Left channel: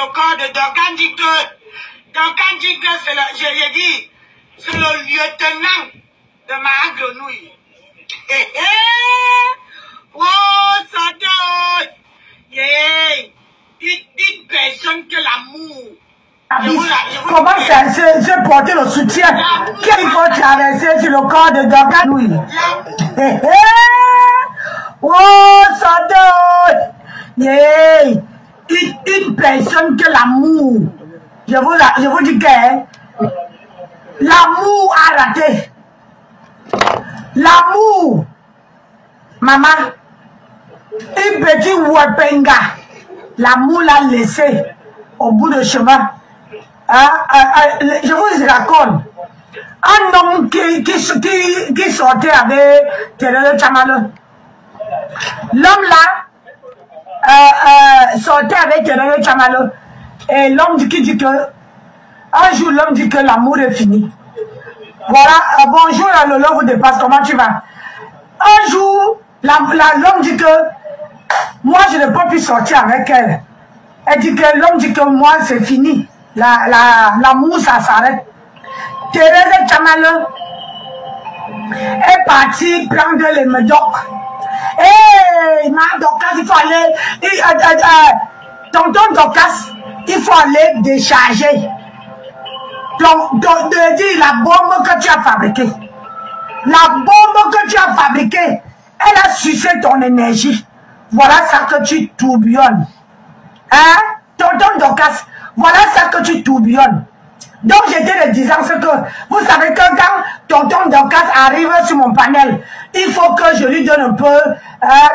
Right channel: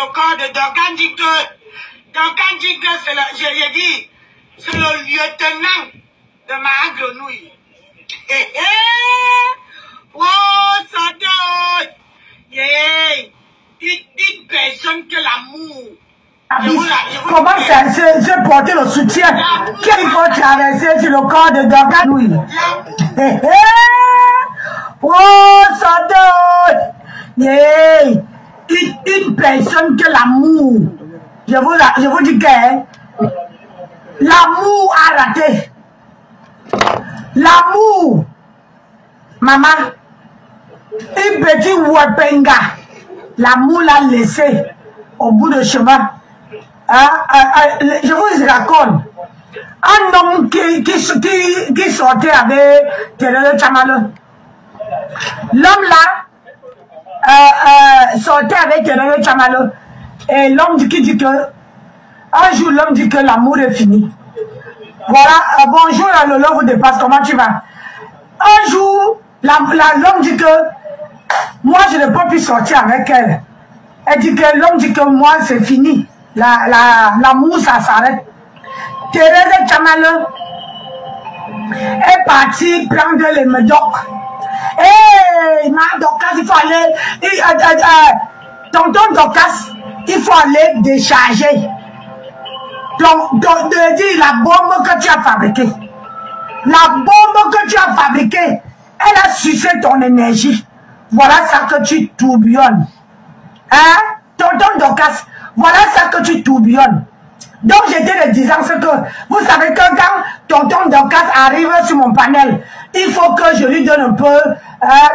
le corps de Duncan dit que c'est le, je lui ai dit, c'est le lieutenant de ma grenouille. Oh, Satan! Une personne que l'amour. Comment se porter le soutien qu'il faut traverser sur le corps de Duncan? Oh, Satan! Une personne que l'amour. Je vous dis que l'amour a raté. L'amour, maman, une petite wapenga, l'amour l'a laissé au bout du chemin. Je vous raconte, un homme qui sortait avec Terele Chamalo. L'homme là sortait avec Terele Chamalo. Et l'homme dit que un jour l'homme dit que l'amour est fini. Voilà, bonjour, le love vous dépasse, comment tu vas? Un jour, l'homme dit que moi je ne peux plus sortir avec elle. Elle dit que l'homme dit que moi c'est fini. L'amour ça s'arrête. Thérèse Chamalo est partie prendre les médocs. Hé, Docas, il faut aller. Tonton Docas, il faut aller décharger. Donc, de dire la bombe que tu as fabriquée. La bombe que tu as fabriquée, elle a sucé ton énergie. Voilà ça que tu tourbillonnes. Hein? Tonton Docas, voilà ça que tu tourbillonnes. Donc, j'étais le disant ce que, vous savez que quand Tonton Docas arrive sur mon panel, il faut que je lui donne un peu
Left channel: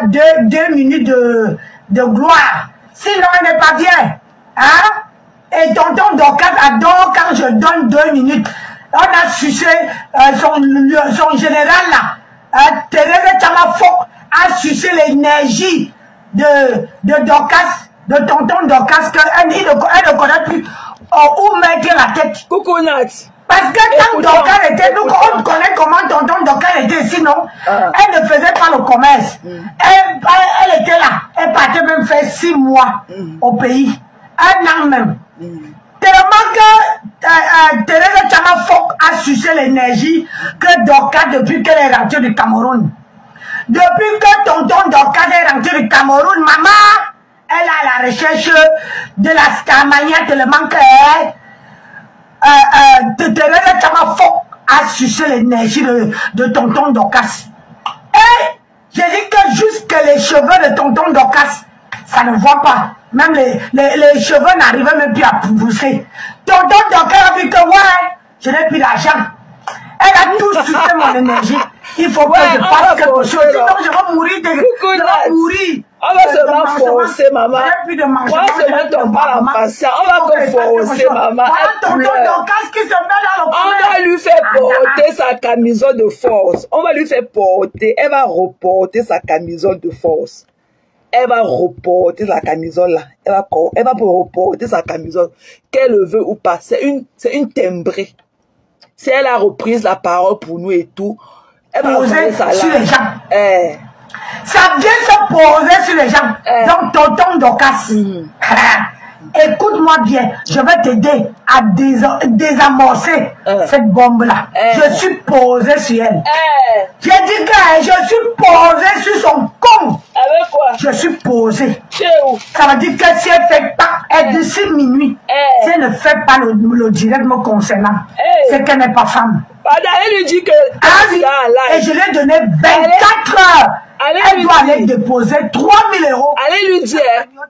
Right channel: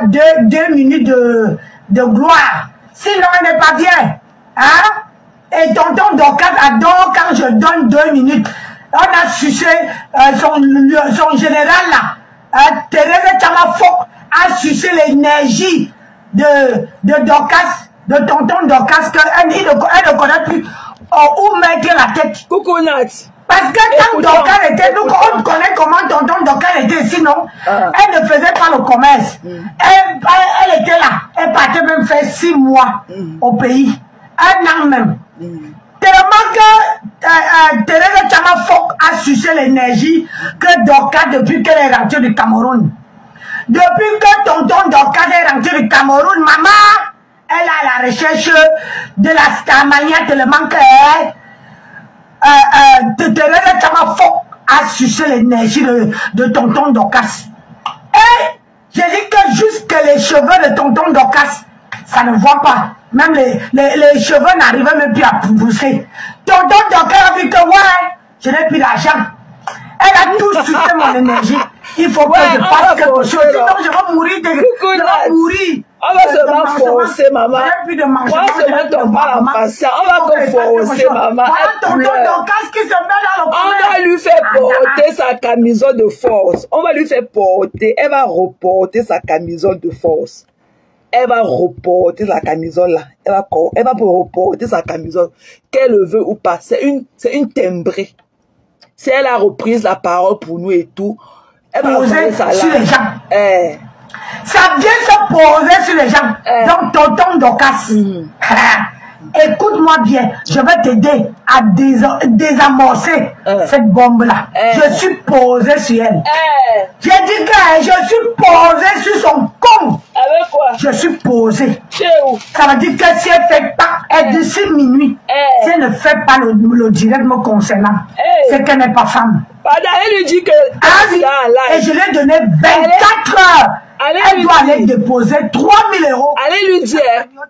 2 minutes de gloire. Sinon, elle n'est pas bien. Hein? Et Tonton Docas adore quand je donne 2 minutes. On a sucé son général là. Thérèse Chamafo a sucé l'énergie de Docas, de Tonton Docas, qu'elle ne connaît plus où mettre la tête. Coucou Nat. Parce que quand Docas était, on connaît comment Tonton Docas était, sinon, elle ne faisait pas le commerce. Elle était là. Elle partait même faire 6 mois au pays. 1 an même. Tellement que Thérèse Chamafo a sucé l'énergie que Docas depuis qu'elle est rentrée du Cameroun. Depuis que Tonton Docas est rentré du Cameroun, maman, elle a la recherche de la Starmania tellement que Thérèse Chamafo a sucé l'énergie de Tonton Docas. Et j'ai dit que juste les cheveux de Tonton Docas, ça ne voit pas. Même les cheveux n'arrivaient même plus à pousser. Tonton Docas a dit que ouais, je n'ai plus d'argent. Elle a tout sucé mon énergie. Il faut que je fasse quelque chose. Sinon, je vais mourir. Je vais mourir. On va se faire forcer, maman. On va se mettre en bas en passant. On va te forcer, maman. Tonton Docas qui se met dans le coin. On va lui faire porter sa camisole de force. On va lui faire porter. Elle va reporter sa camisole de force. Elle va reporter la camisole là. Elle va reporter sa camisole. Qu'elle le veut ou pas. C'est une timbrée. Si elle a repris la parole pour nous et tout, elle va poser ça sur les gens. Ça vient se poser sur les gens. Donc, Tonton Docas, écoute-moi bien, je vais t'aider à désamorcer cette bombe-là. Je suis posé sur elle. J'ai dit que je suis posé sur son con. Je suis posé. Ça veut dire que si elle ne fait pas, d'ici minuit, si elle ne fait pas le direct me concernant, c'est qu'elle n'est pas femme. Elle lui dit que... et je lui ai donné 24 heures. Elle doit aller déposer 3 000 €. Allez lui dire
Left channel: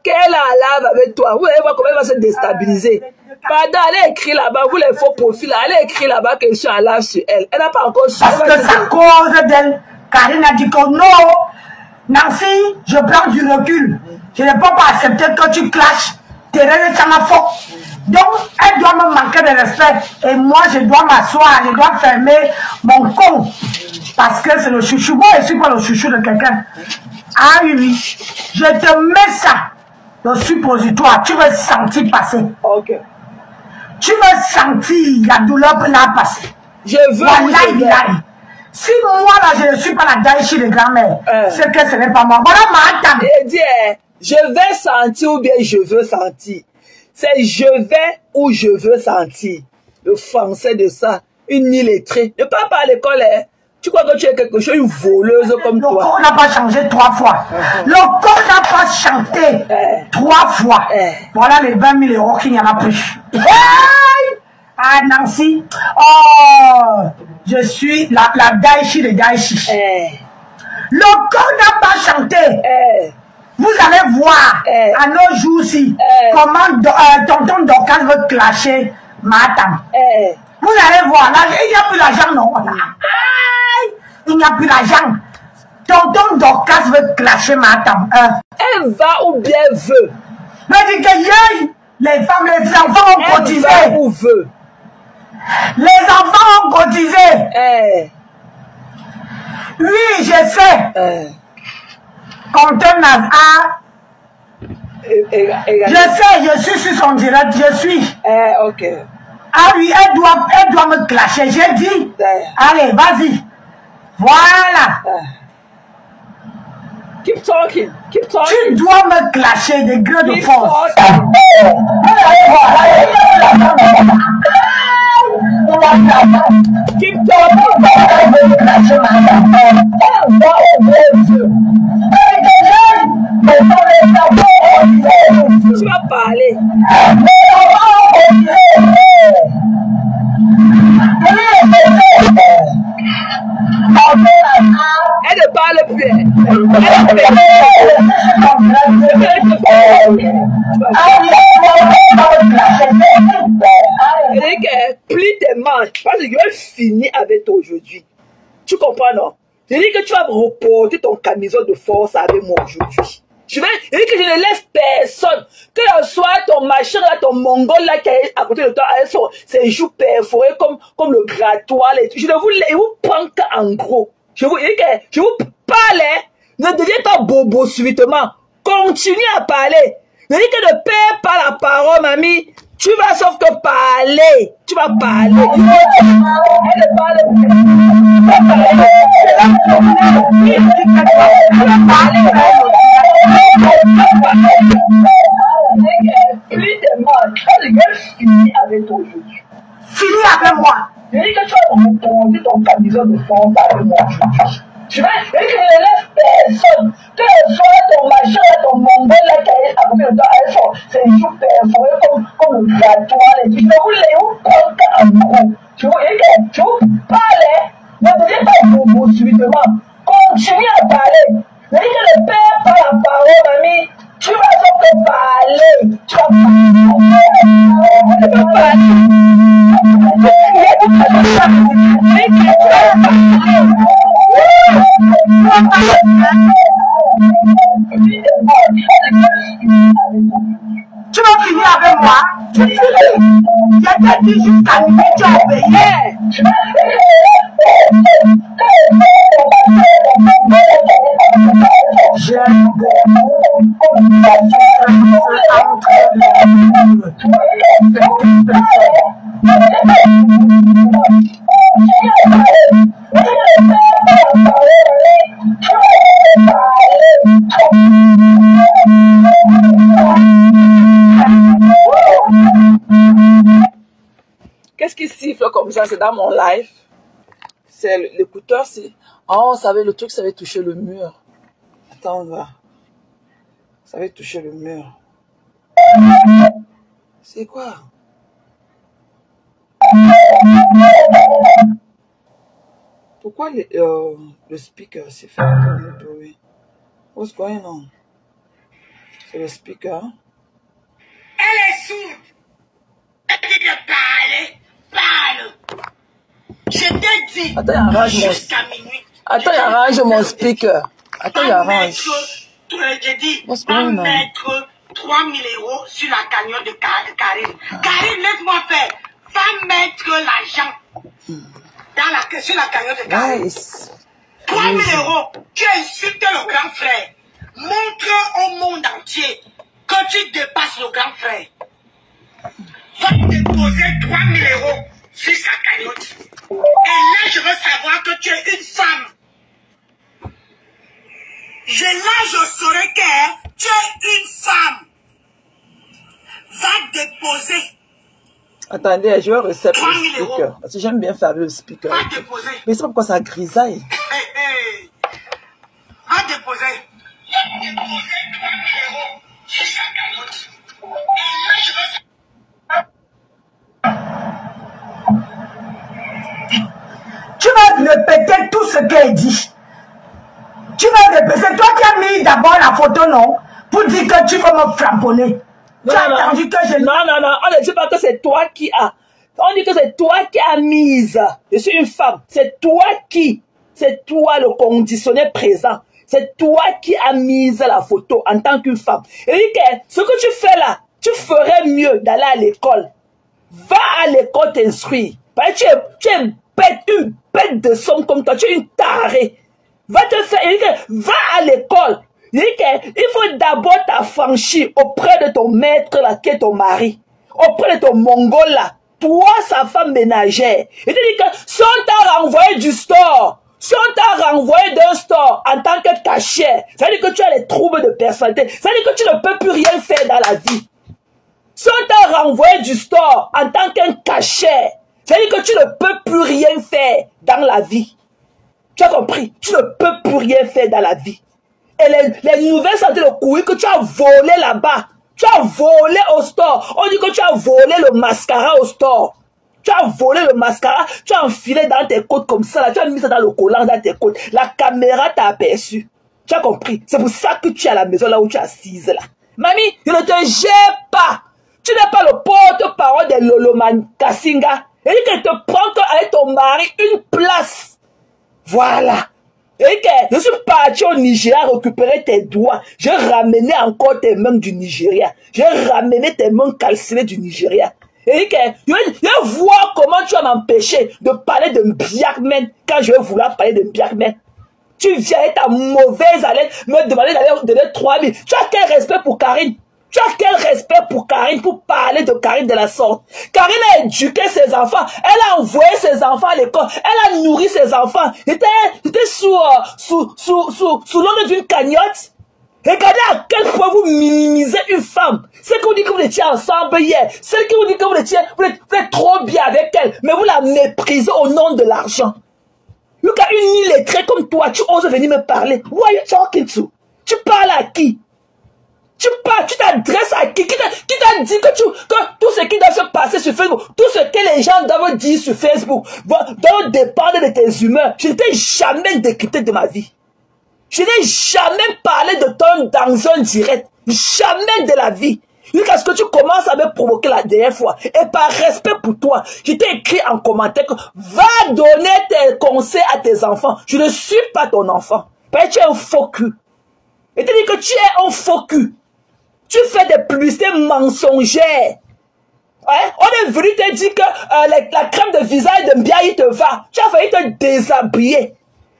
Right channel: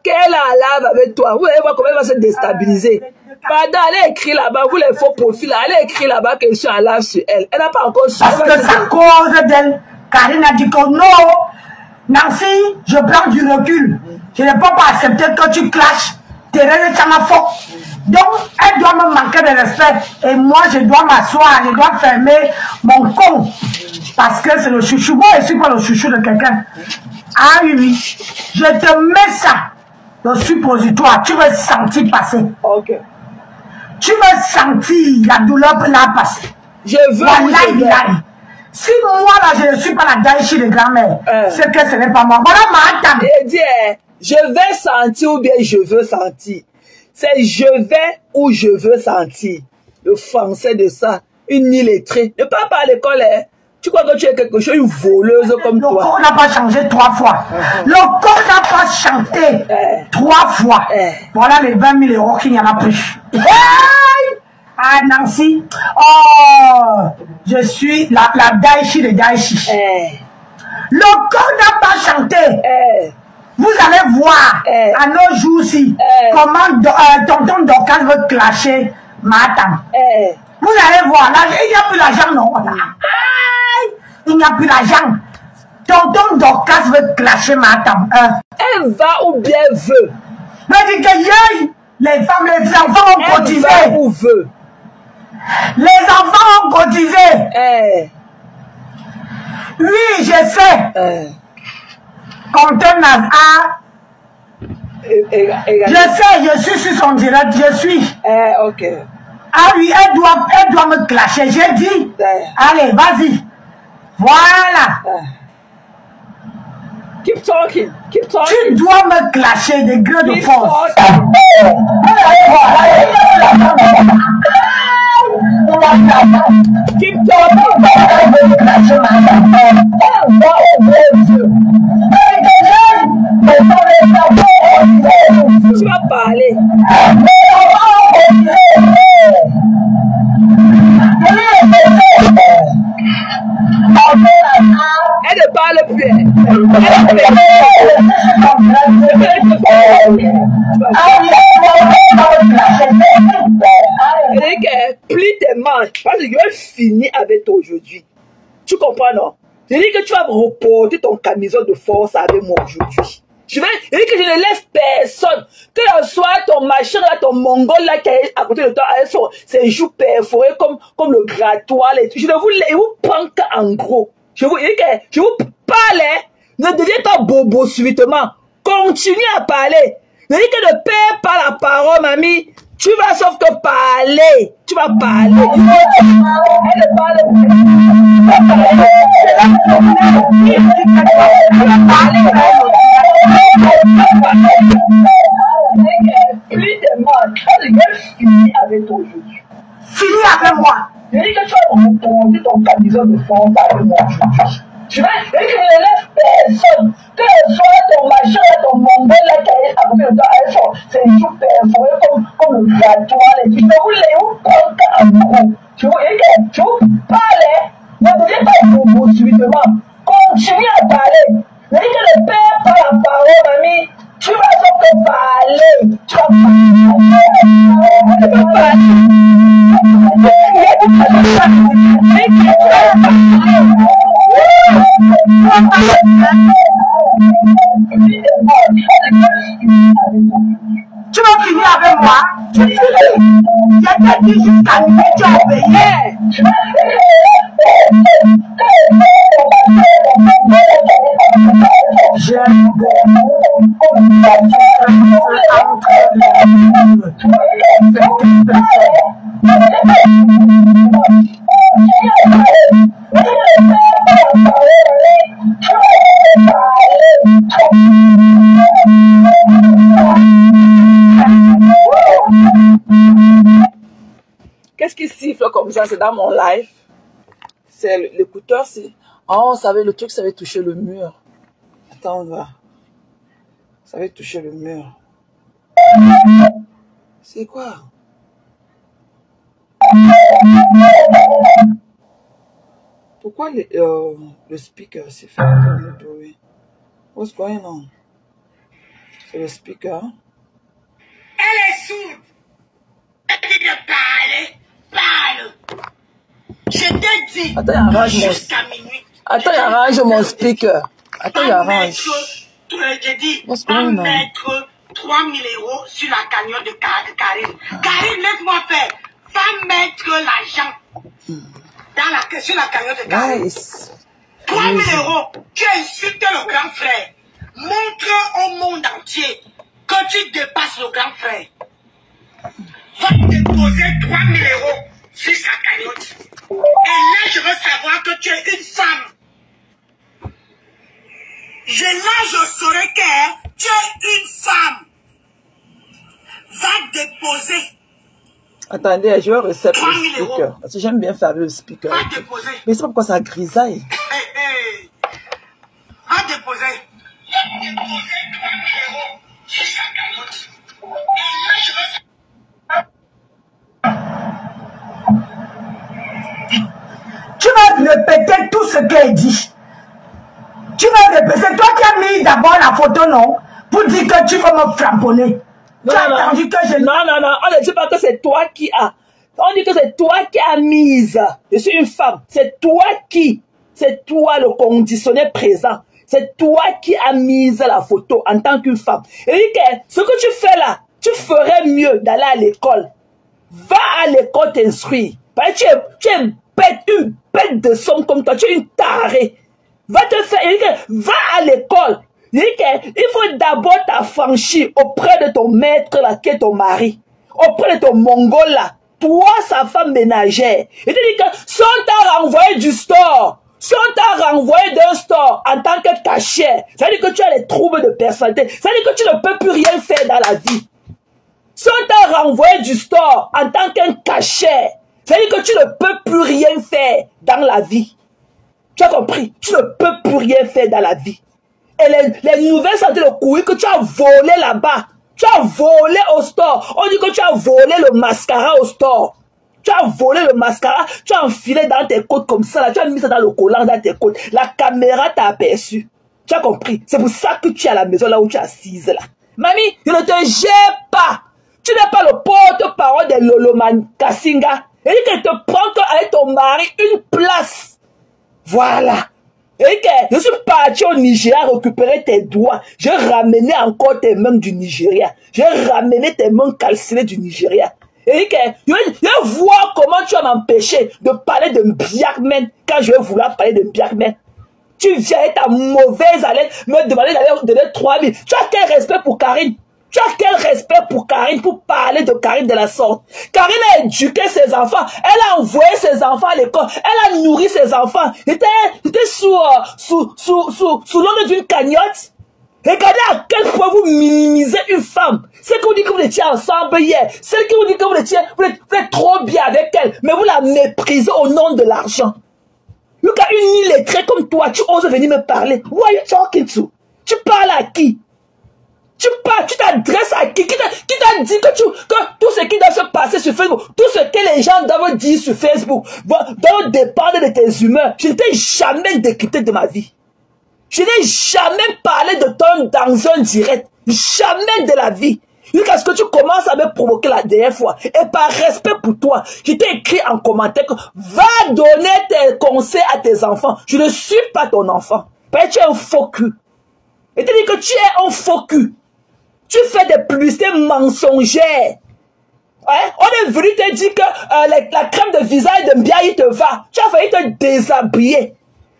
qu'elle a lave avec toi. Vous allez voir comment elle va se déstabiliser. Pardon, elle écrit là-bas, vous les faux profils, elle écrit là-bas que je suis en lave sur elle. Elle n'a pas encore su. Parce que c'est à cause d'elle. Karine a dit que non, Nancy, je prends du recul. Je ne peux pas accepter que tu clashes. Thérèse Chamafo. Donc, elle doit me manquer de respect. Et moi, je dois m'asseoir, je dois fermer mon con. Parce que c'est le chouchou. Moi, je ne suis pas le chouchou de quelqu'un. Ah oui, je te mets ça, le suppositoire. Tu vas sentir passer. Ok. Tu vas sentir la douleur là passer. Je veux. Si moi, là, je ne suis pas la gâchis de grand-mère, c'est que ce n'est pas moi. Voilà ma tante. Je vais sentir ou bien je veux sentir. C'est je vais où je veux sentir. Le français de ça, une illettrée. Ne parle pas à l'école, hein. Tu crois que tu es quelque chose, une voleuse comme toi. Le corps n'a pas changé 3 fois. Le corps n'a pas chanté 3 fois. Voilà les 20 000 € qu'il n'y en a plus. Ah, Nancy. Oh, je suis la Daïchi de Daïchi. Le corps n'a pas chanté. Vous allez voir à nos jours-ci comment tonton Dorcas veut clasher Matam. Vous allez voir, là, il n'y a plus d'argent, non? Il n'y a plus d'argent. Tonton Dorcas veut clasher Matam. Elle va ou bien veut. Mais dis que les femmes, les enfants ont cotisé. Elle va ou veut. Les enfants ont cotisé. Oui, je sais. Compteur Nazar. Je sais, je suis sur son direct, je suis. Ok. Ah oui, elle doit me clasher. J'ai dit, allez, vas-y. Voilà. Keep talking. Keep talking. Tu dois me clasher des grés de force. Keep talking. Tu vas parler. Elle ne parle plus. Plie tes manches parce que je vais finir avec toi aujourd'hui. Tu comprends, non? Je dis que tu vas reporter ton camisole de force avec moi aujourd'hui. Je dis que je ne laisse personne. Que ce soit ton machin là, ton mongol là qui est à côté de toi, ses joues perforées comme le grattoir. Je ne vous prends qu'en gros. Je vous parle, ne deviens pas bobo subitement. Continue à parler. Je dis que ne perds pas la parole, mamie. Tu vas sauf que parler. Tu vas parler. Elle parle. Fini avec moi. Je dis que tu vas remonter ton camisole de force avec moi aujourd'hui. Tu vois, je dis que je ne laisse personne. Que ce soit ton machin, ton mongol là qui est à côté de toi, c'est des jours perforés comme le grattoir. Je vous prendre en gros. Tu vois, je vous parle, ne deviens pas bobo subitement. Continue à parler. Je dis que ne perds pas la parole, mamie. Tu vas sauf parler. Tu vas parler. Tu vas parler. Tu vas finir avec moi. J'ai dit jusqu'à ce que tu as obéi. Qu'est-ce qui siffle comme ça? C'est dans mon live. C'est l'écouteur, c'est... Oh, ça avait, le truc, ça avait touché le mur. Attends, on va. Ça avait touché le mur. C'est quoi? Pourquoi le speaker s'est fait bruit? What's going on? C'est le speaker. Elle est sourde. Elle dit de parle. Je t'ai dit. Attends, jusqu'à minuit. Attends, il arrange mon speaker. Attends, il arrange. J'ai dit, va mettre 3 000 € sur la cagnotte de Karine. Karine, laisse-moi faire. Va mettre l'argent sur la cagnotte de Karine. Nice. 3 000 €. Tu insultes le grand frère. Montre au monde entier que tu dépasses le grand frère. Va déposer 3 000 € sur sa cagnotte. Et là, je veux savoir que tu es une femme. Là, je saurai que tu es une femme. Va déposer. Attendez, je vais reset le speaker. Parce que j'aime bien faire le speaker. Va déposer. Mais c'est pas pourquoi ça grisaille. Va déposer. Tu vas répéter tout ce qu'elle dit. Tu vas répéter. C'est toi qui as mis d'abord la photo, non? Pour dire que tu veux me flamponner. Tu as entendu que je... Non, on ne dit pas que c'est toi qui as. On dit que c'est toi qui as mise. Je suis une femme. C'est toi qui. C'est toi le conditionné présent. C'est toi qui as mise la photo en tant qu'une femme. Et dit que ce que tu fais là, tu ferais mieux d'aller à l'école. Va à l'école t'instruire. Tu es une bête de somme comme toi. Tu es une tarée. Va te faire. Va à l'école. Il faut d'abord t'affranchir auprès de ton maître là, qui est ton mari. Auprès de ton mongol là. Toi, sa femme ménagère. Il te dit que si on t'a renvoyé du store, si on t'a renvoyé d'un store en tant que cachère, ça veut dire que tu as les troubles de personnalité. Ça veut dire que tu ne peux plus rien faire dans la vie. Si on t'a renvoyé du store en tant qu'un cachère, ça veut dire que tu ne peux plus rien faire dans la vie. Tu as compris? Tu ne peux plus rien faire dans la vie. Et les nouvelles sorties de couilles que tu as volé là-bas. Tu as volé au store. On dit que tu as volé le mascara au store. Tu as volé le mascara. Tu as enfilé dans tes côtes comme ça. Là. Tu as mis ça dans le collant dans tes côtes. La caméra t'a aperçu. Tu as compris? C'est pour ça que tu es à la maison là où tu es assise là. Mamie, je ne te gère pas. Tu n'es pas le porte-parole de Loloman Kassinga. Et que te prends avec ton mari une place. Voilà. Et que je suis parti au Nigeria récupérer tes doigts. J'ai ramené encore tes mains du Nigeria. J'ai ramené tes mains calcinées du Nigeria. Et que je vais voir comment tu vas m'empêcher de parler de Biakmen quand je vais vouloir parler de Biakmen. Tu viens avec ta mauvaise haleine me demander d'aller donner 3000. Tu as quel respect pour Karine? Tu as quel respect pour Karine pour parler de Karine de la sorte? Karine a éduqué ses enfants. Elle a envoyé ses enfants à l'école. Elle a nourri ses enfants. Il était sous l'ombre d'une cagnotte. Regardez à quel point vous minimisez une femme. Celle qui vous dit que vous étiez ensemble hier. Celle qui vous dit que vous êtes trop bien avec elle. Mais vous la méprisez au nom de l'argent. Look à une illettrée comme toi. Tu oses venir me parler. Who are you talking to? Tu parles à qui? Tu t'adresses à qui? Qui t'a dit que tout ce qui doit se passer sur Facebook, tout ce que les gens doivent dire sur Facebook, doit dépendre de tes humeurs. Je ne t'ai jamais décrypté de ma vie. Je n'ai jamais parlé de toi dans un direct. Jamais de la vie. Jusqu'à ce que tu commences à me provoquer la dernière fois. Et par respect pour toi, je t'ai écrit en commentaire que va donner tes conseils à tes enfants. Je ne suis pas ton enfant. Parce que tu es un faux cul. Et tu dis que tu es un faux cul. Tu fais des publicités mensongères. Hein? On est venu te dire que la crème de visage de Mbiaye te va. Tu as failli te déshabiller.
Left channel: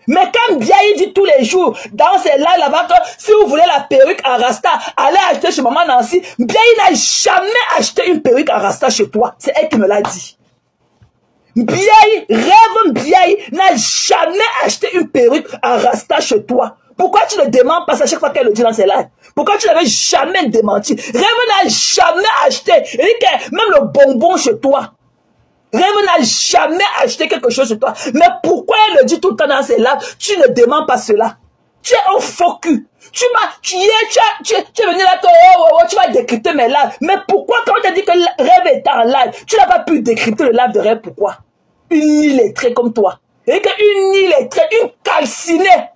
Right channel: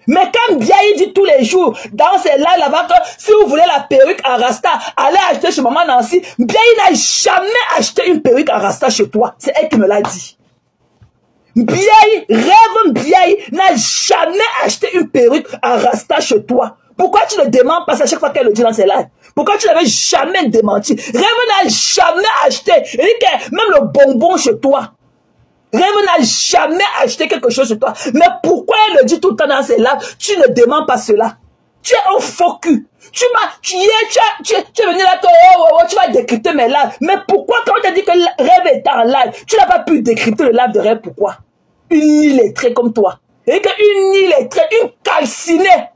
Mais quand Mbiaye dit tous les jours, dans ces lives là-bas, que si vous voulez la perruque à Rasta, allez acheter chez Maman Nancy. Mbiaye n'a jamais acheté une perruque à Rasta chez toi. C'est elle qui me l'a dit. Mbiaye n'a jamais acheté une perruque à Rasta chez toi. Pourquoi tu ne demandes pas ça chaque fois qu'elle le dit dans ses lives? Pourquoi tu n'avais jamais démenti? Rêve n'a jamais acheté, même le bonbon chez toi. Rêve n'a jamais acheté quelque chose chez toi. Mais pourquoi elle le dit tout le temps dans ses lives? Tu ne demandes pas cela. Tu es un faux cul. Tu es venu là, tu vas décrypter mes lives. Mais pourquoi quand on t'a dit que Rêve était en live, tu n'as pas pu décrypter le live de Rêve? Pourquoi? Une illettrée comme toi. Une illettrée, une calcinée.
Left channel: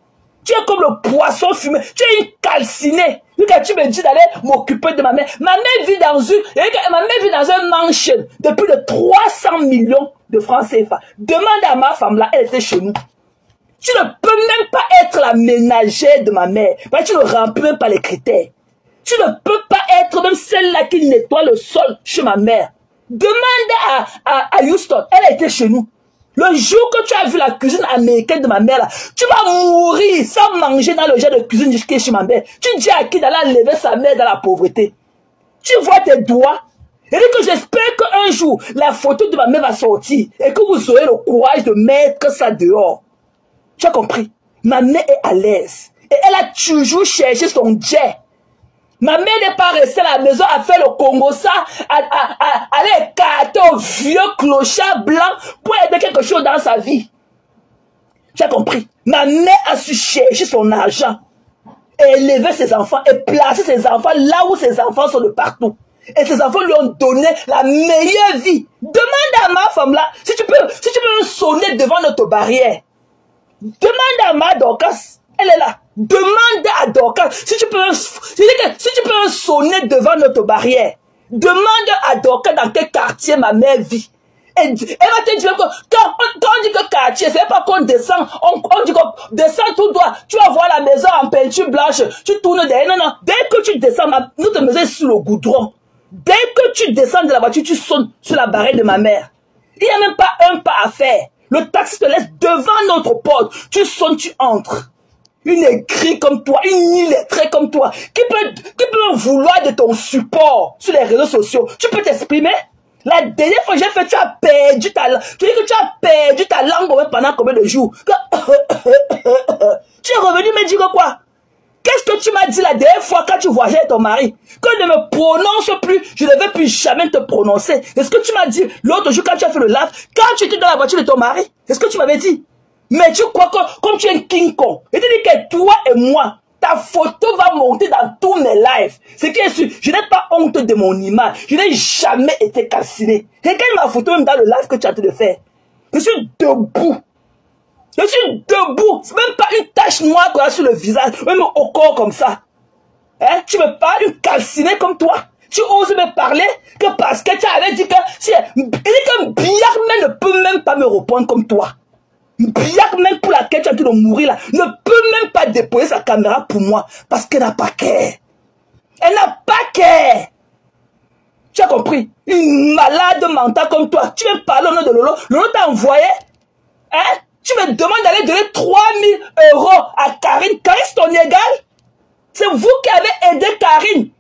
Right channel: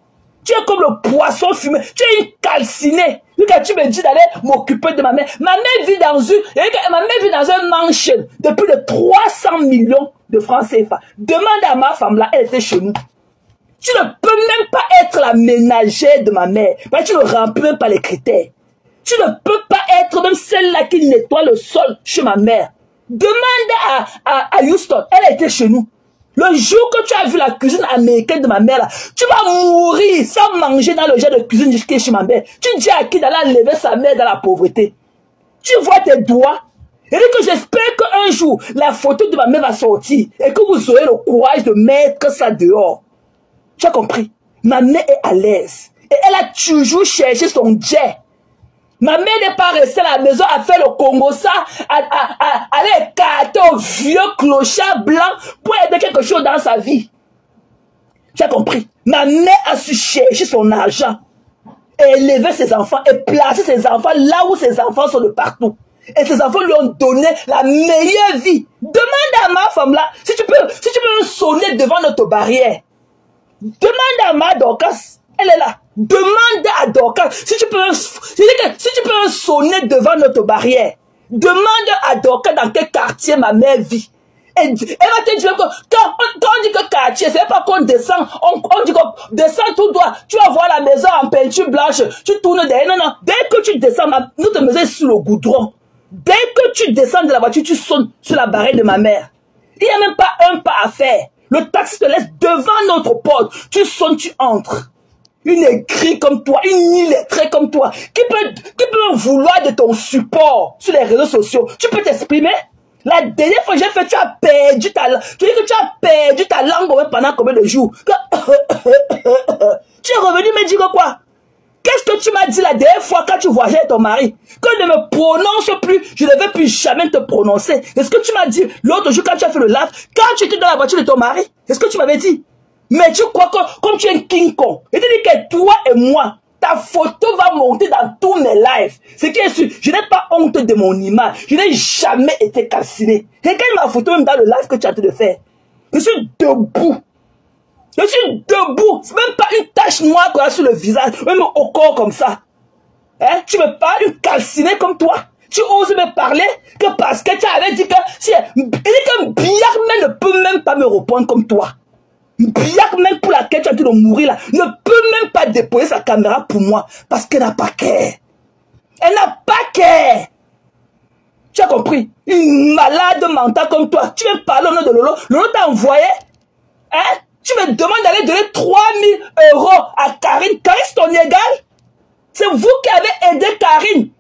Tu es comme le poisson fumé. Tu es une calcinée. Tu me dis d'aller m'occuper de ma mère. Ma mère vit dans un mansion de plus de 300 millions de francs CFA. Demande à ma femme là, elle était chez nous. Tu ne peux même pas être la ménagère de ma mère. Mais tu ne remplis même pas les critères. Tu ne peux pas être même celle-là qui nettoie le sol chez ma mère. Demande à Houston, elle était chez nous. Le jour que tu as vu la cuisine américaine de ma mère, là, tu vas mourir sans manger dans le genre de cuisine qui est chez ma mère. Tu dis à qui d'aller enlever sa mère dans la pauvreté? Tu vois tes doigts? Et que j'espère qu'un jour, la photo de ma mère va sortir et que vous aurez le courage de mettre ça dehors. Tu as compris? Ma mère est à l'aise. Et elle a toujours cherché son jet. Ma mère n'est pas restée à la maison à faire le Congo ça, ton vieux clochard blanc pour aider quelque chose dans sa vie. Tu as compris? Ma mère a su chercher son argent, élever ses enfants et placer ses enfants là où ses enfants sont de partout. Et ses enfants lui ont donné la meilleure vie. Demande à ma femme là, si tu peux sonner devant notre barrière. Demande à ma Dorcas, elle est là. Demande à Dorcas, si tu peux sonner devant notre barrière. Demande à Dorcas dans quel quartier ma mère vit. Elle va te dire que quand on dit que quartier, c'est pas qu'on descend, on dit qu'on descend tout droit, tu vas voir la maison en peinture blanche, tu tournes derrière. Non, non, dès que tu descends, notre maison est sous le goudron. Dès que tu descends de la voiture, tu sonnes sur la barrière de ma mère. Il n'y a même pas un pas à faire. Le taxi te laisse devant notre porte. Tu sonnes, tu entres. Une aigrie comme toi, une illettrée comme toi, qui peut vouloir de ton support sur les réseaux sociaux. Tu peux t'exprimer? La dernière fois que j'ai fait, tu as perdu ta langue. Tu dis que tu as perdu ta langue pendant combien de jours? Tu es revenu me dire quoi? Qu'est-ce que tu m'as dit la dernière fois quand tu voyageais avec ton mari? Que je ne me prononce plus, je ne vais plus jamais te prononcer. Est-ce que tu m'as dit l'autre jour quand tu as fait le live, quand tu étais dans la voiture de ton mari? Est-ce que tu m'avais dit? Mais tu crois que comme tu es un King Kong, je te dis que toi et moi, ta photo va monter dans tous mes lives. C'est que je n'ai pas honte de mon image. Je n'ai jamais été calciné. Regarde ma photo même dans le live que tu es en train de faire. Je suis debout. Je suis debout. C'est même pas une tache noire qu'on a sur le visage, même au corps comme ça. Hein? Tu me parles une calcinée comme toi. Tu oses me parler que parce que tu avais dit que Biakman ne peut même pas me répondre comme toi. Biakman pour laquelle tu es en train de mourir là, ne peut même pas déposer sa caméra pour moi parce qu'elle n'a pas cœur. Elle n'a pas cœur. Tu as compris? Une malade mentale comme toi. Tu me parles au nom de Lolo. Lolo t'a envoyé. Hein? Tu me demandes d'aller donner 3000 € à Karine. Karine, c'est ton égal? C'est vous qui avez aidé Karine,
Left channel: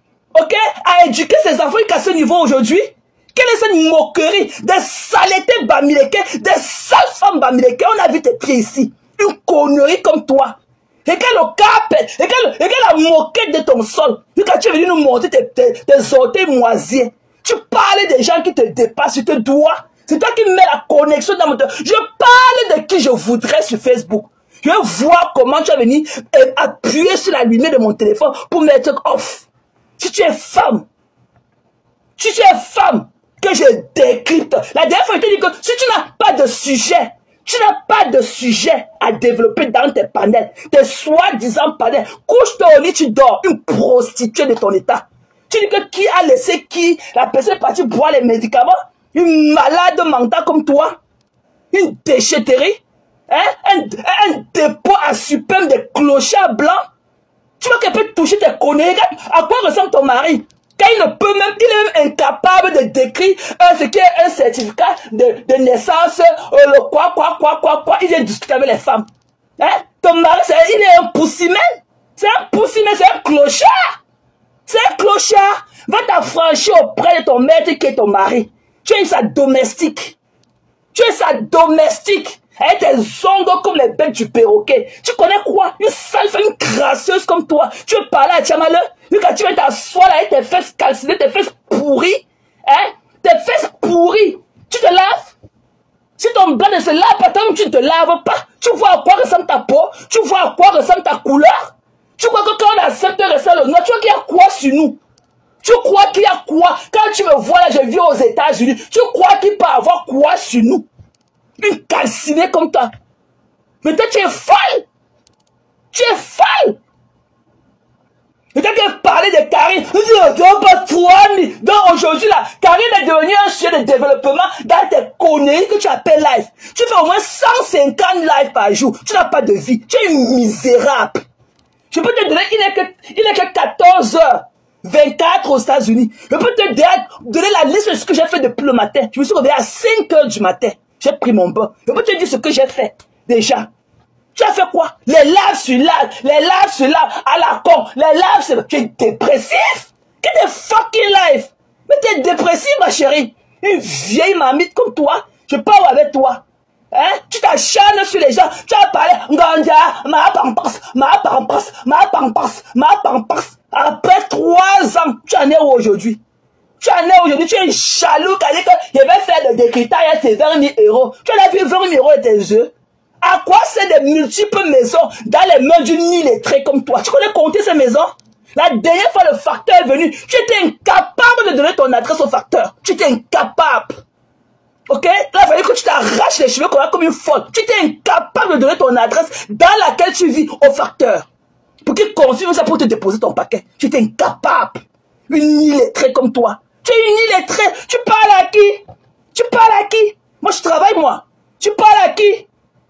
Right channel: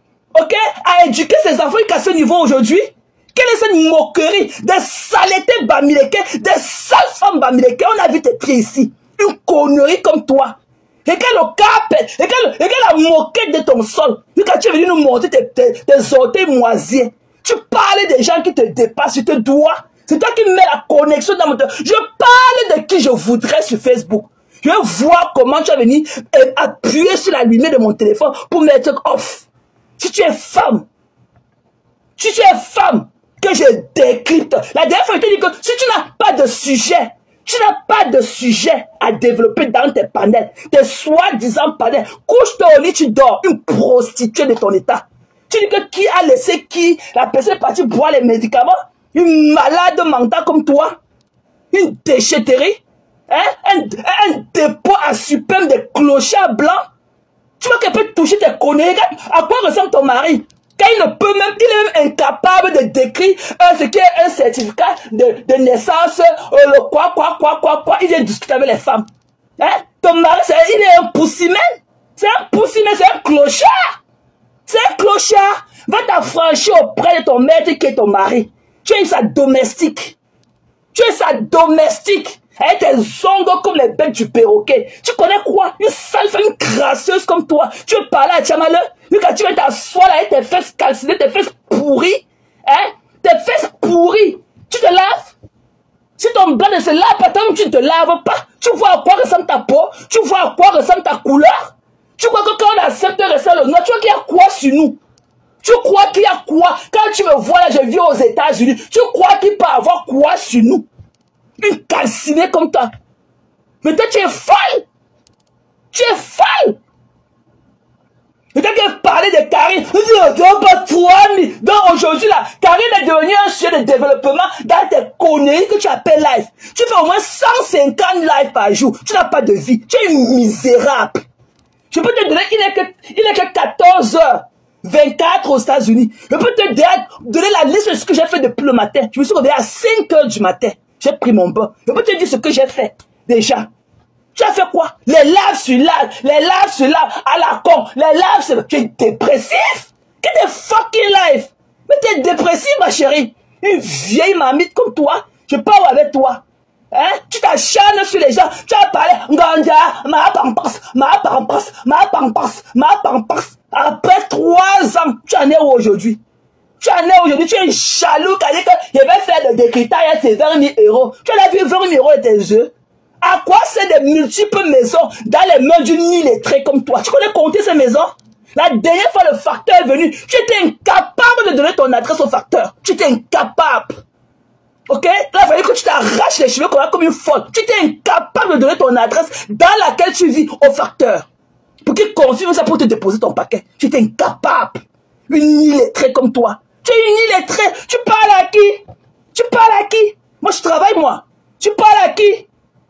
ok, à éduquer ses enfants jusqu'à ce niveau aujourd'hui? Quelle est cette moquerie? Des saletés bamileke, des sales femmes bamileke. On a vu tes pieds ici. Une connerie comme toi. Regarde le cap, regarde la moquette de ton sol. Quand tu es venu nous montrer tes orteils moisiers. Tu parlais des gens qui te dépassent sur tes doigts. C'est toi qui mets la connexion dans mon téléphone. Je parle de qui je voudrais sur Facebook. Je veux voir comment tu vas venir appuyer sur la lumière de mon téléphone pour mettre off. Si tu es femme, que je décrypte. La dernière fois, je t'ai dit que si tu n'as pas de sujet à développer dans tes panels, tes soi-disant panels, couche ton lit, tu dors, une prostituée de ton état. Tu dis que qui a laissé qui, la personne est partie boire les médicaments, une malade mentale comme toi, une déchetterie, hein? un dépôt à suprême des clochards blancs. Tu vois qu'elle peut toucher tes conneries. À quoi ressemble ton mari? Quand il est même incapable de décrire ce qui est un certificat de naissance, le quoi, il vient discuter avec les femmes. Hein? Ton mari, il est un poussimène. C'est un clochard. C'est un clochard. Va t'affranchir auprès de ton maître qui est ton mari. Tu es sa domestique. Avec tes ongles comme les bêtes du perroquet. Tu connais quoi? Une sale femme, une crasseuse comme toi. Tu veux parler à Tchamale? Mais quand tu vas t'asseoir là avec tes fesses calcinées, tes fesses pourries, hein? Tes fesses pourries. Tu te laves? Si ton blanc ne se lave pas, tant que tu ne te laves pas, tu vois à quoi ressemble ta peau? Tu vois à quoi ressemble ta couleur? Tu crois que quand on accepte le ressemble le noir, tu vois qu'il y a quoi sur nous? Tu crois qu'il y a quoi? Quand tu me vois là, je vis aux États-Unis, tu crois qu'il peut avoir quoi sur nous? Une calcinée comme toi. Mais toi, tu es folle. Et quand tu parlais de Karine, donc aujourd'hui là, Karine est devenue un chien de développement dans tes conneries que tu appelles live. Tu fais au moins 150 lives par jour. Tu n'as pas de vie. Tu es misérable. Je peux te donner, il n'est que 14h24 aux États-Unis. Je peux te donner la liste de ce que j'ai fait depuis le matin. Je me suis réveillé à 5h du matin. J'ai pris mon bain. Je peux te dire ce que j'ai fait déjà. Tu as fait quoi? Les lives sur live, à la con. Les lives sur... Tu es dépressif? Quel est fucking live? Mais tu es dépressif, ma chérie. Une vieille mamite comme toi, je parle avec toi. Hein? Tu t'acharnes sur les gens. Tu as parlé, Nganda, ma pampas. Après 3 ans, tu en es où aujourd'hui? Tu en es aujourd'hui, tu es jaloux, quand je vais faire des décritages, c'est 20 000 euros. Tu as vu 20 000 euros de tes yeux? À quoi c'est des multiples maisons dans les mains d'une illettrée comme toi? Tu connais compter ces maisons? La dernière fois, le facteur est venu. Tu étais incapable de donner ton adresse au facteur. Tu étais incapable. Ok? Là, il fallait que tu t'arraches les cheveux comme une faute. Tu étais incapable de donner ton adresse dans laquelle tu vis au facteur. Pour qu'il confirme ça pour te déposer ton paquet. Tu étais incapable. Une illettrée comme toi. Tu es une illettrée. Tu parles à qui? Tu parles à qui? Moi, je travaille, moi. Tu parles à qui?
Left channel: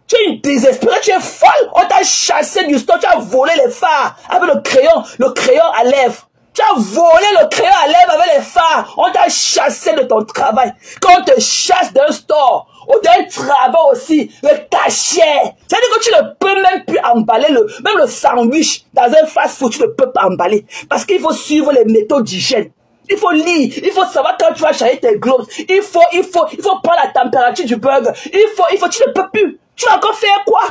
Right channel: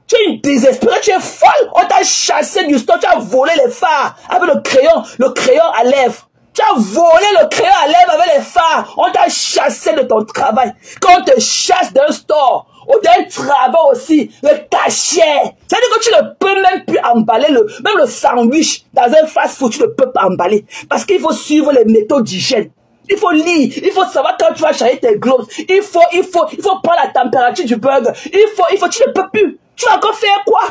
Tu es une désespérée, tu es folle. On t'a chassé du store, tu as volé les phares avec le crayon à lèvres. Tu as volé le crayon à lèvres avec les phares. On t'a chassé de ton travail. Quand on te chasse d'un store, ou d'un travail aussi, le cachet. C'est-à-dire que tu ne peux même plus emballer même le sandwich dans un fast-food, tu ne peux pas emballer. Parce qu'il faut suivre les méthodes d'hygiène. Il faut lire, il faut savoir quand tu vas changer tes gloves. Il faut prendre la température du burger. Tu ne peux plus. Tu as encore fait quoi?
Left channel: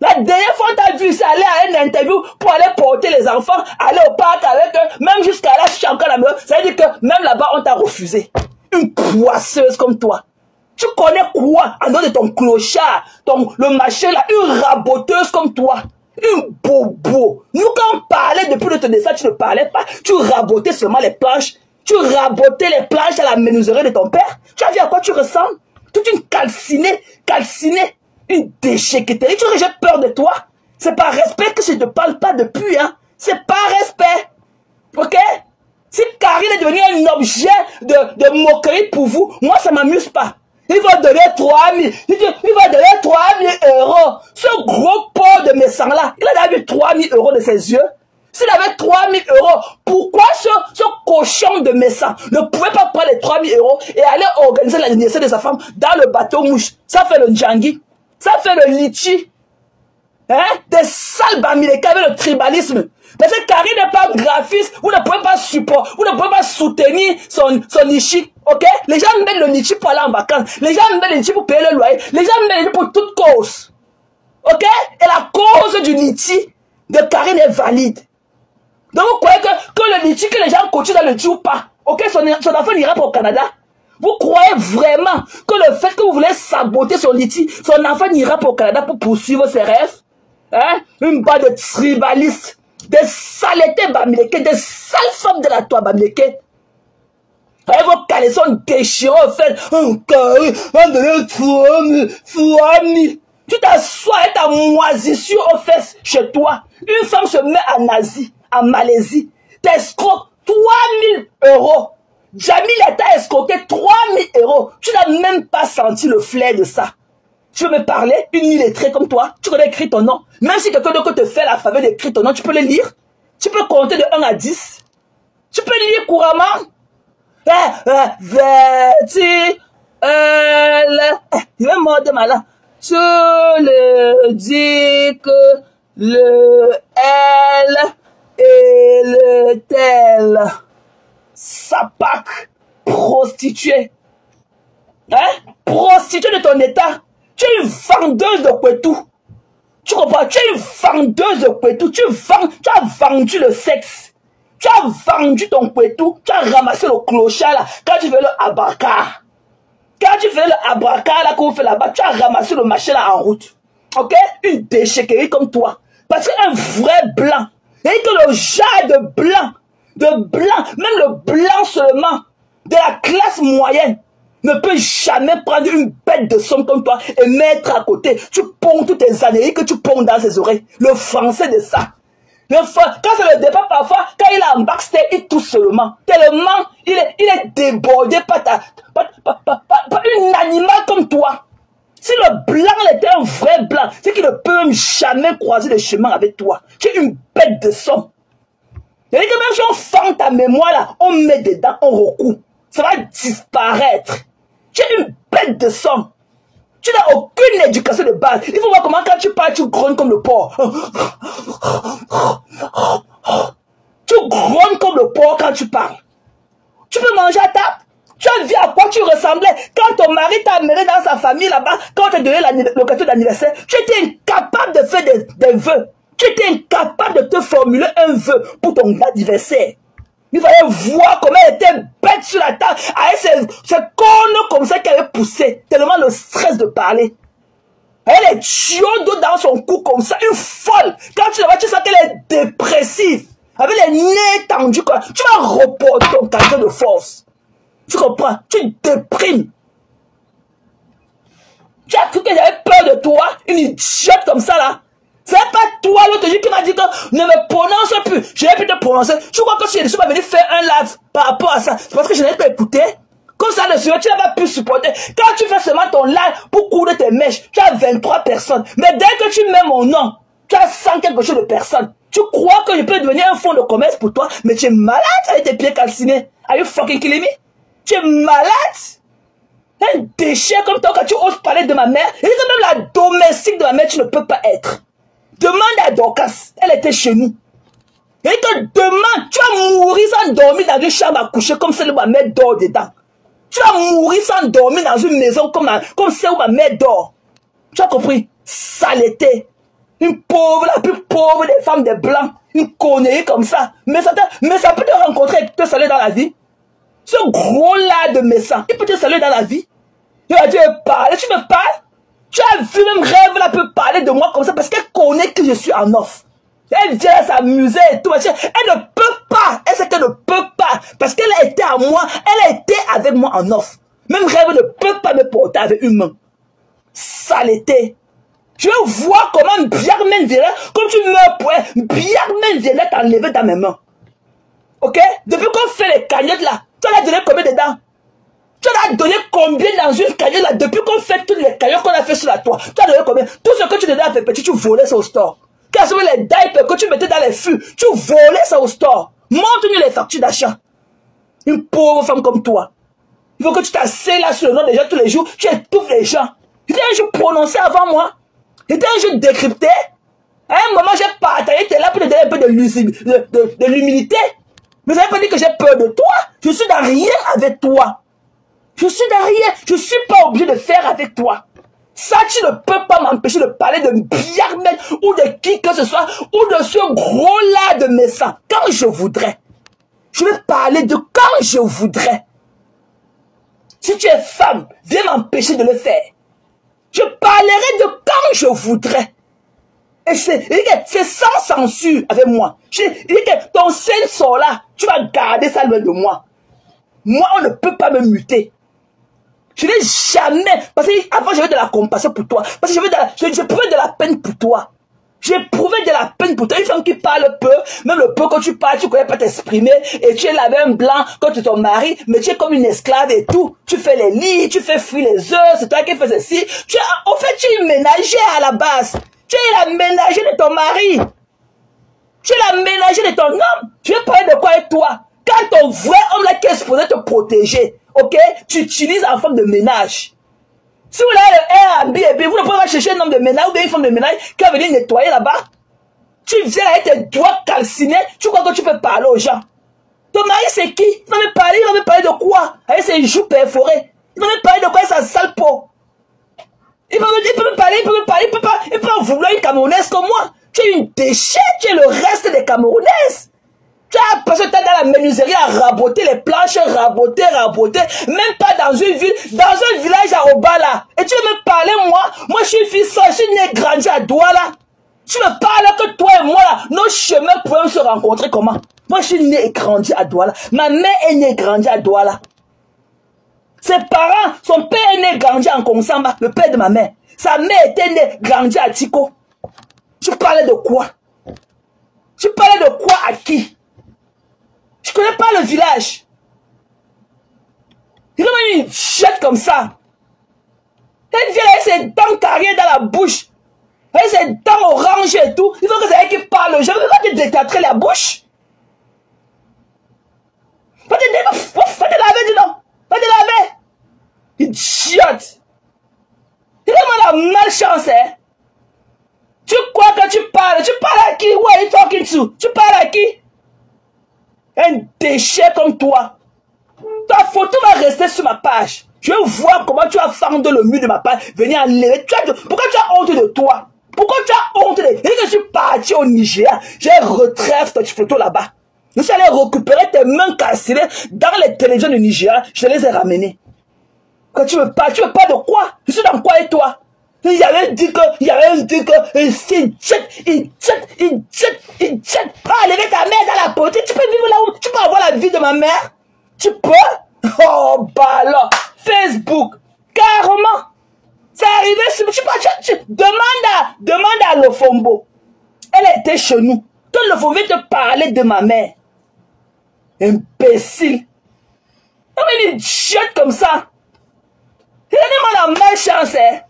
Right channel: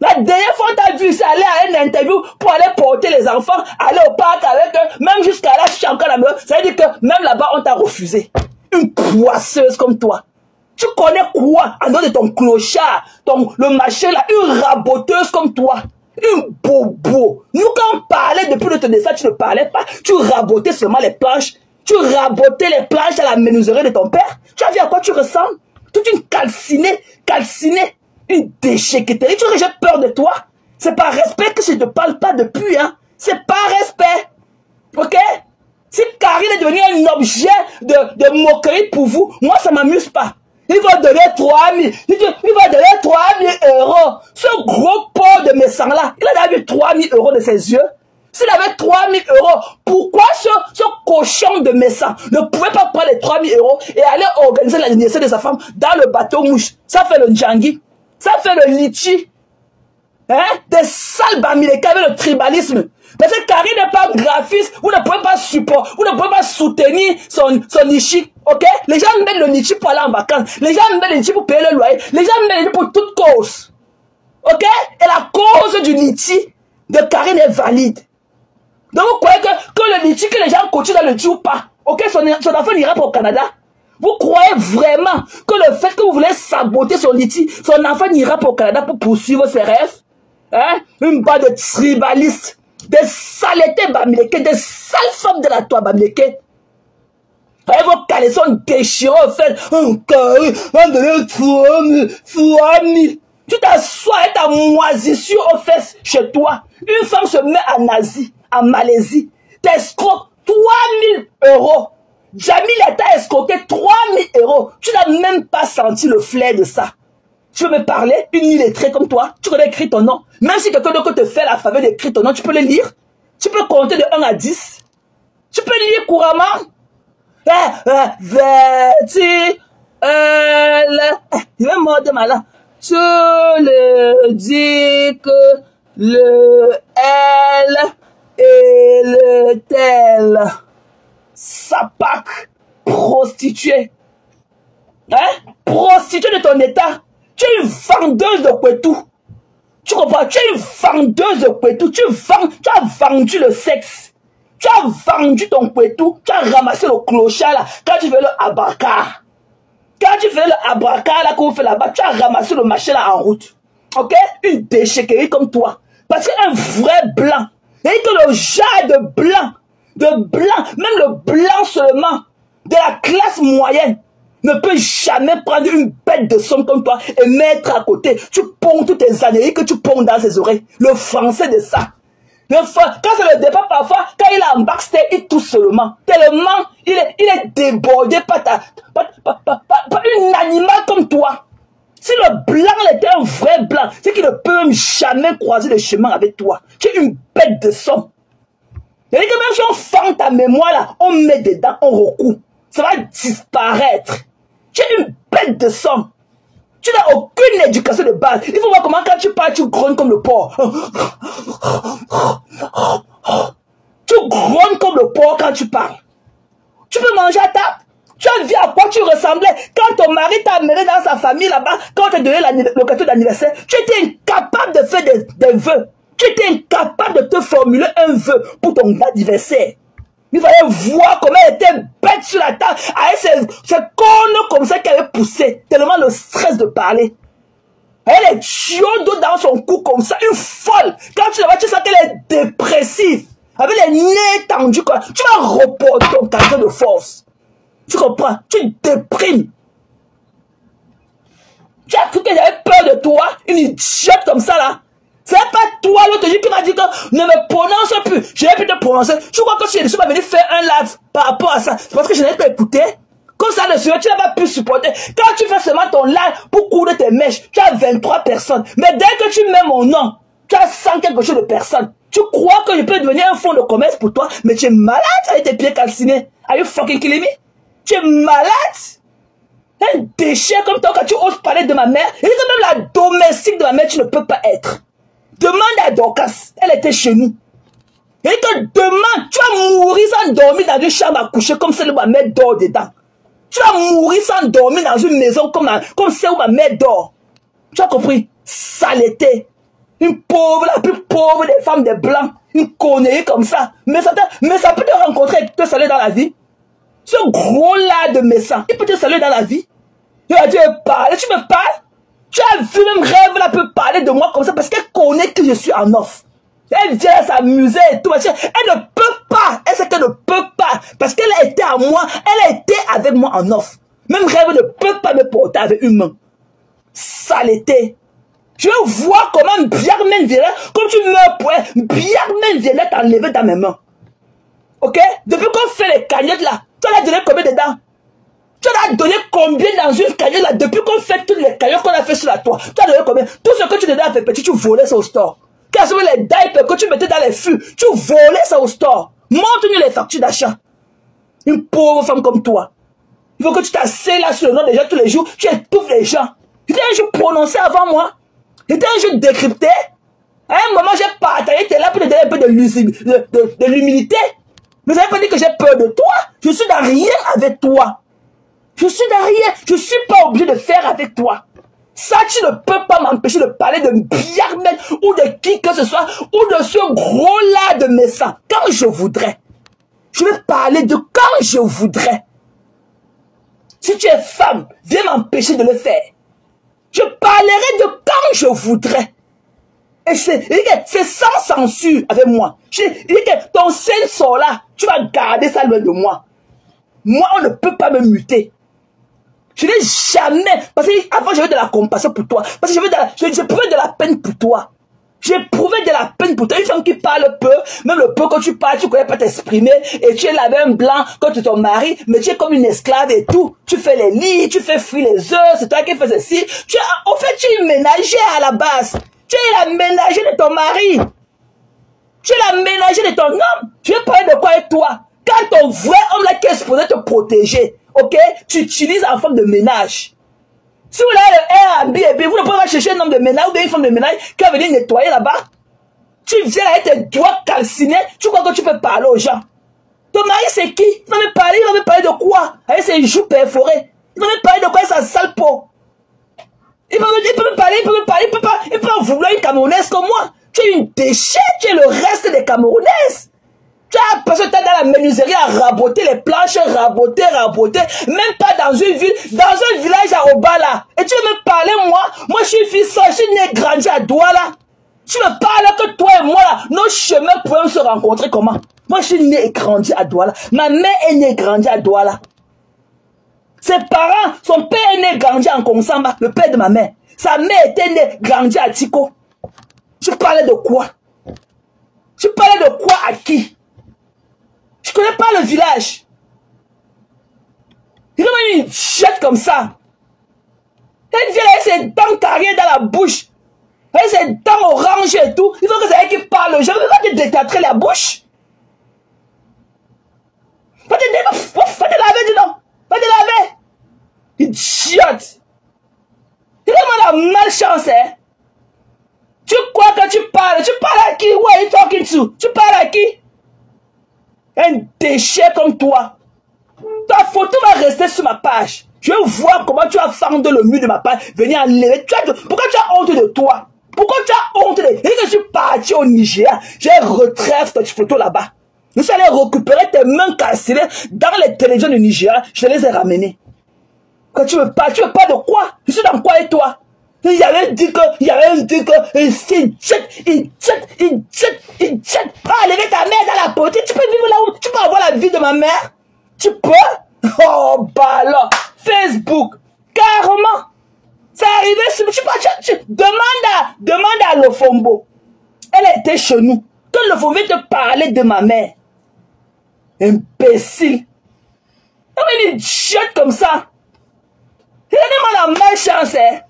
La dernière fois, tu as vu, c'est aller à une interview pour aller porter les enfants, aller au parc avec eux, même jusqu'à là, si tu es encore à la maison. Ça veut dire que même là-bas, on t'a refusé. Une poisseuse comme toi. Tu connais quoi en dehors de ton clochard, le machin là, une raboteuse comme toi. Une bobo. Nous, quand on parlait depuis le dessin, tu ne parlais pas. Tu rabotais seulement les planches. Tu rabotais les planches à la menuiserie de ton père. Tu as vu à quoi tu ressembles? Toute une calcinée. Une déchéqueterie. Tu vois que j'ai peur de toi? C'est par respect que je ne te parle pas depuis, hein. C'est par respect. Ok? Si Karine est devenue un objet de moquerie pour vous, moi ça ne m'amuse pas. Il va donner 3 000. Il va donner 3 000 euros. Ce gros pot de médecin là, il a eu 3 000 euros de ses yeux. S'il avait 3 000 euros, pourquoi ce cochon de médecin ne pouvait pas prendre les 3 000 euros et aller organiser l'anniversaire de sa femme dans le bateau mouche? Ça fait le djangui. Ça fait le litchi. Hein? Des sales bamilekés avec le tribalisme. Parce que Karine n'est pas graphiste. Vous ne pouvez pas supporter, vous ne pouvez pas soutenir son litchi. Ok? Les gens mettent le litchi pour aller en vacances. Les gens mettent le litchi pour payer le loyer. Les gens mettent le litchi pour toute cause. Ok? Et la cause du litchi de Karine est valide. Donc vous croyez que le litchi, que les gens continuent dans le litchi ou pas? Ok? Son enfant ira pour le Canada. Vous croyez vraiment que le fait que vous voulez saboter son litchi, son enfant n'ira pas au Canada pour poursuivre ses rêves? Hein? Une bande de tribalistes, des saletés bamilekés, des sales femmes de la toile bamilekés. Avec vos caleçons déchirés, en fait, un carré, on donne 3 000. Tu t'assois avec ta moisissure aux fesses chez toi. Une femme se met en Asie, en Malaisie, t'escroque 3 000 euros. Jamil t'a escroqué 3 000 euros. Tu n'as même pas senti le flair de ça. Tu veux me parler? Une illettrée comme toi, tu connais écrire ton nom. Même si quelqu'un d'autre te fait la faveur d'écrire ton nom, tu peux le lire. Tu peux compter de 1 à 10. Tu peux lire couramment. Je vais mordre ma langue. Tu le dis que le L et le tel. Sapac, prostituée. Hein? Prostituée de ton état. Tu es une vendeuse de Kwetou. Tu comprends? Tu es une vendeuse de Kwetou. Tu as vendu le sexe. Tu as vendu ton Kwetou. Tu as ramassé le clochard là. Quand tu fais le abracar. Quand tu fais le abracar là, qu'on fait là-bas, tu as ramassé le machin là en route. Ok? Une déchéquerie comme toi. Parce qu'un vrai blanc. Et que le genre de blanc, même le blanc seulement, de la classe moyenne, ne peut jamais prendre une bête de somme comme toi et mettre à côté. Tu ponds toutes tes années que tu ponds dans ses oreilles. Le français de ça. Quand c'est le départ, parfois, quand il est en backstage, il touche seulement. Tellement, il est débordé par une animal comme toi. Si le blanc était un vrai blanc, c'est qu'il ne peut jamais croiser le chemin avec toi. Tu es une bête de somme. Et même si on fend ta mémoire là, on met dedans, on recoue. Ça va disparaître. Tu es une bête de somme. Tu n'as aucune éducation de base. Il faut voir comment quand tu parles, tu grogne comme le porc. Tu grogne comme le porc quand tu parles. Tu peux manger à table. Tu as vu à quoi tu ressemblais quand ton mari t'a amené dans sa famille là-bas, quand tu as donné le gâteau d'anniversaire. Tu étais incapable de faire des vœux. Tu étais incapable de te formuler un vœu pour ton anniversaire. Il fallait voir comment elle était bête sur la table, avec ses cornes comme ça qu'elle avait poussé, tellement le stress de parler. Elle est tuyau d'eau dans son cou comme ça, une folle. Quand tu la vois, tu sens qu'elle est dépressive. Avec les nez tendus, quoi. Tu vas reporter ton caractère de force. Tu comprends? Tu déprimes. Tu as cru que j'avais peur de toi, une idiote comme ça là. C'est pas toi l'autre jour qui m'a dit que ne me prononce plus. Je n'ai pu te prononcer. Tu crois que si je suis pas venu faire un live par rapport à ça, c'est parce que je n'ai pas écouté. Comme ça, le Seigneur, tu n'as pas pu supporter. Quand tu fais seulement ton live pour courir tes mèches, tu as 23 personnes. Mais dès que tu mets mon nom, tu as 100 quelque chose de personnes. Tu crois que je peux devenir un fonds de commerce pour toi, mais tu es malade avec tes pieds calcinés. Are you fucking kidding me? Tu es malade? Un déchet comme toi, quand tu oses parler de ma mère, et même la domestique de ma mère, tu ne peux pas être. Demande à Dorcas, elle était chez nous. Et que demain, tu vas mourir sans dormir dans une chambre à coucher comme celle où ma mère dort dedans. Tu vas mourir sans dormir dans une maison comme celle où ma mère dort. Tu as compris? Saleté. Une pauvre, la plus pauvre des femmes des blancs. Une connerie comme ça. Mais ça peut te rencontrer et te saluer dans la vie. Ce gros-là de médecin, il peut te saluer dans la vie. Il a dit, parler, tu me parles. Tu as vu même rêve, elle peut parler de moi comme ça parce qu'elle connaît que je suis en off. Elle vient s'amuser et tout. Elle ne peut pas. Elle sait qu'elle ne peut pas. Parce qu'elle a été à moi. Elle a été avec moi en off. Même rêve ne peut pas me porter avec une main. Saleté. Je veux voir comment Biarmen Violet, comme tu meurs pour elle, Biarmen Violet t'a enlevé dans mes mains. Ok? Depuis qu'on fait les cagnettes là, tu as donné combien dedans? Tu as donné combien dans une cagnotte là? Depuis qu'on fait toutes les cagnottes qu'on a fait sur la toile, tu as donné combien? Tout ce que tu donnais à tes petits, tu volais ça au store. Quels sont les diapers que tu mettais dans les fûts? Tu volais ça au store. Montre-nous les factures d'achat. Une pauvre femme comme toi. Il faut que tu t'asseyes là sur le nom des gens tous les jours. Tu étouffes les gens. C'était un jeu prononcé avant moi. C'était un jeu décrypté. À un moment, j'ai partagé. Tu es là pour te donner un peu de l'humilité. Mais ça veut pas dire que j'ai peur de toi. Je suis dans rien avec toi. Je suis dans rien. Je ne suis pas obligé de faire avec toi. Ça, tu ne peux pas m'empêcher de parler de Biarmen ou de qui que ce soit, ou de ce gros-là de mes sangs, quand je voudrais. Je vais parler de quand je voudrais. Si tu es femme, viens m'empêcher de le faire. Je parlerai de quand je voudrais. Et c'est sans censure avec moi. Ton sein sort là, tu vas garder ça loin de moi. Moi, on ne peut pas me muter. Je n'ai jamais, parce qu'avant j'avais de la compassion pour toi, parce que j'éprouvais de la peine pour toi. J'éprouvais de la peine pour toi. Une femme qui parle peu, même le peu quand tu parles, tu ne connais pas t'exprimer, et tu es là avec un blanc quand tu es ton mari, mais tu es comme une esclave et tout. Tu fais les lits, tu fais fuir les œufs, c'est toi qui fais ceci. En fait, tu es une ménagère à la base. Tu es la ménagère de ton mari. Tu es la ménagère de ton homme. Tu veux parler de quoi avec toi? Quand ton vrai homme là qui est supposé te protéger, ok, tu utilises en forme de ménage. Si vous avez le Airbnb, vous ne pouvez pas chercher un homme de ménage ou bien une femme de ménage qui va venir nettoyer là-bas. Tu viens avec tes doigts calcinés, tu crois que tu peux parler aux gens. Ton mari c'est qui? Il va me parler de quoi? Avec ses joues perforées. Il va me parler de quoi avec sa sale peau? Il peut me parler, il peut pas vouloir une Camerounaise comme moi. Tu es une déchet, tu es le reste des Camerounaises. Tu as l'impression que tu es dans la menuiserie à raboter les planches, raboter. Même pas dans une ville, dans un village à Obala. Et tu veux me parler, moi je suis fils, je suis né grandi à Douala. Tu me parles que toi et moi, là, nos chemins pourraient se rencontrer comment? Moi je suis né et grandi à Douala. Ma mère est née et grandi à Douala. Ses parents, son père est né et grandi en Konsamba, le père de ma mère. Sa mère était née et grandi à Tiko. Tu parlais de quoi? Tu parlais de quoi à qui? Je connais pas le village. Il y a une chette comme ça. Elle vient avec ses dents carrées dans la bouche. Avec ses dents oranges et tout. Il faut que c'est elle qui parle. Je ne veux pas te détâtrer la bouche. Va te laver, dis donc. Va te laver. Idiote. Il a la malchance, hein. Tu crois que tu parles à qui? Who are you talking to? Tu parles à qui? Un déchet comme toi. Ta photo va rester sur ma page. Je veux voir comment tu vas fendre le mur de ma page. Venir enlever. Pourquoi tu as honte de toi? Pourquoi tu as honte de... Et je suis parti au Nigeria. J'ai retrait cette photo là-bas. Je suis allé récupérer tes mains cassées dans les télévisions du Nigeria. Je les ai ramenées. Quand tu veux pas de quoi? Je suis dans quoi et toi? Il y avait dit que, il jette. Ah, lever ta mère dans la politique. Tu peux vivre là où? Tu peux avoir la vie de ma mère? Tu peux? Oh, bah alors, Facebook, carrément. C'est arrivé, demande à Lofombo. Elle était chez nous. Quand Lofombo te parler de ma mère. Imbécile. Elle me dit, jette comme ça. Il a la méchance, hein.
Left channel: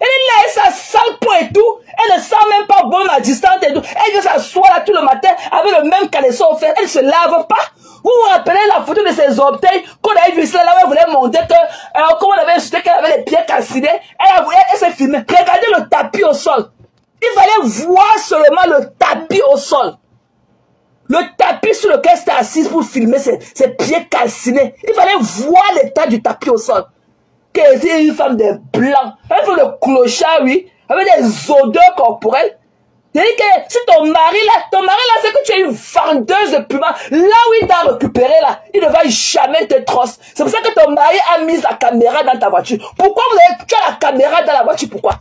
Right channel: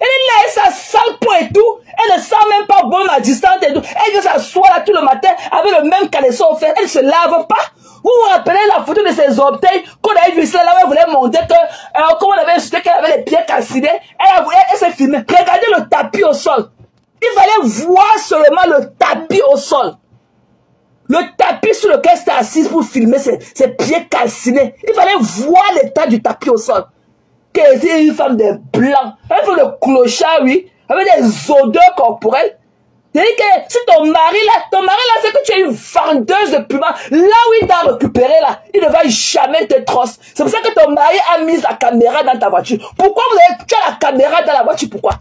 Elle a sa sale peau et tout. Elle ne sent même pas bon à distance et tout. Elle vient s'asseoir là tout le matin avec le même caleçon au fait. Elle ne se lave pas. Vous vous rappelez la photo de ses orteils qu'on avait vu ça là, elle voulait monter que, comme on avait insulté qu'elle avait les pieds cassinés. Elle s'est filmée. Regardez le tapis au sol. Il fallait voir seulement le tapis au sol. Le tapis sur lequel c'était assise pour filmer ses pieds calcinés. Il fallait voir l'état du tapis au sol. Que c'est une femme de blanc. Elle fait le clochard, oui, avec des odeurs corporelles. C'est-à-dire que si ton mari là fait que tu es une vendeuse de puma, là où il t'a récupéré là, il ne va jamais te trosse. C'est pour ça que ton mari a mis la caméra dans ta voiture. Pourquoi tu as la caméra dans la voiture? Pourquoi?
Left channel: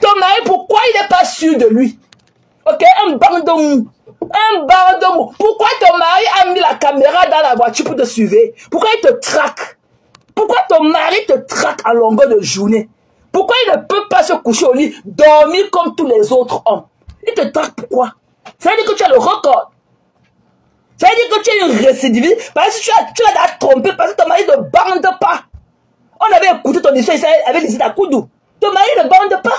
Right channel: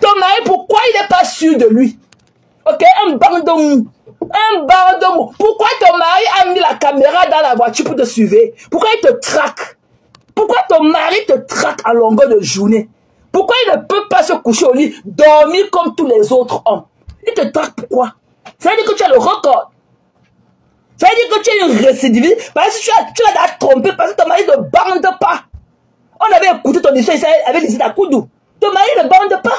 Ton mari, pourquoi il n'est pas sûr de lui? Ok, un bandon. Pourquoi ton mari a mis la caméra dans la voiture pour te suivre? Pourquoi il te traque? Pourquoi ton mari te traque à longueur de journée? Pourquoi il ne peut pas se coucher au lit, dormir comme tous les autres hommes? Il te traque pourquoi? Ça veut dire que tu as le record. Ça veut dire que tu es une récidiviste. Parce que tu l'as trompé, parce que ton mari ne bande pas. On avait écouté ton histoire, il avait dit à Koudou. Ton mari ne bande pas.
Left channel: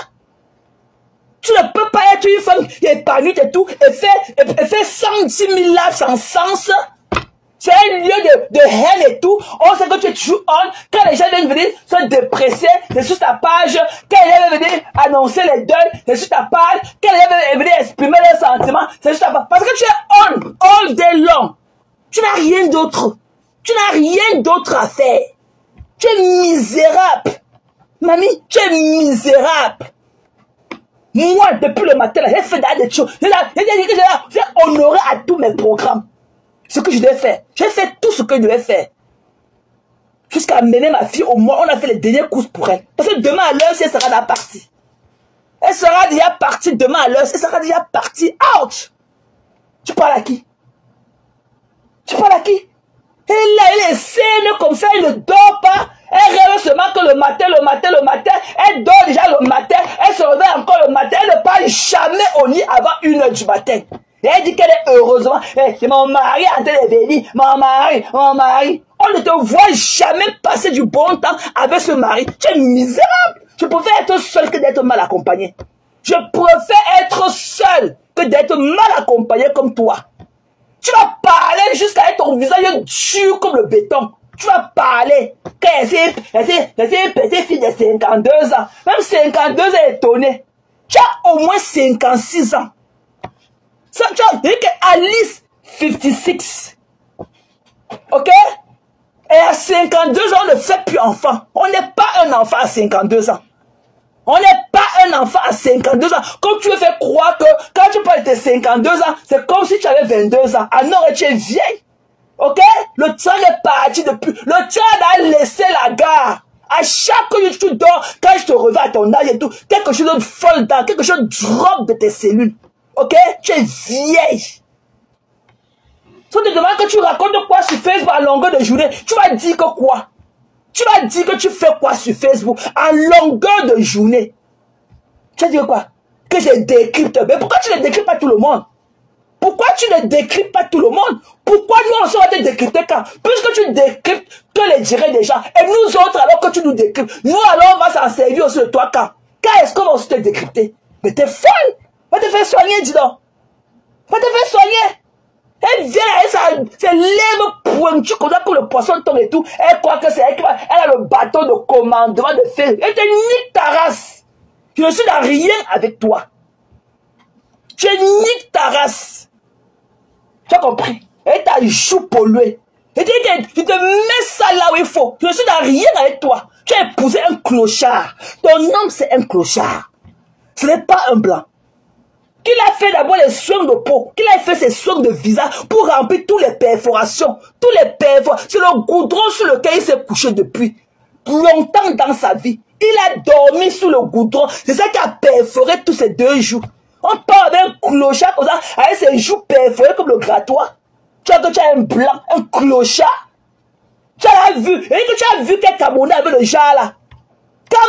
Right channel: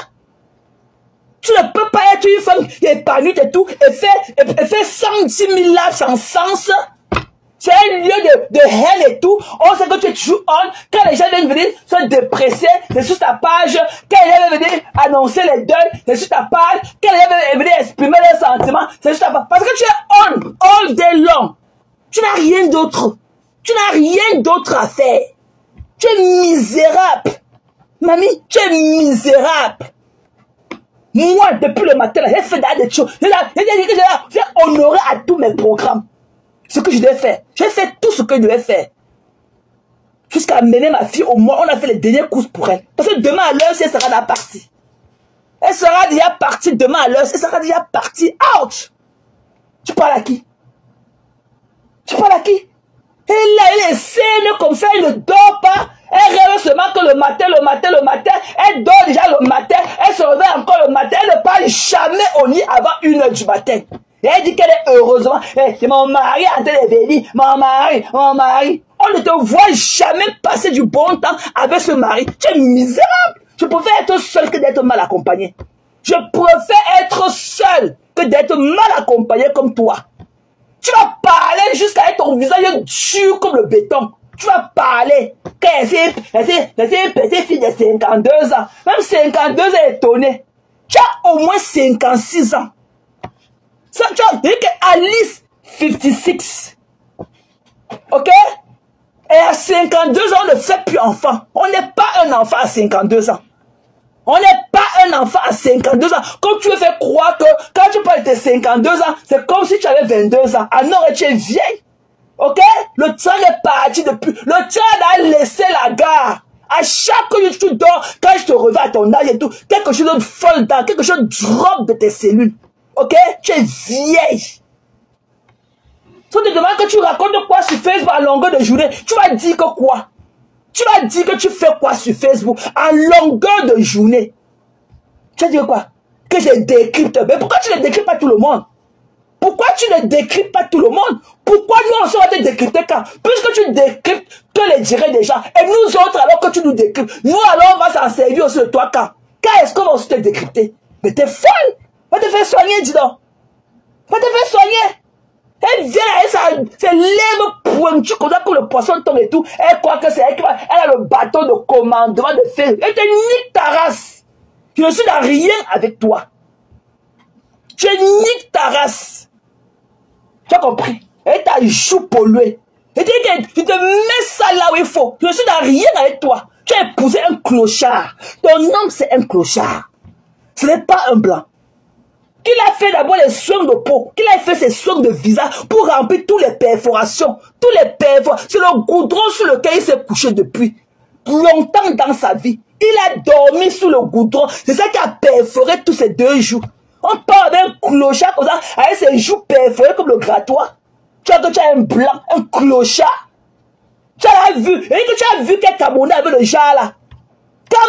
Tu ne peux pas être une femme épanouie et tout, et faire 110 000 là sans sens. C'est un lieu de haine et tout. On sait que tu es toujours homme. Quand les gens viennent venir se dépresser, c'est sur ta page. Quand les gens viennent venir annoncer les deuils, c'est sur ta page. Quand les gens viennent venir exprimer leurs sentiments, c'est sur ta page. Parce que tu es homme, all day long. Tu n'as rien d'autre. Tu n'as rien d'autre à faire. Tu es misérable. Mamie, tu es misérable. Moi, depuis le matin, j'ai fait des choses. J'ai honoré à tous mes programmes. Ce que je devais faire. J'ai fait tout ce que je devais faire. Jusqu'à mener ma fille au moins, on a fait les dernières courses pour elle. Parce que demain à l'heure, elle sera déjà partie. Elle sera déjà partie demain à l'heure, elle sera déjà partie. Out! Tu parles à qui? Tu parles à qui? Elle est saine comme ça, elle ne dort pas. Elle rêve seulement que le matin, elle dort déjà le matin, elle se réveille encore le matin, elle ne parle jamais au lit avant 1 h du matin. Et elle dit qu'elle est heureusement, c'est mon mari en train de venir, mon mari. On ne te voit jamais passer du bon temps avec ce mari. Tu es misérable. Je préfère être seul que d'être mal accompagné. Je préfère être seul que d'être mal accompagné comme toi. Tu vas parler jusqu'à être ton visage dur comme le béton. Tu vas parler. Elle est fille de 52 ans. Même 52 ans est étonné. Tu as au moins 56 ans. Ça, tu as dit qu'Alice, 56. Ok? Et à 52 ans, on ne fait plus enfant. On n'est pas un enfant à 52 ans. On n'est pas un enfant à 52 ans. Comme tu me fais croire que quand tu parles de 52 ans, c'est comme si tu avais 22 ans. Alors tu es vieille. Ok? Le train est parti depuis. Le train a laissé la gare. À chaque fois que tu dors, quand je te reviens à ton âge et tout, quelque chose de folle dans, quelque chose drop de tes cellules. Ok? Tu es vieille. Si on te demande que tu racontes quoi sur Facebook à longueur de journée, tu vas dire que quoi? Tu vas dire que tu fais quoi sur Facebook à longueur de journée? Tu vas dire quoi? Que je décrypte. Mais pourquoi tu ne décryptes pas tout le monde? Pourquoi tu ne décryptes pas tout le monde? Pourquoi nous on sera te décrypter quand? Puisque tu décryptes que les diraient des gens. Et nous autres, alors que tu nous décryptes, nous alors on va s'en servir aussi de toi quand? Quand est-ce qu'on va aussi te décrypter? Mais t'es folle! Va te faire soigner, dis donc! Va te faire soigner! Elle vient avec ses lèvres pointues comme le poisson tombe et tout. Elle croit que c'est elle qui va. Elle a le bâton de commandement de fer. Elle te nique ta race. Je ne suis dans rien avec toi. Tu niques ta race. Tu as compris? Elle t'a joue pollué. Tu te mets ça là où il faut. Je ne suis dans rien avec toi. Tu as épousé un clochard. Ton homme c'est un clochard. Ce n'est pas un blanc. Qu'il a fait d'abord les soins de peau, qu'il a fait ses soins de visage pour remplir toutes les perforations. C'est le goudron sur lequel il s'est couché depuis longtemps dans sa vie. Il a dormi sous le goudron. C'est ça qui a perforé tous ces 2 jours. On parle d'un clochard comme ça, avec ses joues perforées comme le grattoir. Tu as un blanc, un clochard. Tu as vu, et que tu as vu quel Camerounais avec le genre là. Quand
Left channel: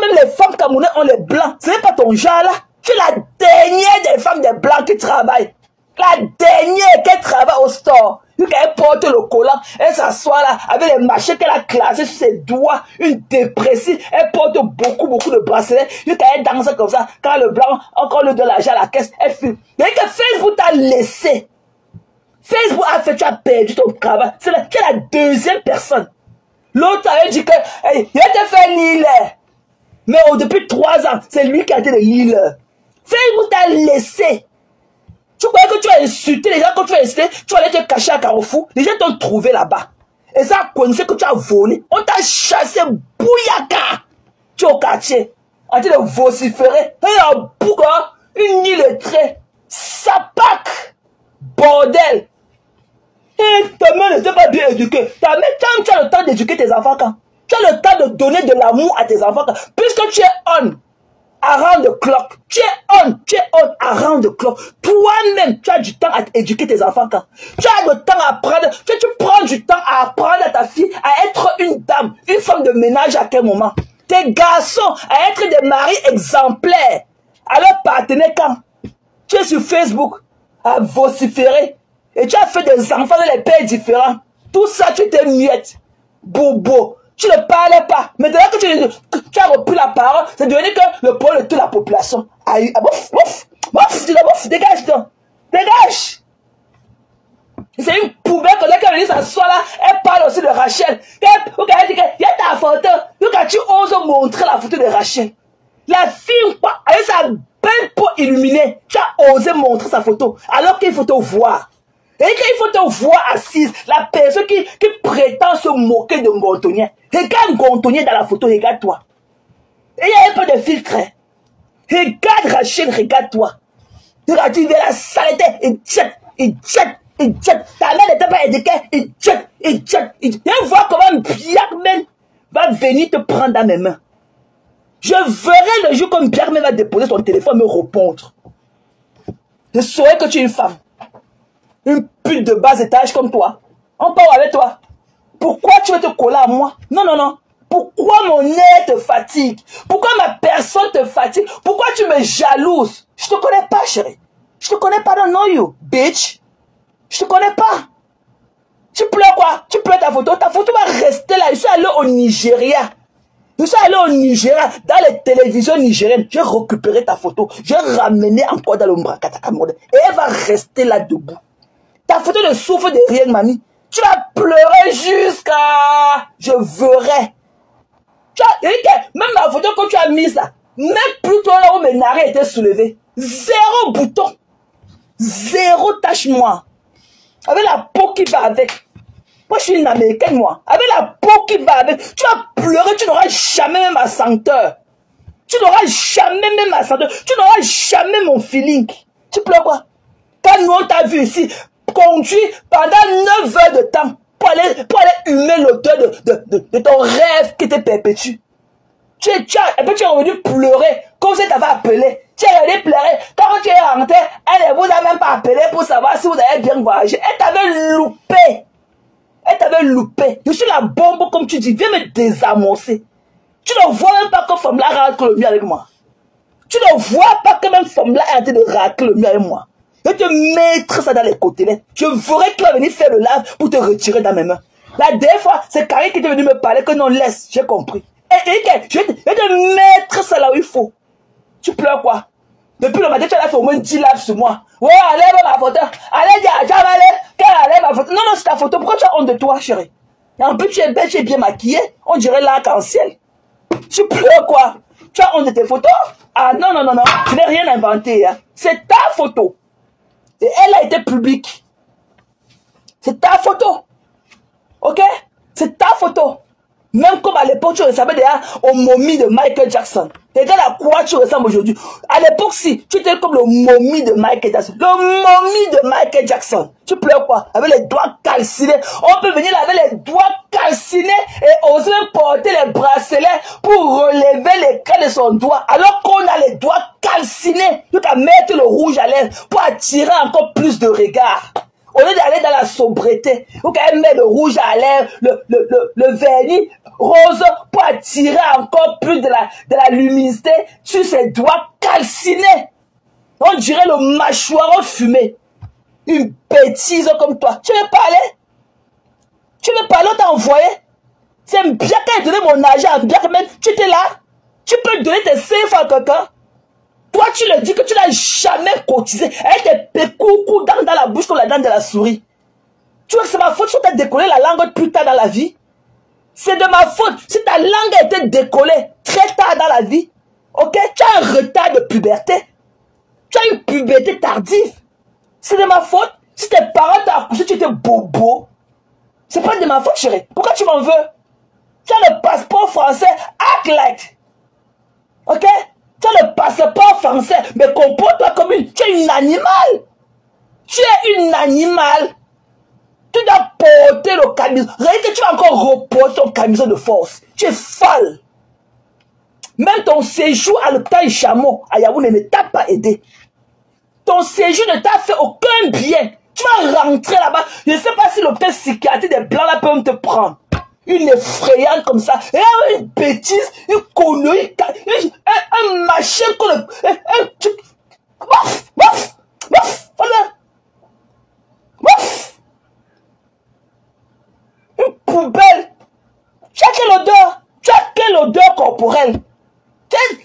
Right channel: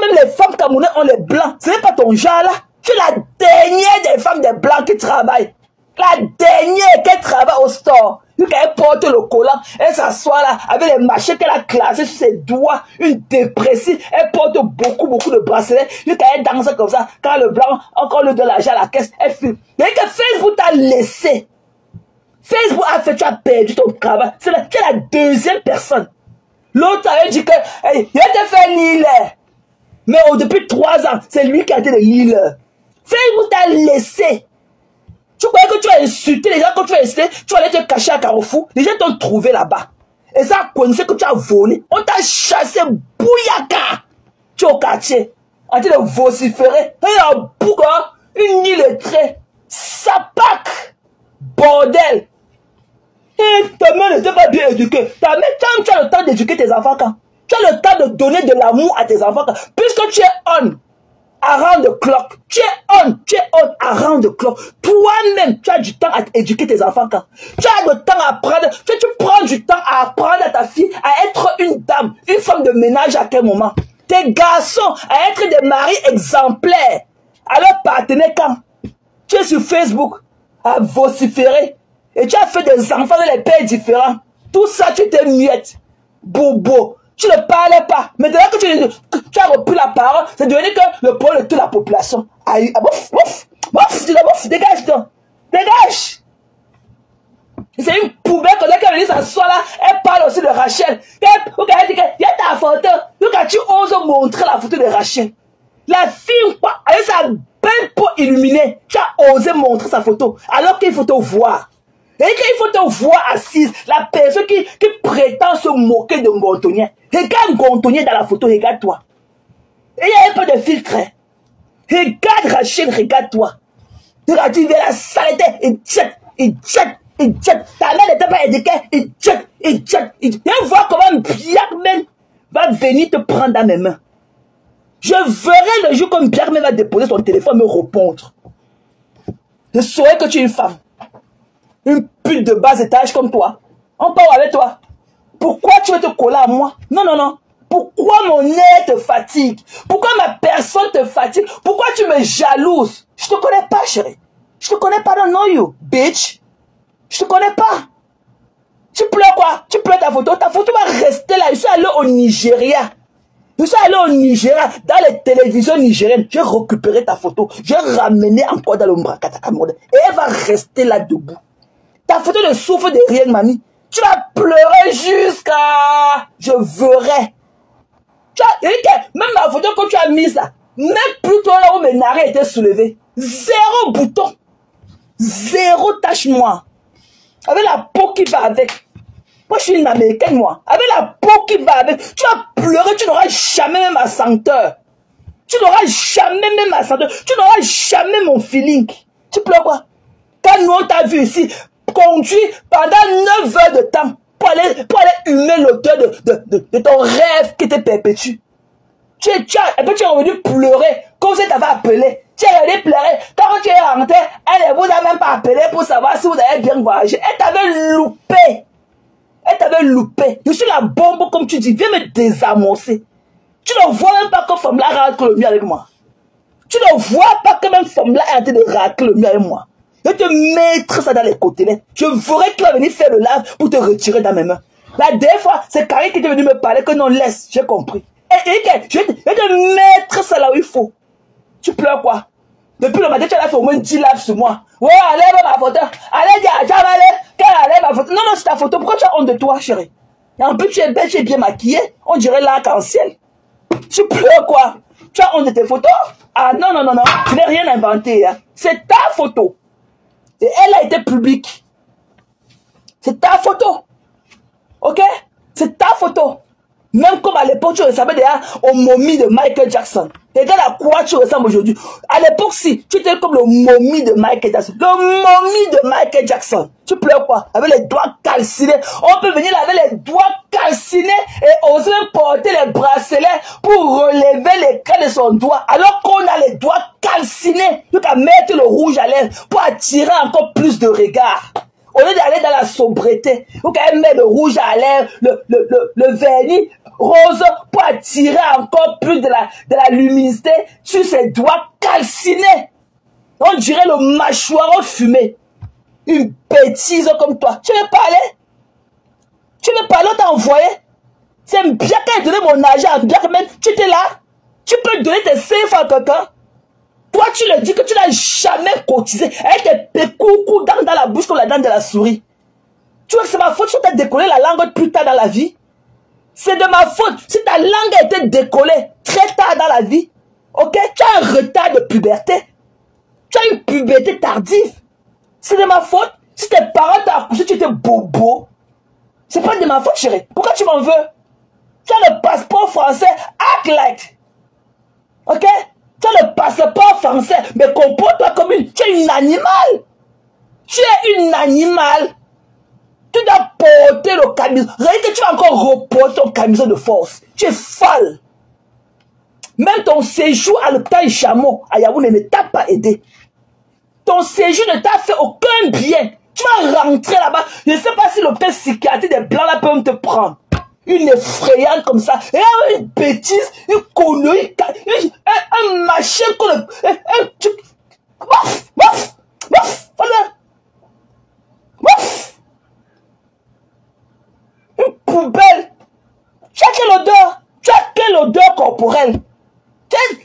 même les femmes camerounaises ont les blancs, ce n'est pas ton genre là. Tu es la dernière des femmes des blancs qui travaillent. La dernière qui travaille au store. Elle porte le collant, elle s'assoit là avec les machins qu'elle a classés sur ses doigts, une dépressive, elle porte beaucoup de bracelets, elle danse comme ça, quand le blanc encore nous donne l'argent à la caisse, elle fume. Mais que Facebook t'a laissé. Facebook a fait, tu as perdu ton travail. C'est la 2e personne. L'autre avait dit que, hey, il a été fait leader. Mais depuis 3 ans, c'est lui qui a été le leader. Facebook t'a laissé. Tu croyais que tu as insulté les gens, quand tu as insulté, tu allais te cacher à Carrefour. Les gens t'ont trouvé là-bas. Et ça a connu que tu as volé. On t'a chassé bouillaka. Tu es au quartier. En train de vociférer. Et un bouc, une illettrée. Sapac. Bordel. Et ta mère n'était pas bien éduquée. Ta mère, tu as le temps d'éduquer tes enfants quand? Tu as le temps de donner de l'amour à tes enfants quand? Puisque tu es on. Around the clock. Tu es on around the clock. Toi-même, tu as du temps à éduquer tes enfants quand? Tu as le temps à apprendre. Tu prends du temps à apprendre à ta fille à être une dame, une femme de ménage à quel moment? Tes garçons à être des maris exemplaires. À leur partenaire quand? Tu es sur Facebook à vociférer. Et tu as fait des enfants dans les pays différents. Tout ça, tu t'es miette. Bobo. Tu ne parlais pas. Mais dès que tu as repris la parole, c'est devenu que le problème de toute la population. Dégage donc. Dégage. C'est une poubelle comme ça qui est venue s'asseoir là. Elle parle aussi de Rachel. Elle dit que il y a ta photo. Tu oses montrer la photo de Rachel. La fille, avec sa belle peau illuminée, tu as osé montrer sa photo. Alors qu'il faut te voir. Et qu'il faut te voir assise, la personne qui prétend se moquer de Montonnier. Regarde Montonnier dans la photo, regarde-toi. Et il y a un peu de filtre. Regarde Rachel, regarde-toi. Regarde, tu verras la saleté, il jette. Ta mère n'était pas éduquée, il jette. Viens voir comment Biarmen va venir te prendre dans mes mains. Je verrai le jour comme Biarmen va déposer son téléphone et me répondre. Je saurai que tu es une femme. Une pute de bas étage comme toi. On parle avec toi. Pourquoi tu veux te coller à moi? Non. Pourquoi mon air te fatigue? Pourquoi ma personne te fatigue? Pourquoi tu me jalouses? Je te connais pas, chérie. Je te connais pas, don't know you, bitch. Je te connais pas. Tu pleures quoi? Tu pleures ta photo? Ta photo va rester là. Je suis allé au Nigeria. Dans les télévisions nigériennes. J'ai récupéré ta photo. J'ai ramené encore dans le Mbrakatakamode. Et elle va rester là debout. Ta photo ne souffre de rien, mamie. Tu vas pleurer jusqu'à... Je verrai. Même la photo que tu as mise là, même plutôt là où mes narines étaient soulevées. 0 bouton. 0 tache noire. Avec la peau qui va avec. Moi, je suis une américaine, moi. Avec la peau qui va avec. Tu vas pleurer, tu n'auras jamais même ma senteur. Tu n'auras jamais même ma senteur. Tu n'auras jamais mon feeling. Tu pleures quoi? Quand nous, on t'a vu ici, conduit pendant 9 heures de temps pour aller humer l'odeur de ton rêve qui te perpétue. Et puis tu es revenu pleurer comme si tu avais appelé. Tu es revenu pleurer. Quand tu es rentré, elle ne vous a même pas appelé pour savoir si vous avez bien voyagé. Elle t'avait loupé. Je suis la bombe comme tu dis. Viens me désamorcer. Tu ne vois même pas que femme-là racle le mieux avec moi. Tu ne vois pas que même femme-là est en train de racler le mieux avec moi. Je vais te mettre ça dans les côtés. Je verrai qu'il va venir faire le lave pour te retirer dans mes mains. La dernière fois, c'est Karine qui est venu me parler que non, laisse. J'ai compris. Je vais te mettre ça là où il faut. Tu pleures quoi? Depuis le matin, tu as fait au moins 10 laves sur moi. Ouais, allez, ma photo. Allez, allez, ma photo. Non, c'est ta photo. Pourquoi tu as honte de toi, chérie? Et en plus, tu es belle, tu es bien maquillée. On dirait l'arc-en-ciel. Tu pleures quoi? Tu as honte de tes photos? Ah non. Je n'ai rien inventé. Hein. C'est ta photo. Et elle a été publique. C'est ta photo. Ok? C'est ta photo. Même comme à l'époque, tu ressemblais déjà au momie de Michael Jackson. Regarde à quoi tu ressembles aujourd'hui. À l'époque, si, tu étais comme le momie de Michael Jackson. Le momie de Michael Jackson. Tu pleures quoi? Avec les doigts calcinés. On peut venir là avec les doigts calcinés et oser porter les bracelets pour relever les crêts de son doigt. Alors qu'on a les doigts calcinés. Tu vas mettre le rouge à lèvres pour attirer encore plus de regards. Au lieu d'aller dans la sobriété, vous pouvez mettre le rouge à lèvres, le vernis rose pour attirer encore plus de la luminosité sur ses doigts calcinés. On dirait le mâchoire fumé. Une bêtise comme toi. Tu veux parler? Tu veux parler, on t'a envoyé? C'est bien qu'à donner mon argent à bien même. Tu étais là? Tu peux donner tes CFA à quelqu'un? Toi, tu le dis que tu n'as jamais cotisé avec tes coucous dans la bouche comme la dent de la souris. Tu vois que c'est ma faute si tu as décollé la langue plus tard dans la vie. C'est de ma faute si ta langue a été décollée très tard dans la vie. Ok? Tu as un retard de puberté. Tu as une puberté tardive. C'est de ma faute si tes parents t'ont accouché, tu étais bobo. C'est pas de ma faute, chérie. Pourquoi tu m'en veux? Tu as le passeport français, act like. Ok? Tu as le passeport français, mais comporte-toi comme tu es une animal. Tu es une animal. Tu dois porter le camisole. Regarde, tu vas encore reporter ton camisole de force. Tu es folle. Même ton séjour à l'hôpital Chameau, à Yaoundé, ne t'a pas aidé. Ton séjour ne t'a fait aucun bien. Tu vas rentrer là-bas. Je ne sais pas si l'hôpital psychiatrique des blancs là peut te prendre. Une effrayante comme ça. Et une bêtise, une connerie, un machin comme un truc. Une poubelle. Tu as quelle odeur? Tu as quelle odeur corporelle?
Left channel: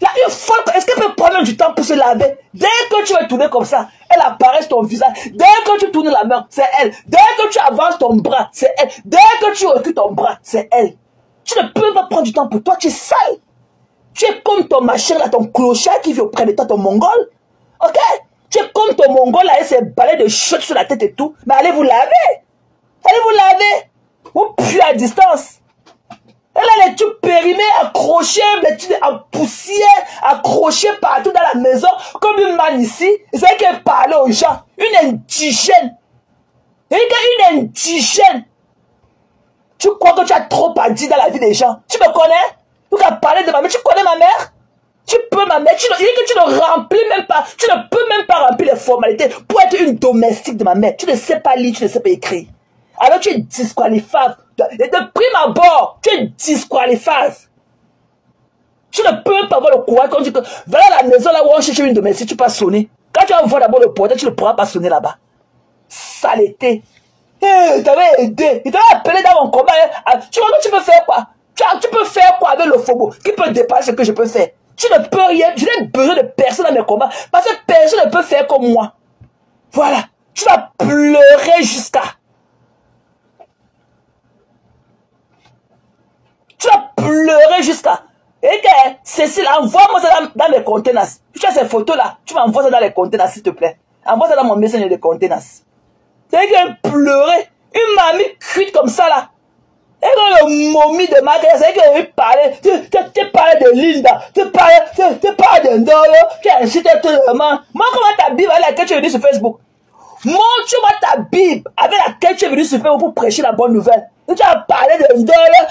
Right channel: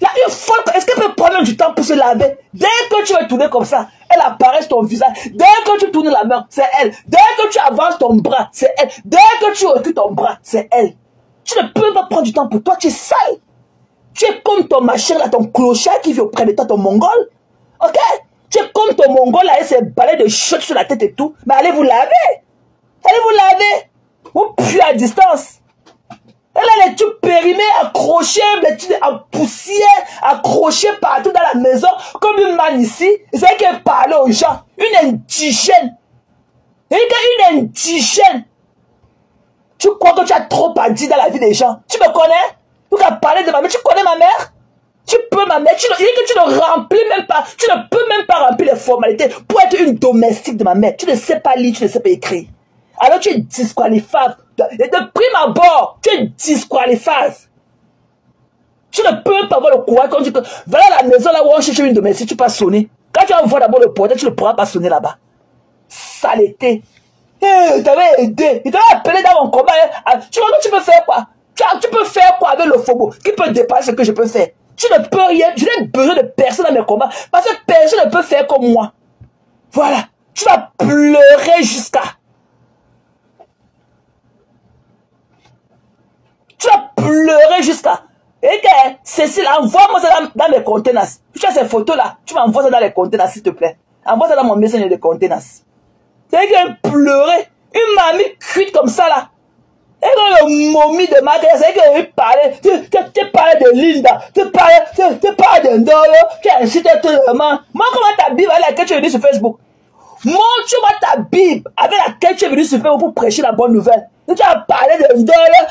Là, une fois, est-ce qu'elle peut prendre du temps pour se laver? Dès que tu vas tourner comme ça, elle apparaît sur ton visage. Dès que tu tournes la main, c'est elle. Dès que tu avances ton bras, c'est elle. Dès que tu recules ton bras, c'est elle. Tu ne peux pas prendre du temps pour toi, tu es sale. Tu es comme ton machin là, ton clochard qui vit auprès de toi, ton mongol. Ok? Tu es comme ton mongol là, et ses balais de chute sur la tête et tout. Mais allez vous laver. Allez vous laver. Ou plus à distance. Elle a les tubes périmés, accrochés, les tubes en poussière, accrochés partout dans la maison, comme une manne ici. C'est qu'elle parlait aux gens. Une indigène. Une indigène. Tu crois que tu as trop à dire dans la vie des gens? Tu me connais? Tu as parlé de ma mère. Tu connais ma mère? Tu peux ma mère. Tu ne remplis même pas. Tu ne peux même pas remplir les formalités pour être une domestique de ma mère. Tu ne sais pas lire, tu ne sais pas écrire. Alors tu es disqualifiable. Et de prime abord, tu es disqualifiable. Tu ne peux pas avoir le courage quand tu dis que va à la maison là où on cherche une domestique, tu peux sonner. Quand tu vas voir d'abord le portail, tu ne pourras pas sonner là-bas. Saleté. Il t'avait aidé. Il t'avait appelé dans mon combat. Tu vois que tu peux faire quoi? Tu peux faire quoi avec le Fobo? Qui peut dépasser ce que je peux faire? Tu ne peux rien. Je n'ai besoin de personne dans mes combats. Parce que personne ne peut faire comme moi. Voilà. Tu vas pleurer jusqu'à. Tu vas pleurer jusqu'à. Et que Cécile, envoie-moi ça dans mes conteneurs. Tu as ces photos-là. Tu m'envoies ça dans les conteneurs, s'il te plaît. Envoie ça dans mon message des conteneurs. C'est qu'elle pleurait. Une mamie cuite comme ça, là. Et quand le momie de ma tête, c'est qu'elle parlait. Tu parlais de Linda. Tu parlais de Ndolo. Tu as incité tout le monde. Moi, comment ta Bible avec laquelle tu es venu sur Facebook? Montre-moi ta Bible avec laquelle tu es venu sur Facebook pour prêcher la bonne nouvelle. Tu as parlé de Ndolo.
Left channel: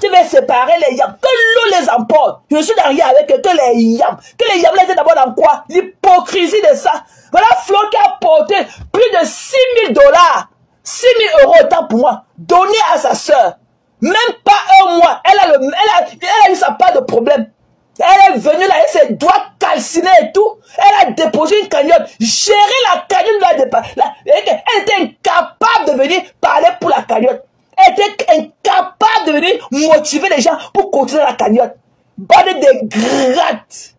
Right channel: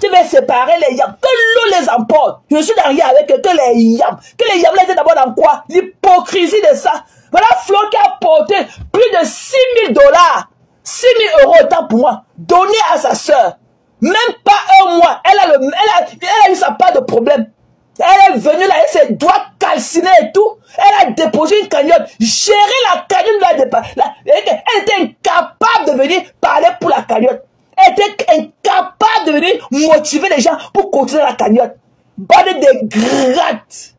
Tu veux séparer les yams. Que l'eau les emporte. Je suis derrière avec que les yams. Que les yams étaient d'abord dans quoi? L'hypocrisie de ça. Voilà Flo qui a porté plus de 6 000 $. 6 000 € autant pour moi. Donné à sa soeur. Même pas un mois. Elle a dit ça, pas de problème. Elle est venue là avec ses doigts calcinés et tout. Elle a déposé une cagnotte. Gérer la cagnotte. Elle était incapable de venir parler pour la cagnotte. Elle était incapable de venir motiver les gens pour continuer la cagnotte. Bande de grattes.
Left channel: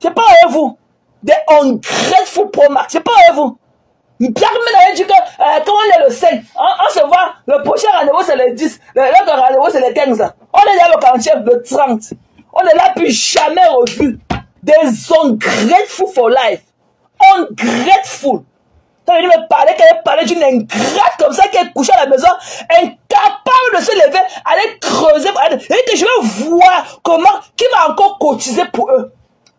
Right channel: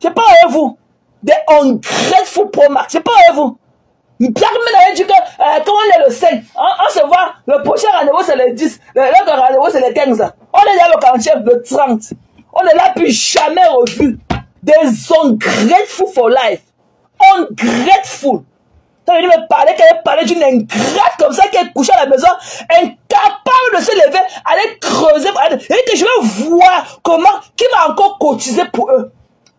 C'est pas avec vous. Des ungrateful pro max. C'est pas avec vous. Pierre Ménard dit que quand on est le 5, on se voit, le prochain rendez-vous c'est le 10, l'autre rendez-vous c'est le 15. On est là le 40, le 30. On est là plus jamais revu. Des ungrateful for life. Ungrateful. Elle est venue me parler, qu'elle parlait d'une ingrate comme ça, qui est couchée à la maison, incapable de se lever, aller creuser, et que je vais voir comment, qui va encore cotiser pour eux.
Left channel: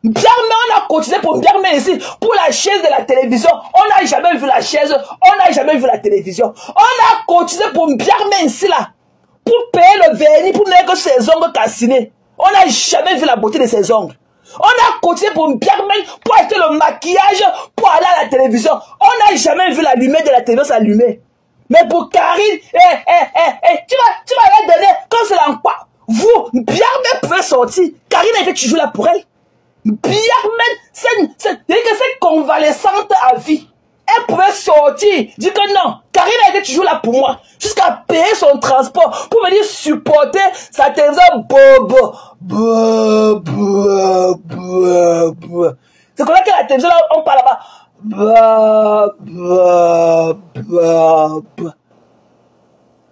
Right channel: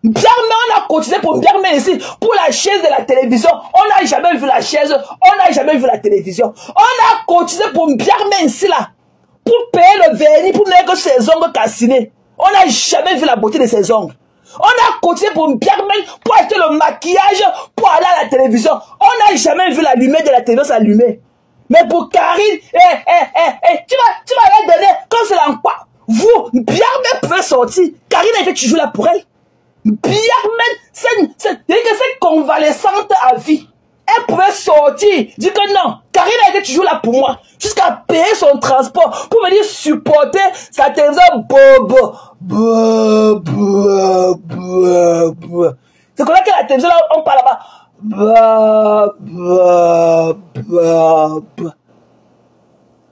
Biarmé, on a cotisé pour Biarmé ici, pour la chaise de la télévision. On n'a jamais vu la chaise, on n'a jamais vu la télévision. On a cotisé pour Biarmé ici, là, pour payer le vernis, pour mettre ses ongles cassinés. On n'a jamais vu la beauté de ses ongles. On a cotisé pour Biarmé, pour acheter le maquillage, pour aller à la télévision. On n'a jamais vu la lumière de la télévision s'allumer. Mais pour Karine, tu vas la donner, quand c'est l'emploi. Vous, Biarmé pouvait sortir. Karine était toujours là pour elle. Biarmé, cette convalescente à vie, elle pouvait sortir, dire que non, Karine était toujours là pour moi, jusqu'à payer son transport, pour venir supporter sa télévision. C'est comme ça que la télévision, là, on parle là-bas.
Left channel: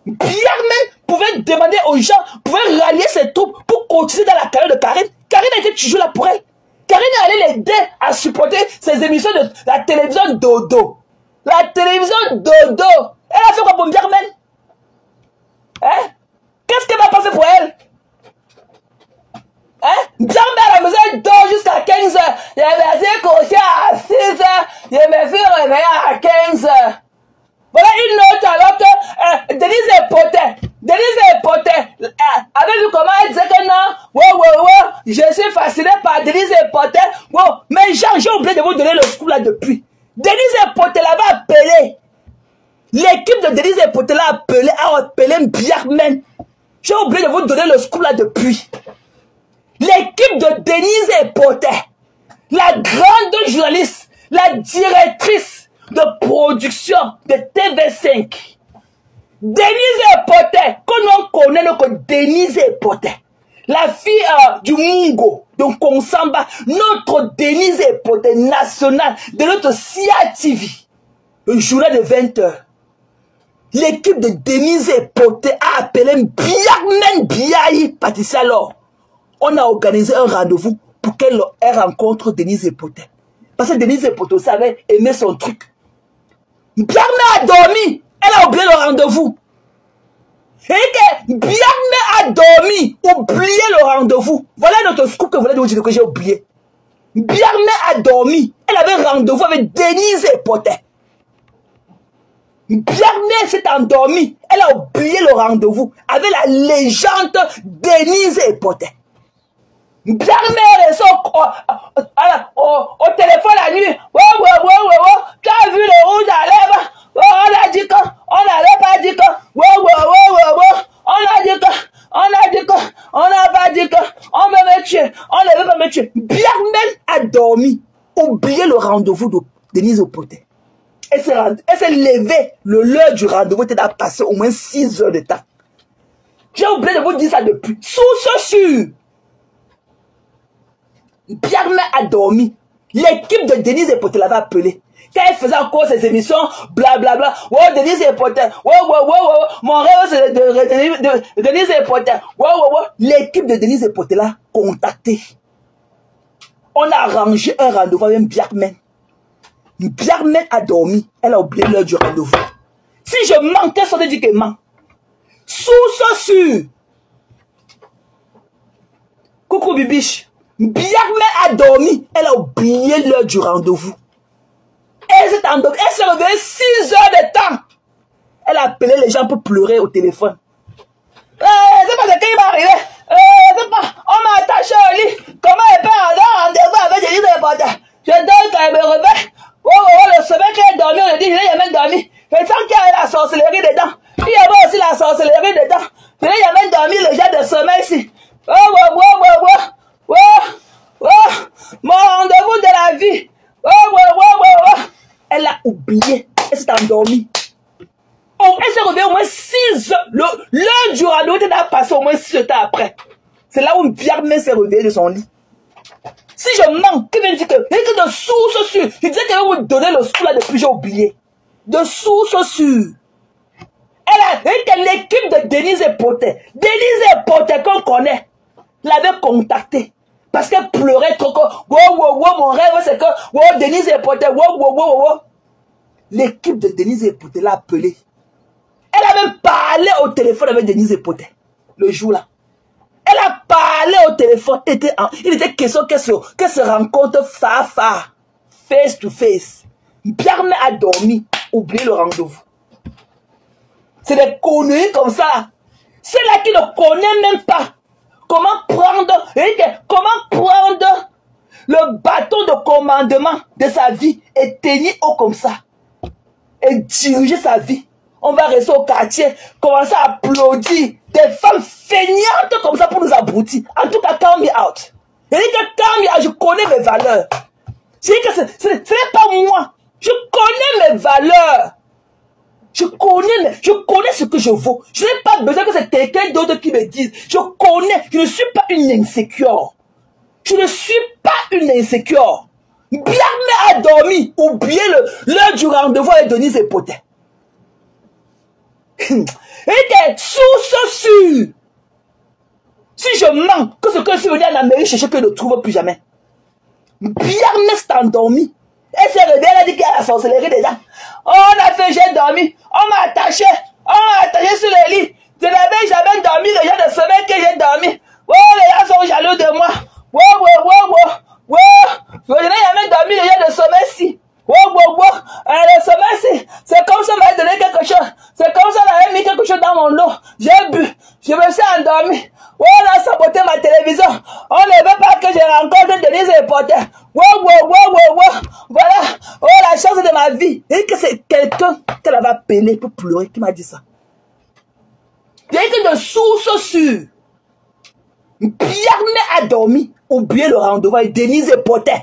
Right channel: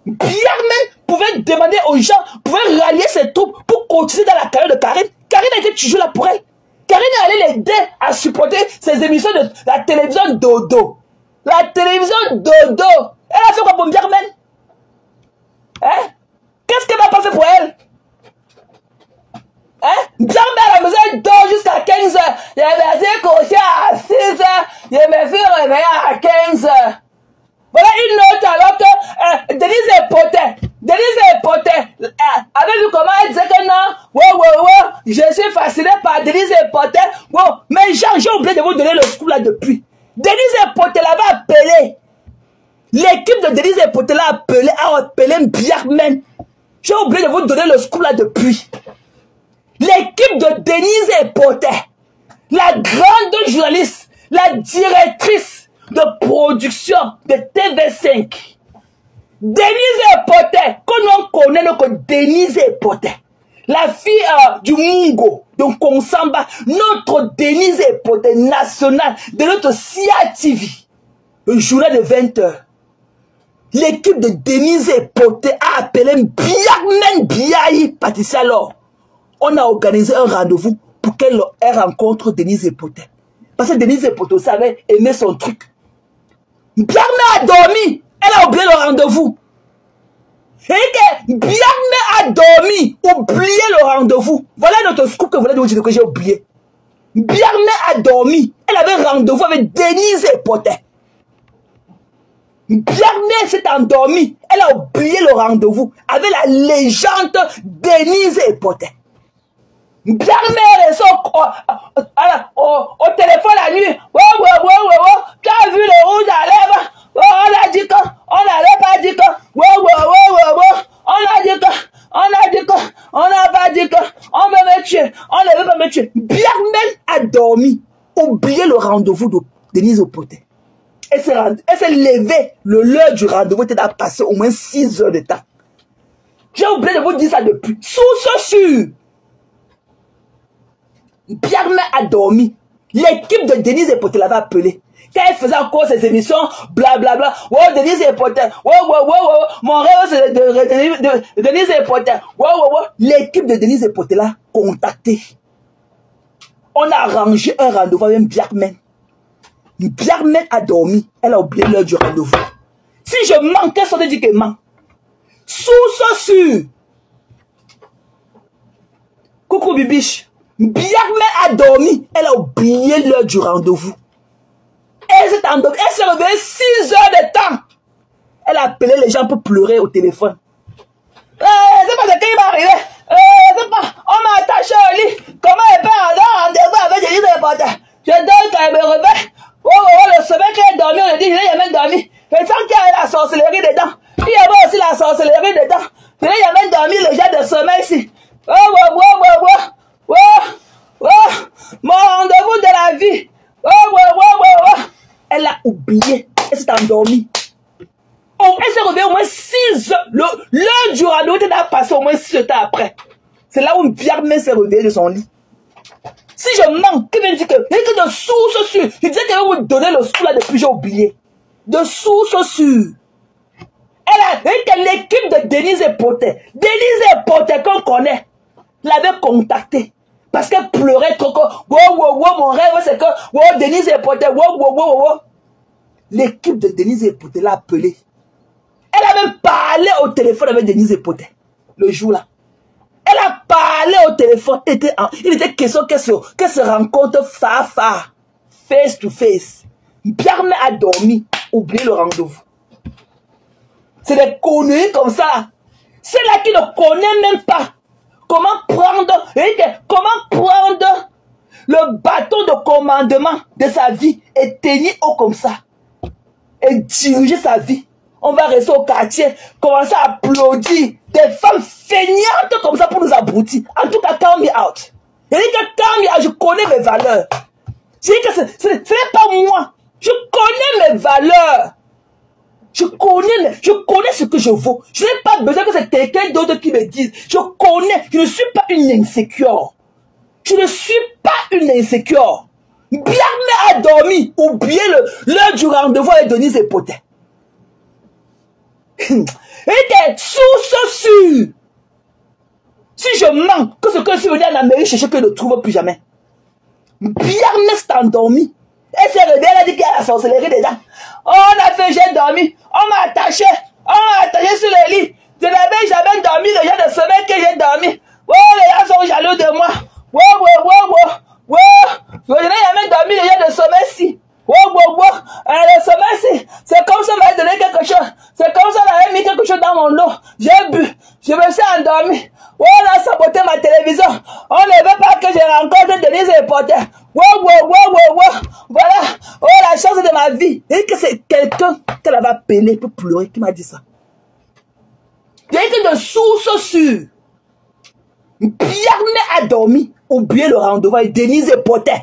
Biarmé pouvait demander aux gens, pouvait rallier ses troupes pour continuer dans la carrière de Karine. Karine était toujours là pour elle. Karine allait l'aider à supporter ses émissions de la télévision Dodo. La télévision Dodo. Elle a fait quoi pour Biarmé? Hein? Qu'est-ce qu'elle va passer pour elle? Hein? Biarmé à la maison, elle dort jusqu'à 15 h. Il avait fait coucher à 6 h. Il m'a fait réveiller à 15 h. Voilà une autre alors que Denise est potée. Denise est potée. Avez vu comment elle disait que non? Je suis fasciné par Denise est potée. Bon, mais j'ai oublié de vous donner le scoop là depuis. Denise est potée l'avait appelé. L'équipe de Denise est potée l'a appelé Biarmé. J'ai oublié de vous donner le scoop là depuis. L'équipe de Denise est potée. La grande journaliste, la directrice de production de TV5. Denise Epoté, qu'on connaît que Denise Epoté, la fille du Mungo, de Konsamba, notre Denise Epoté nationale de notre CIA TV, le journal de 20 h. L'équipe de Denise Epoté a appelé Biarmé Biaï Patricia alors. On a organisé un rendez-vous pour qu'elle rencontre Denise Epoté. Parce que Denise Epoté savait aimer son truc. Biarmé a dormi. Elle a oublié le rendez-vous. Et que Biarmé a dormi, oublié le rendez-vous. Voilà notre scoop que vous voulez vous dire que j'ai oublié. Biarmé a dormi. Elle avait rendez-vous avec Denise Epoté. Biarmé s'est endormie. Elle a oublié le rendez-vous avec la légende Denise Epoté. Biarmé est au téléphone la nuit. T'as vu le rouge à lèvres? On a dit qu'on n'allait pas dire qu'on. On a dit qu'on. On a dit qu'on. On n'a pas dit qu'on. On me tuer. On ne veut pas me tuer. Biarmé a dormi. Oublié le rendez-vous de Denise Epoté. Elle s'est levée. L'heure du rendez-vous était à passer au moins 6 heures de temps. J'ai oublié de vous dire ça depuis. Source sûre. Biarmé a dormi. L'équipe de Denise Epoté l'avait appelé. Quand elle faisait encore ses émissions, blablabla. Denise Epoté. Mon rêve c'est de Denise Epoté. L'équipe de Denise Epoté l'a contacté. On a arrangé un rendez-vous avec Biarmé. Biarmé a dormi. Elle a oublié l'heure du rendez-vous. Si je mens, qu'est-ce qu'on dit que ment? Source sûre. Coucou Bibiche. Biarmé a dormi. Elle a oublié l'heure du rendez-vous. Elle s'est endormie. Elle s'est réveillée 6 heures de temps. Elle a appelé les gens pour pleurer au téléphone. C'est pas ce qui va arriver. C'est pas. On m'a attaché au lit. Comment elle peut avoir un rendez-vous avec Denise Epoté? Je donne qu'elle me réveille. Le sommeil qu'elle dormi, on a dit, il a même dormi. Mais tant qu'il y a la sorcellerie dedans. Il y avait aussi la sorcellerie dedans. Mais il y a même dormi le jet de sommeil ici. Mon rendez-vous de la vie. Elle a oublié. Elle s'est endormie. Elle s'est réveillée au moins 6 heures. L'heure du rendez-vous était passé au moins 6 heures après. C'est là où Biarmé s'est réveillée de son lit. Si je mens, qui vient dire que il était de source sûre. Il disait qu'elle va vous donner le sou là depuis, j'ai oublié. De source sûre. Elle a dit que l'équipe de Denise Epoté, qu'on connaît, l'avait contacté. Parce qu'elle pleurait trop. Mon rêve c'est que Denise Epoté. l'équipe de Denise Epoté l'a appelé. Elle a même parlé au téléphone avec Denise Epoté, le jour-là. Elle a parlé au téléphone. Il était question qu'elle se rencontre face to face. Pierre a dormi, oublié le rendez-vous. C'est des conneries comme ça. Ceux-là qui ne connaissent même pas comment prendre le bâton de commandement de sa vie et tenir haut comme ça. Et diriger sa vie. On va rester au quartier, commencer à applaudir des femmes feignantes comme ça pour nous abrutir. En tout cas, count me out. Et je connais mes valeurs. Ce n'est pas moi. Je connais mes valeurs. Je connais ce que je vaux. Je n'ai pas besoin que c'est quelqu'un d'autre qui me dise. Je ne suis pas une insécure. Je ne suis pas une insécure. Bien a dormi, oubliez l'heure du rendez-vous avec Denise Epoté. Il était sûr. Si je mens, que ce que je suis venu en Amérique chercher que je ne trouve plus jamais. Bien s'est endormi. Elle s'est réveillée, elle a dit qu'elle a la sorcellerie déjà. Oh, on a fait, j'ai dormi. On m'a attaché sur le lit. J'avais dormi, les gens de sommeil que j'ai dormi. Oh, les gens sont jaloux de moi. Je n'ai jamais dormi, les gens de sommeil si. Le sommeil si. C'est comme ça, on m'a donné quelque chose. C'est comme ça, on avait mis quelque chose dans mon eau. J'ai bu. Je me suis endormi. Oh, on a saboté ma télévision. On ne veut pas que je rencontre Denise Epoté. Voilà. Oh, la chance de ma vie. Et que c'est quelqu'un qu'elle avait appelé pour pleurer qui m'a dit ça. Il y a été de source sûre. Pierre a dormi. Oubliez le rendez-vous avec Denise Epoté.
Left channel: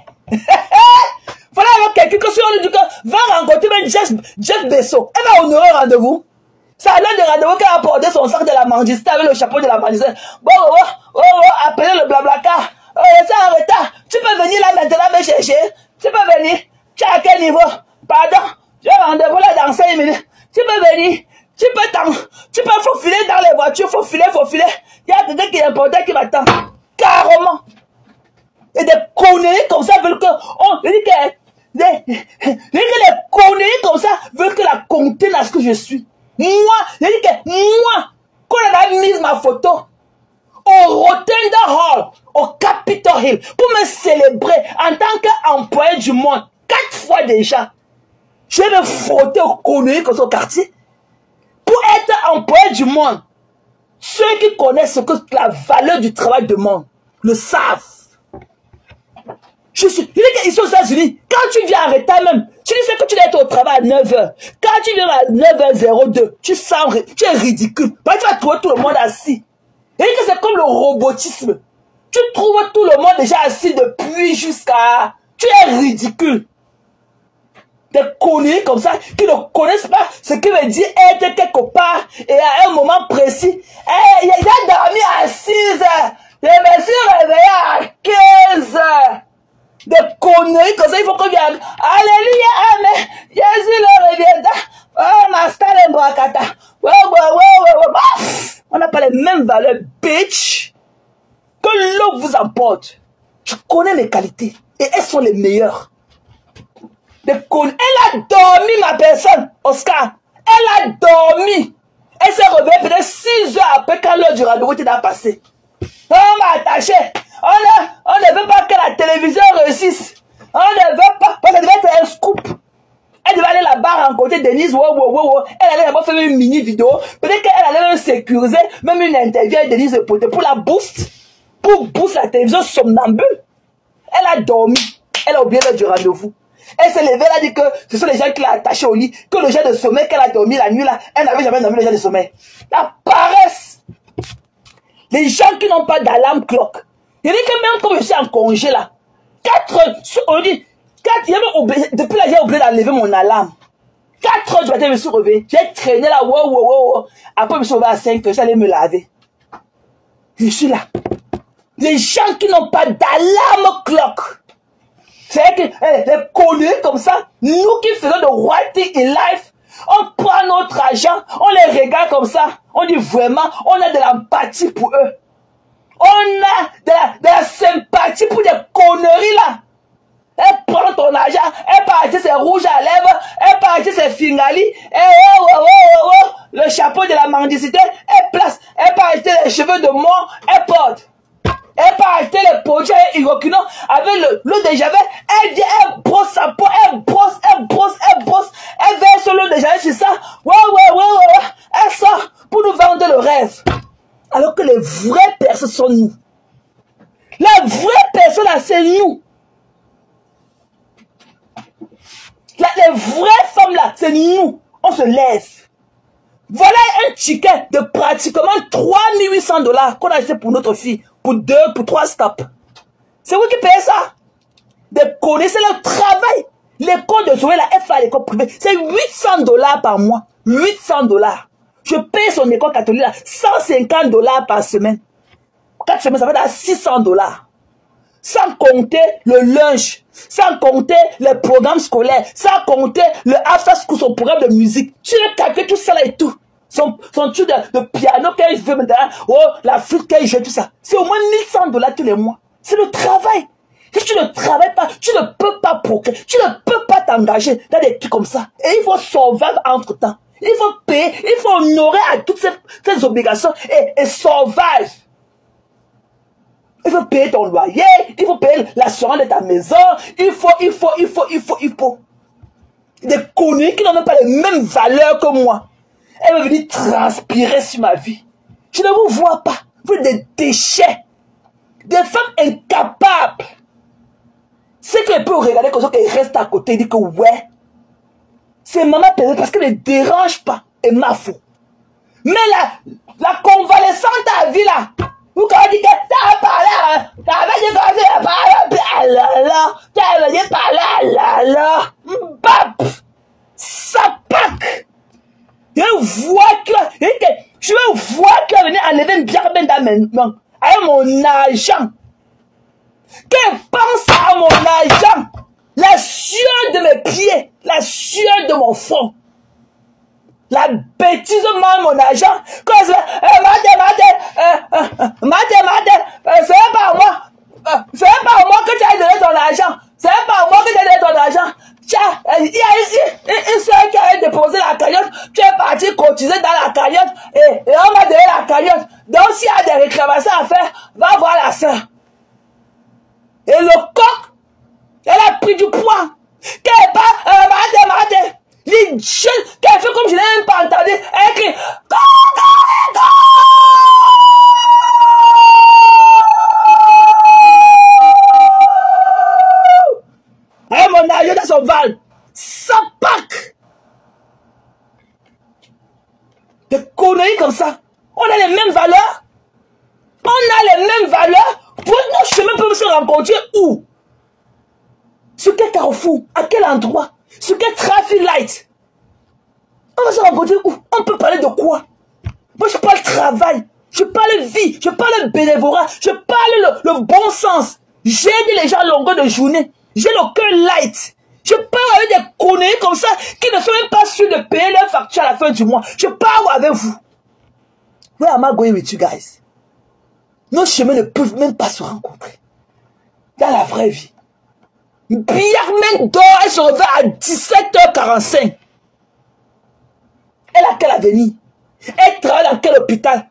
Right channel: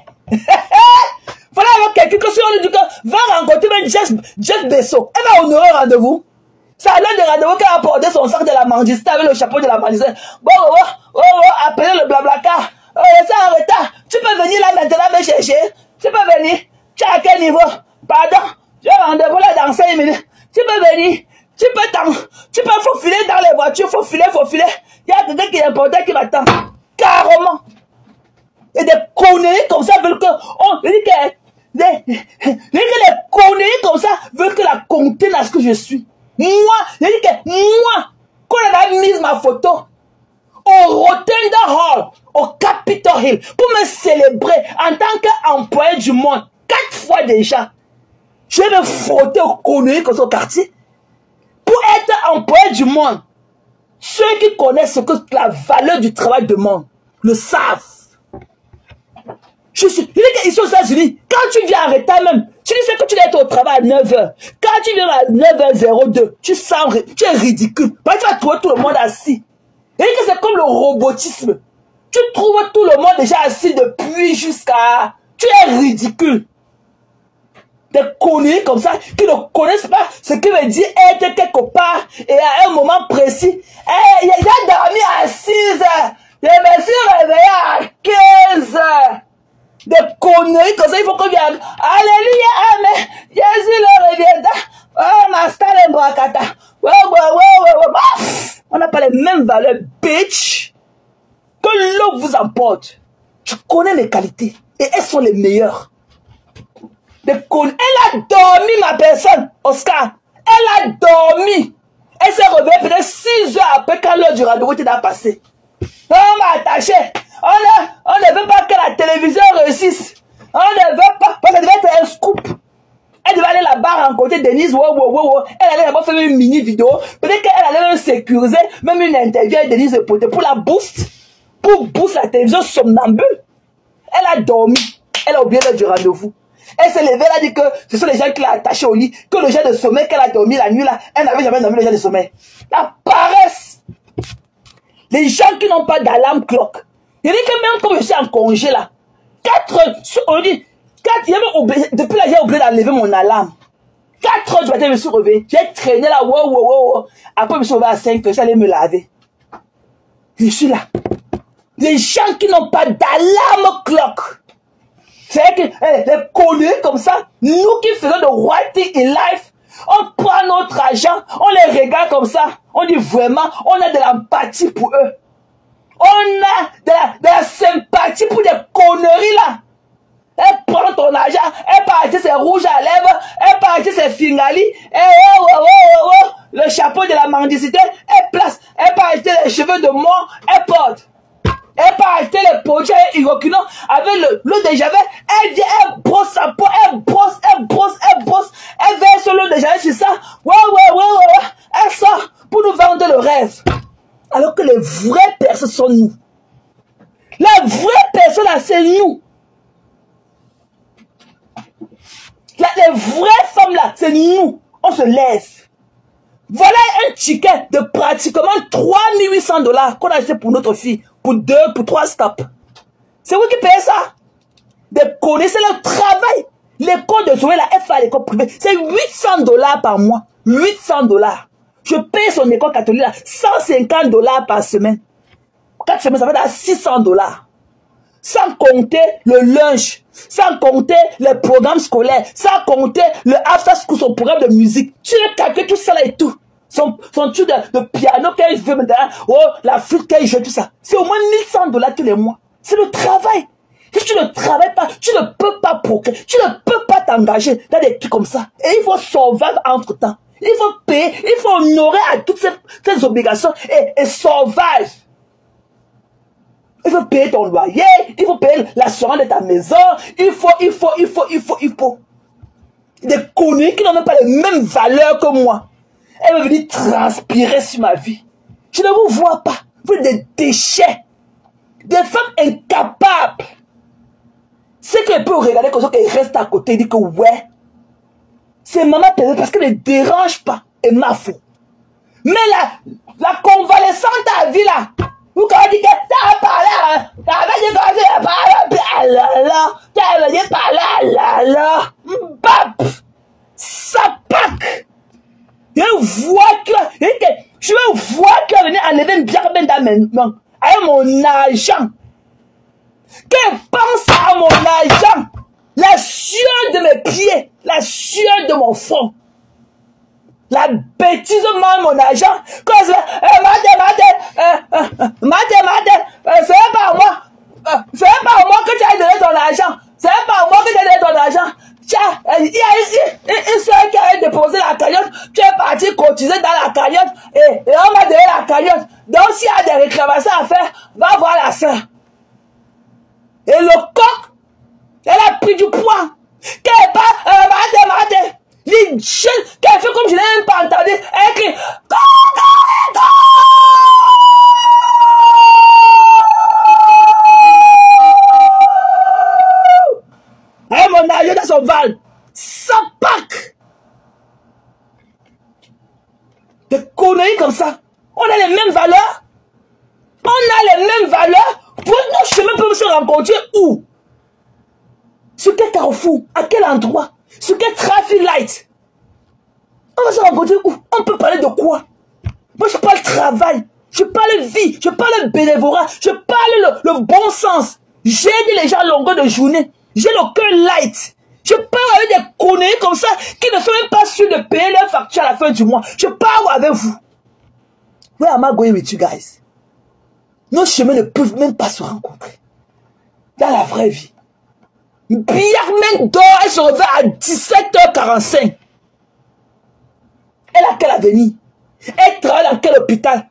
Voilà alors quelqu'un que si on lui dit que va rencontrer même Jeff Bezos. Elle va honorer le rendez-vous. Ça a l'air de rendez-vous qu'elle a porté son sac de la mangiste avec le chapeau de la mangiste. Appelez le blablacar. C'est en retard. Tu peux venir là maintenant me chercher. Tu peux venir. Tu es à quel niveau? Pardon. J'ai rendez-vous là dans 5 minutes. Tu peux venir. Tu peux faufiler dans les voitures. Faufiler. Il y a quelqu'un qui est important qui m'attend. Carrément. Et des conneries comme ça veulent que... les conneries comme ça veulent que la compter là ce que je suis. Moi, quand elle a mis ma photo au Rotunda Hall, au Capitol Hill, pour me célébrer en tant qu'employé du monde, 4 fois déjà, je vais me frotter aux conneries comme ça au quartier. Pour être employé du monde, ceux qui connaissent ce que la valeur du travail demande, le savent. Ils sont aux États-Unis. Quand tu viens en retard même, tu sais que tu dois être au travail à 9h. Quand tu viens à 9h02, tu es ridicule. Parce que tu vas trouver tout le monde assis. Et que c'est comme le robotisme. Tu trouves tout le monde déjà assis depuis jusqu'à... Tu es ridicule. Des conneries comme ça qui ne connaissent pas ce qui veut dire être quelque part et à un moment précis. J'ai dormi à 6h. Je me suis réveillé à 15h. Des conneries comme ça, il faut qu'on vienne. Alléluia, amen. Jésus le reviendra. Oh, ma star est brakata. On n'a pas les mêmes valeurs, bitch. Que l'eau vous apporte. Je connais les qualités. Et elles sont les meilleures. Des conneries. Elle a dormi, ma personne, Oscar. Elle a dormi. Elle s'est réveillée peut-être 6 heures après quand l'heure du rendez-vous était passé. On m'a attaché. On ne veut pas que la télévision réussisse. On ne veut pas. Parce que ça devait être un scoop. Elle devait aller là-bas rencontrer Denise. Elle allait là-bas faire une mini vidéo. Peut-être qu'elle allait même sécuriser même une interview avec Denise Epoté pour la boost. Pour booster la télévision somnambule. Elle a dormi. Elle a oublié l'heure du rendez-vous. Elle s'est levée, elle a dit que ce sont les gens qui l'ont attachée au lit. Que le genre de sommeil qu'elle a dormi la nuit là, elle n'avait jamais dormi le genre de sommeil. La paresse. Les gens qui n'ont pas d'alarme clock. Il dit que même quand je suis en congé là, 4 heures, on dit, 4, depuis là j'ai oublié d'enlever mon alarme. 4 heures du matin, je me suis réveillé. J'ai traîné là, Après, je me suis réveillé à 5 heures, j'allais me laver. Je suis là. Les gens qui n'ont pas d'alarme clock. C'est vrai que les conneries comme ça, nous qui faisons de right thing in life, on prend notre argent, on les regarde comme ça. On dit vraiment, on a de l'empathie pour eux. On a de la sympathie pour des conneries là. Elle prend ton argent, elle part acheter ses rouges à lèvres, elle part acheter ses fingali, le chapeau de la mendicité, elle place, elle part acheter les cheveux de mort, elle porte. Elle part acheter les produits inoculants avec l'eau de javel, elle vient, elle brosse sa peau, elle brosse, elle verse l'eau de javel sur ça, elle sort pour nous vendre le rêve. Alors que les vraies personnes sont nous. La vraie personne là, c'est nous. Les vraies femmes là, c'est nous. On se lève. Voilà un ticket de pratiquement 3800 $ qu'on a acheté pour notre fille. Pour 2, pour 3 stops. C'est vous qui payez ça. De connaître le travail. L'école de Zoé là, elle fait à l'école privée. C'est 800 $ par mois. 800 $. Je paye son école catholique là, 150 $ par semaine. 4 semaines, ça va être à 600 $. Sans compter le lunch, sans compter les programmes scolaires, sans compter le after school, son programme de musique. Tu as calculé tout ça là et tout. Son truc de piano qu'elle veut maintenant, la flûte qu'elle joue, tout ça. C'est au moins 1100 $ tous les mois. C'est le travail. Si tu ne travailles pas, tu ne peux pas procréer, tu ne peux pas t'engager dans des trucs comme ça. Et il faut survivre entre temps. Il faut payer, il faut honorer à toutes ces obligations et survivre. Il faut payer ton loyer, il faut payer l'assurance de ta maison, il faut. Des conneries qui n'ont même pas les mêmes valeurs que moi. Elle veut venir transpirer sur ma vie. Je ne vous vois pas. Vous êtes des déchets. Des femmes incapables. C'est qu'elle peut regarder comme ça qu'elle reste à côté et dire que ouais, c'est maman payée parce qu'elle ne dérange pas. Et ma faute. Mais la convalescente à vie là, vous quand dit que t'as parlé, ça pack. Je vois qu'elle venait enlever une bière dans mes mains, avec mon argent. Qu'elle pense à mon argent, la sueur de mes pieds, la sueur de mon front. La bêtise de mon argent, quand je c'est pas moi que tu as donné ton argent, c'est pas moi que tu as donné ton argent. Tiens, il y a une soeur qui a déposé la cagnotte, tu es parti cotiser dans la cagnotte et on va donner la cagnotte. Donc s'il y a des réclamations à faire, va voir la soeur. Et le coq, elle a pris du poids. Qu'elle part, les jeunes, qu'elle fait comme je n'ai même pas entendu, elle crie, et mon argent dans son van, ça pack. Des conneries comme ça. On a les mêmes valeurs. Pour nos chemins peuvent se rencontrer où? Sur quel carrefour? À quel endroit? Sur quel traffic light? On va se rencontrer où? On peut parler de quoi? Moi je parle travail, je parle vie, je parle bénévolat, je parle le bon sens. J'aide les gens à longueur de journée. J'ai le cœur light. Je parle avec des conneries comme ça qui ne sont même pas sûrs de payer leur facture à la fin du mois. Je parle avec vous. Where am I going with you guys? Nos chemins ne peuvent même pas se rencontrer. Dans la vraie vie. Biarmen dort, elle se réveille à 17h45. Elle a quel avenir? Elle travaille dans quel hôpital?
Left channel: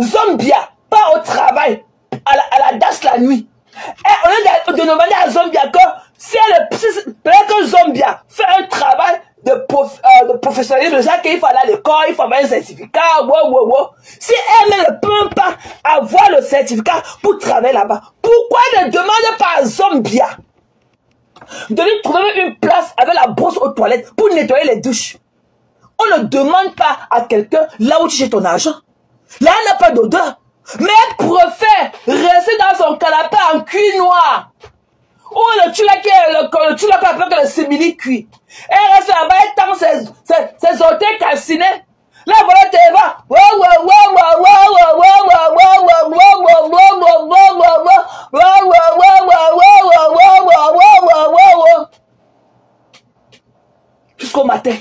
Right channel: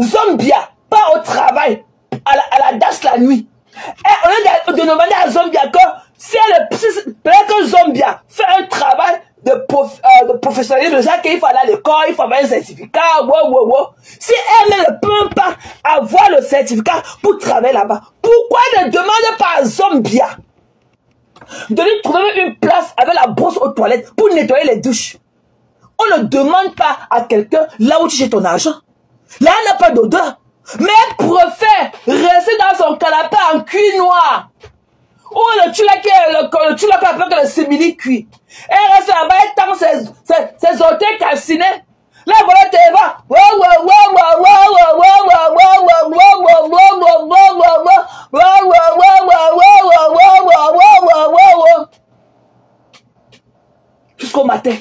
Zombia part au travail à la DAS la nuit. Et au lieu de demander à Zombia que si elle peut-être que Zombia fait un travail de professionnalisme, déjà qu'il faut aller à l'école, il faut avoir un certificat, Si elle ne peut pas avoir le certificat pour travailler là-bas, pourquoi elle ne demande pas à Zombia de lui trouver une place avec la brosse aux toilettes pour nettoyer les douches? On ne demande pas à quelqu'un là où tu jettes ton argent. Là, elle n'a pas d'odeur. Mais elle préfère rester dans son canapé en cuir noir. Ou le tulak avec le simili cuit. Elle reste là-bas, elle tend ses orteils calcinés. Là, voilà, tu vas. Jusqu'au matin.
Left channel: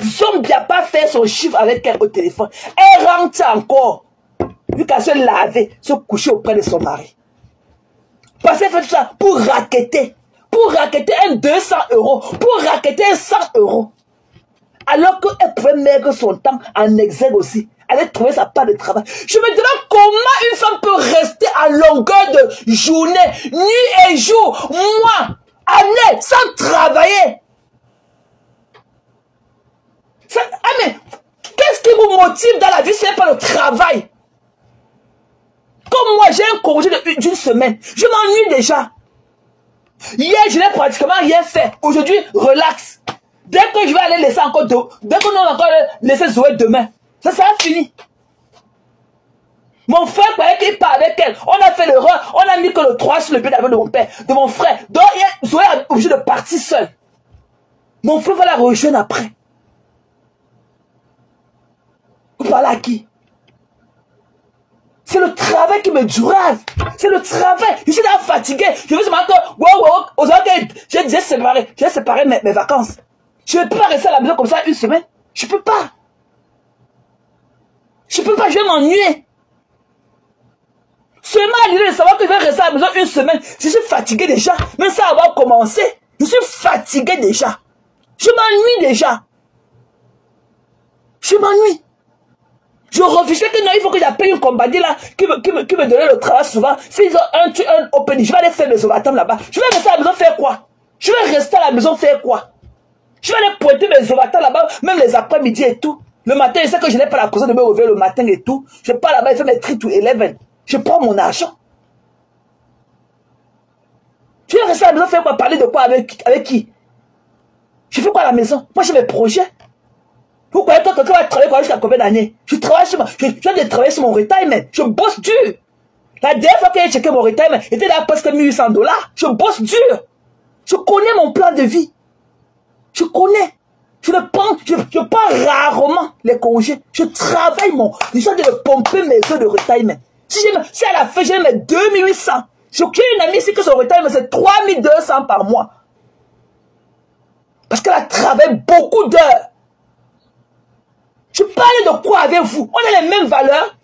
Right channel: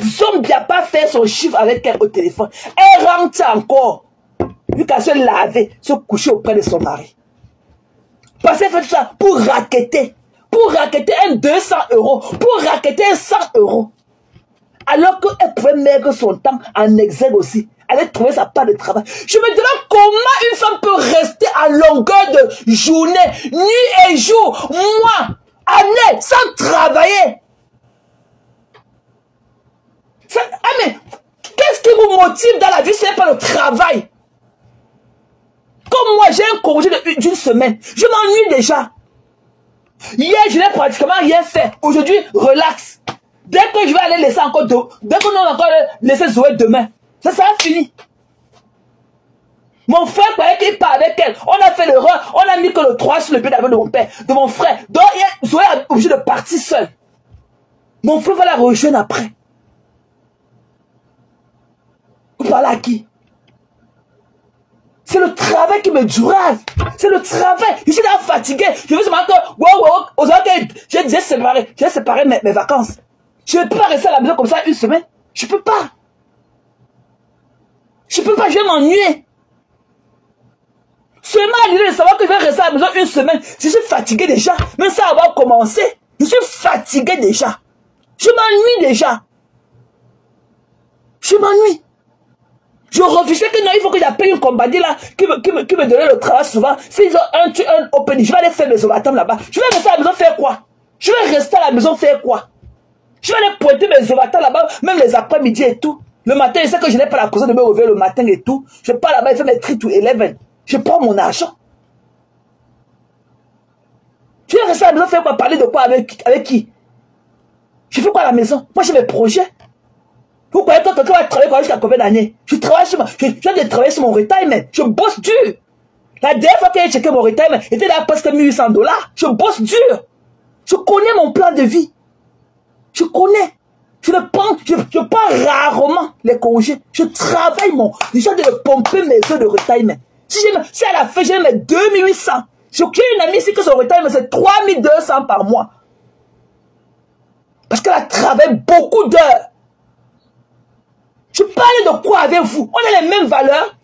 Zombie n'a pas fait son chiffre avec elle au téléphone. Elle rentre encore. Vu qu'elle se laver, se coucher auprès de son mari. Parce qu'elle fait ça pour raqueter, pour racketter un 200 €, pour racketter un 100 €. Alors qu'elle pouvait mettre son temps en exergue aussi. Elle allait trouver sa part de travail. Je me demande comment une femme peut rester à longueur de journée, nuit et jour, mois, années, sans travailler. Mais qu'est-ce qui vous motive dans la vie si ce n'est pas le travail? Comme moi, j'ai un congé d'une semaine. Je m'ennuie déjà. Hier, je n'ai pratiquement rien fait. Aujourd'hui, relax. Dès que je vais aller laisser encore dès qu'on va encore laisser Zoé demain, ça sera fini. Mon frère croyait qu'il parlait avec elle. On a fait l'erreur. On a mis que le 3 sur le pied d'avion de mon père, de mon frère. Donc, Zoé est obligé de partir seule. Mon frère va la rejoindre après. Vous parlez à qui? C'est le travail qui me durave. C'est le travail. Je suis là fatigué. Je me suis dit, aujourd'hui, j'ai séparé mes vacances. Je ne peux pas rester à la maison comme ça une semaine. Je ne peux pas. Je ne peux pas, je vais m'ennuyer. Seulement à l'idée de savoir que je vais rester à la maison une semaine. Je suis fatigué déjà. Même sans avoir commencé. Je suis fatigué déjà. Je m'ennuie déjà. Je m'ennuie. Je refusais que non, il faut que j'appelle une compagnie là qui me donnait le travail souvent. S'ils ont un opening, je vais aller faire mes overtime là-bas. Je vais rester à la maison faire quoi? Je vais rester à la maison faire quoi? Je vais aller pointer mes overtime là-bas, même les après-midi et tout. Le matin, je sais que je n'ai pas la cause de me réveiller le matin et tout. Je pars là-bas et fais mes 3 to 11. Je prends mon argent. Je vais rester à la maison faire quoi? Parler de quoi avec qui? Je fais quoi à la maison? Moi j'ai mes projets. Vous croyez que quelqu'un va travailler jusqu'à combien d'années? Je travaille sur je viens de travailler sur mon retirement. Je bosse dur. La dernière fois que j'ai checké mon retirement, était là presque 1800 $. Je bosse dur. Je connais mon plan de vie. Je connais. Je prends rarement les congés. Je travaille je suis en train de pomper mes heures de retirement. Si à la fin, j'ai mes 2800. J'ai une amie ici que son retirement, c'est 3200 par mois. Parce qu'elle a travaillé beaucoup d'heures. Je parle de quoi avec vous? On a les mêmes valeurs.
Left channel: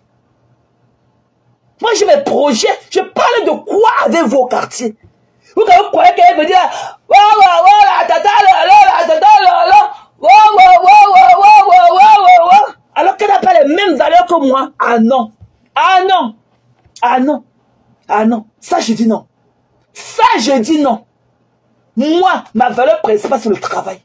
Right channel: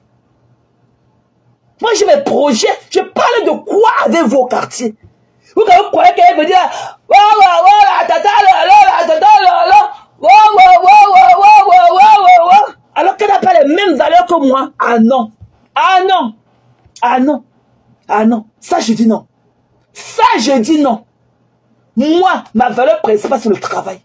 Moi, j'ai mes projets. Je parle de quoi avec vos quartiers? Vous croyez qu'elle veut dire alors qu'elle n'a pas les mêmes valeurs que moi? Ah non. Ah non. Ah non. Ah non. Ça, je dis non. Ça, je dis non. Moi, ma valeur principale, c'est le travail.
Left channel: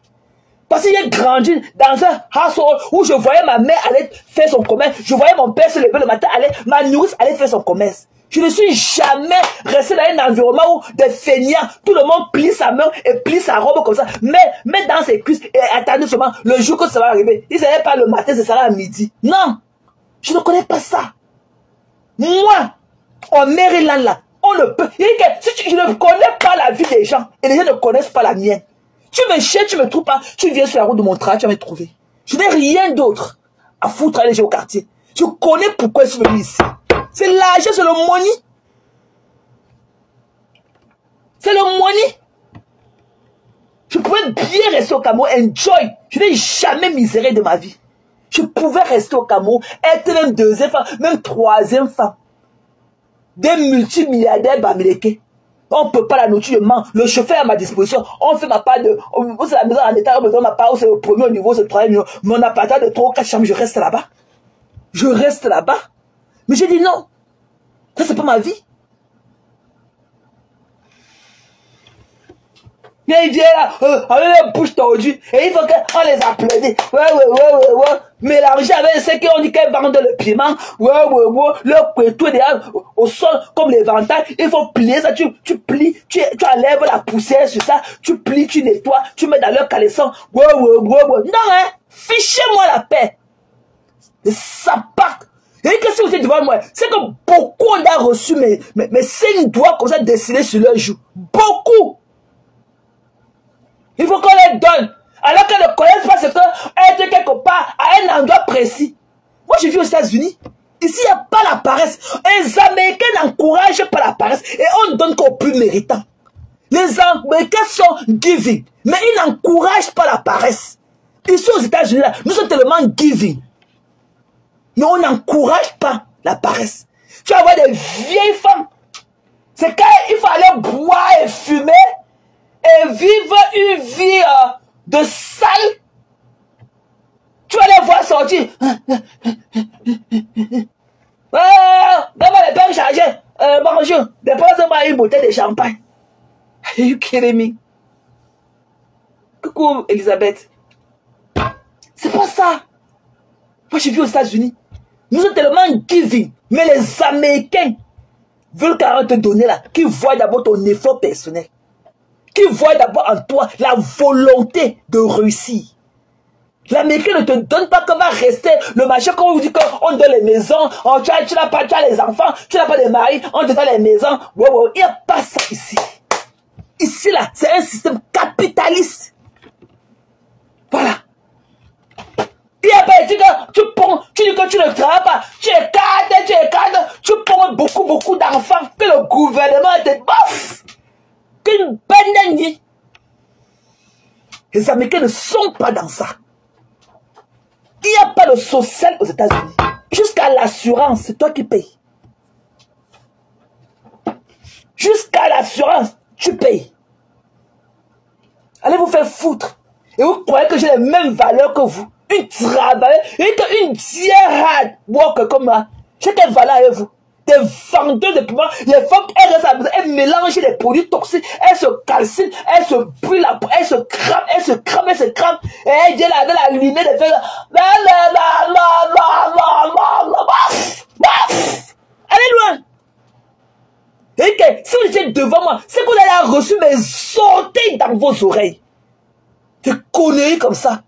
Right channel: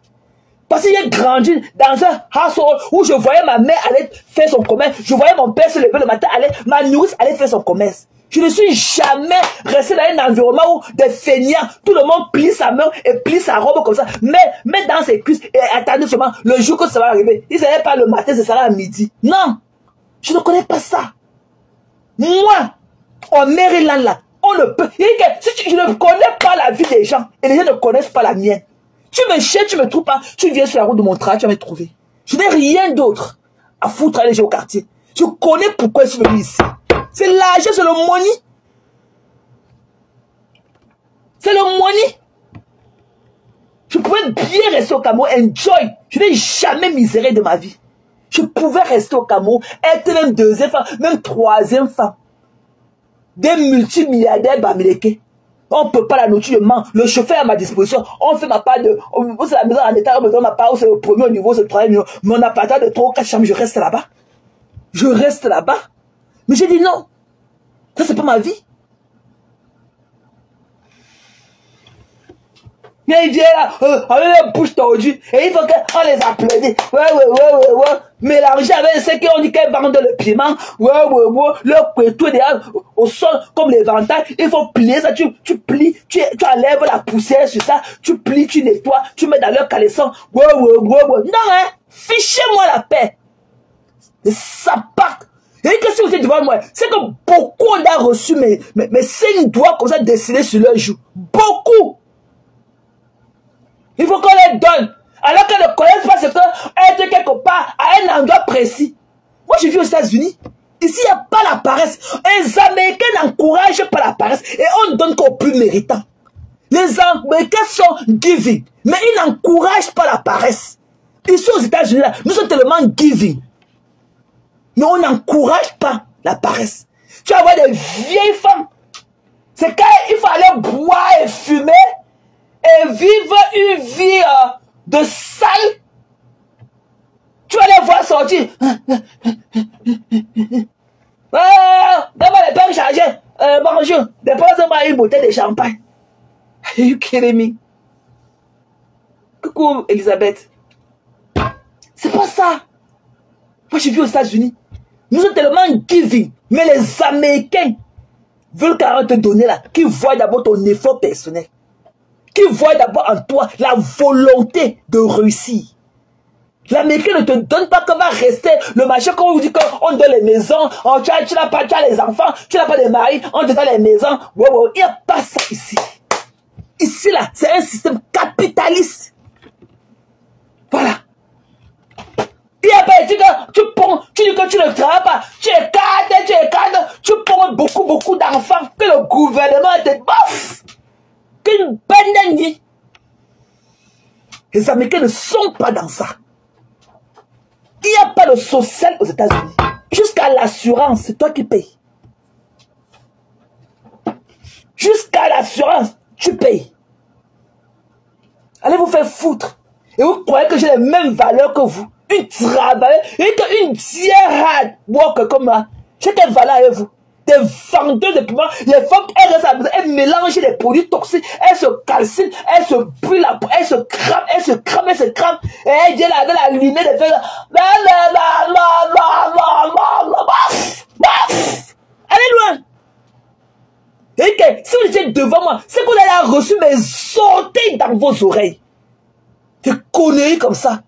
Parce que j'ai grandi dans un household où je voyais ma mère aller faire son commerce. Je voyais mon père se lever le matin, ma nourrice aller faire son commerce. Je ne suis jamais resté dans un environnement où des feignants, tout le monde plie sa main et plie sa robe comme ça. Mais dans ses cuisses et attendez seulement le jour que ça va arriver. Il ne savait pas le matin, c'est ça à midi. Non, je ne connais pas ça. Moi, en Maryland là, on ne peut. Je ne connais pas la vie des gens et les gens ne connaissent pas la mienne. Tu me cherches, tu me trouves pas, tu viens sur la route de mon travail, tu vas me trouver. Je n'ai rien d'autre à foutre à aller au quartier. Je connais pourquoi je suis venu ici. C'est l'argent, c'est le money. C'est le money. Je pouvais bien rester au Cameroun, enjoy. Je n'ai jamais miséré de ma vie. Je pouvais rester au Cameroun, être même deuxième femme, même troisième femme. Des multimilliardaires bamileke. On ne peut pas la nourriture, le chauffeur à ma disposition. On fait ma part de. C'est la maison en état, on me donne ma part, c'est le premier niveau, c'est le troisième niveau. Mon appartement de 3 ou 4 chambres, je reste là-bas. Je reste là-bas. Mais j'ai dit non. Ça, c'est pas ma vie. Mais il vient là, on a la bouche tordue, et il faut qu'on les applaudisse. Ouais. Mélanger avec ceux qui ont dit qu'elles vendent le piment, le couteau derrière au sol, comme l'éventail, il faut plier ça, tu plies, tu enlèves la poussière sur ça, tu plies, tu nettoies, tu mets dans leur caleçon, Non, hein, fichez-moi la paix. Et ça part. Et que si vous êtes devant moi, c'est que beaucoup ont reçu mes 5 doigts comme ça dessinés sur leurs joues. Beaucoup. Il faut qu'on les donne. Alors qu'elles ne connaissent pas ce qu'elle était quelque part à un endroit précis. Moi, je vis aux États-Unis. Ici, il n'y a pas la paresse. Les Américains n'encouragent pas la paresse. Et on ne donne qu'aux plus méritants. Les Américains sont giving. Mais ils n'encouragent pas la paresse. Ici, aux États-Unis, nous sommes tellement giving. Mais on n'encourage pas la paresse. Tu vas voir des vieilles femmes. C'est quand il faut aller boire et fumer. et vivent une vie de sale, tu vas les voir sortir. D'abord les pères chargés. Bonjour, dépose-moi une bouteille de champagne. Are you kidding me? Coucou Elisabeth. C'est pas ça. Moi j'ai vu aux États-Unis. Nous sommes tellement giving. Mais les Américains veulent carrément te donner là. Qui voient d'abord ton effort personnel. Qui voient d'abord en toi la volonté de réussir. L'Américain ne te donne pas qu'on va rester le machin quand on vous dit qu'on donne les maisons, tu as les enfants, tu n'as pas de mari, on te donne les maisons. Wow, il n'y a pas ça ici. Ici là, c'est un système capitaliste. Voilà. Il n'y a pas dit que tu dis que tu ne travailles pas, tu es cadre, tu prends beaucoup d'enfants, que le gouvernement te bouffe, qu'une bonne nuit. Les Américains ne sont pas dans ça. Il n'y a pas de social aux États-Unis. Jusqu'à l'assurance, c'est toi qui payes. Jusqu'à l'assurance, tu payes. Allez vous faire foutre. Et vous croyez que j'ai les mêmes valeurs que vous. Une travailleuse, une hard worker comme moi. J'ai quelle valeur avec vous? Des vendeurs de piments. Les femmes, elles mélangent les produits toxiques. Elles se calcinent, elles se brûlent, elles se crament. Et elles viennent avec la lunette de faire. Allez loin. Et que si vous étiez devant moi, c'est que vous allez reçu mes sorties dans vos oreilles. Des conneries comme ça.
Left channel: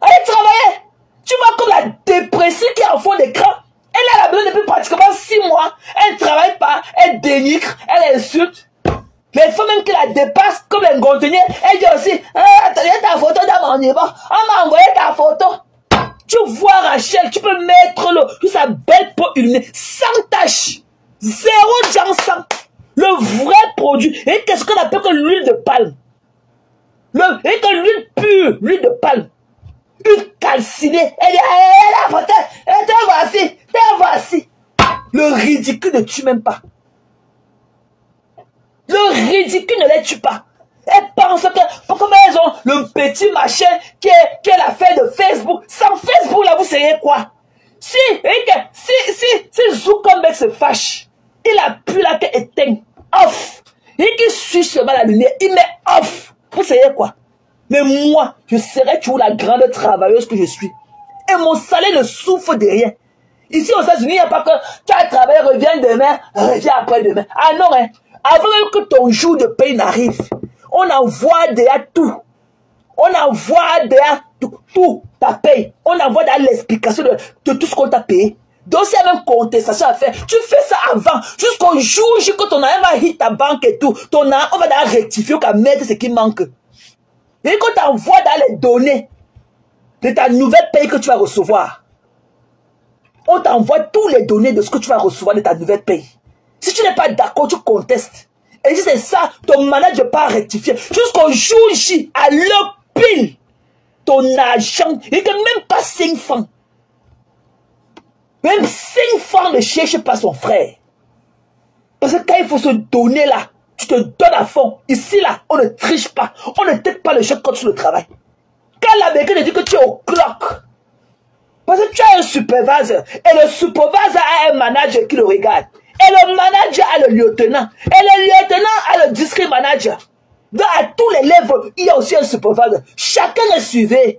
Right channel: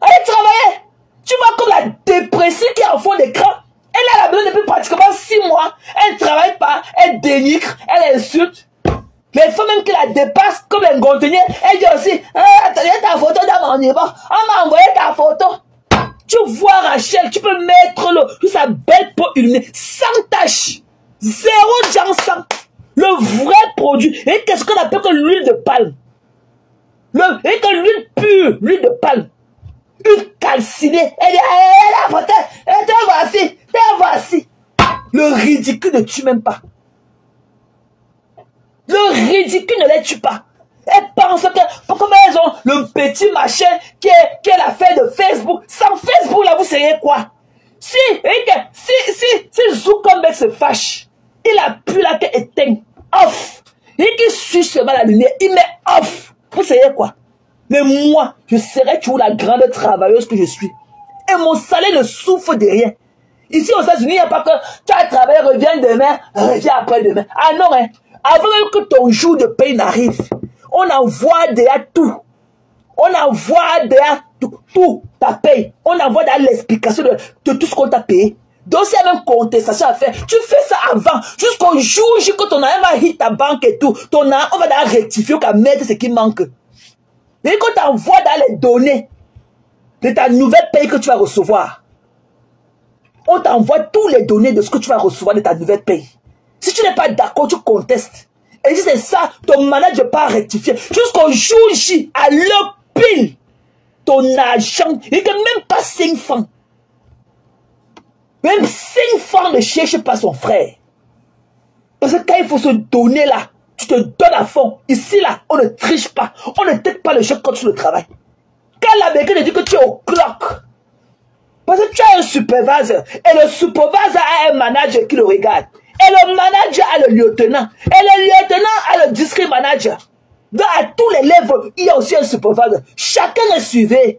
Allez travailler. Tu vois comme la dépression qui est en fond d'écran. Elle a la besoin depuis pratiquement 6 mois. Elle ne travaille pas. Elle dénigre. Elle insulte. Les femmes même qui la dépassent comme un conteneur. Elle dit aussi, attendez ta photo dans mon niveau. On m'a envoyé ta photo. Tu vois Rachel, tu peux mettre l'eau sur sa belle peau illuminée. Sans tache. Zéro jansan. Le vrai produit. Et qu'est-ce qu'on appelle que l'huile de palme? Et que l'huile pure. L'huile de palme. Une calcinée. Elle dit, la photo. Et te voici. Le ridicule ne tue même pas. Le ridicule ne les tue pas. Elles pensent que, pourquoi elles ont le petit machin qui est l'affaire de Facebook. Sans Facebook, là, vous savez quoi? Si Zuckerberg se fâche, il a plus la tête éteinte. Off. Et qu'il suit seulement la lumière, il met off. Vous savez quoi? Mais moi, je serai toujours la grande travailleuse que je suis. Et mon salaire ne souffre de rien. Ici aux États-Unis, il n'y a pas que tu as travaillé, reviens demain, reviens après-demain. Ah non, hein. Avant que ton jour de paye n'arrive, on envoie déjà tout. On envoie déjà tout ta paye. On envoie déjà l'explication de tout ce qu'on t'a payé. Donc, c'est même contestation à faire. Tu fais ça avant. Jusqu'au jour où ton argent va hit ta banque et tout. Ton argent, on va déjà rectifier, on va mettre ce qui manque. Et quand tu envoies dans les données de ta nouvelle paye que tu vas recevoir, on t'envoie tous les données de ce que tu vas recevoir de ta nouvelle paye. Si tu n'es pas d'accord, tu contestes. Et si c'est ça, ton manager ne peut pas rectifier. Jusqu'au jour J, à l'heure pile, ton argent, il n'est même pas 5 francs. Même 5 francs ne cherche pas son frère. Parce que quand il faut se donner là, tu te donnes à fond. Ici, là, on ne triche pas. On ne tête pas les choses comme sur le travail. Quand l'Américain dit que tu es au clock, parce que tu as un supervisor, et le supervisor a un manager qui le regarde. Et le manager a le lieutenant. Et le lieutenant a le district manager. Donc, à tous les levels, il y a aussi un supervisor. Chacun est suivi.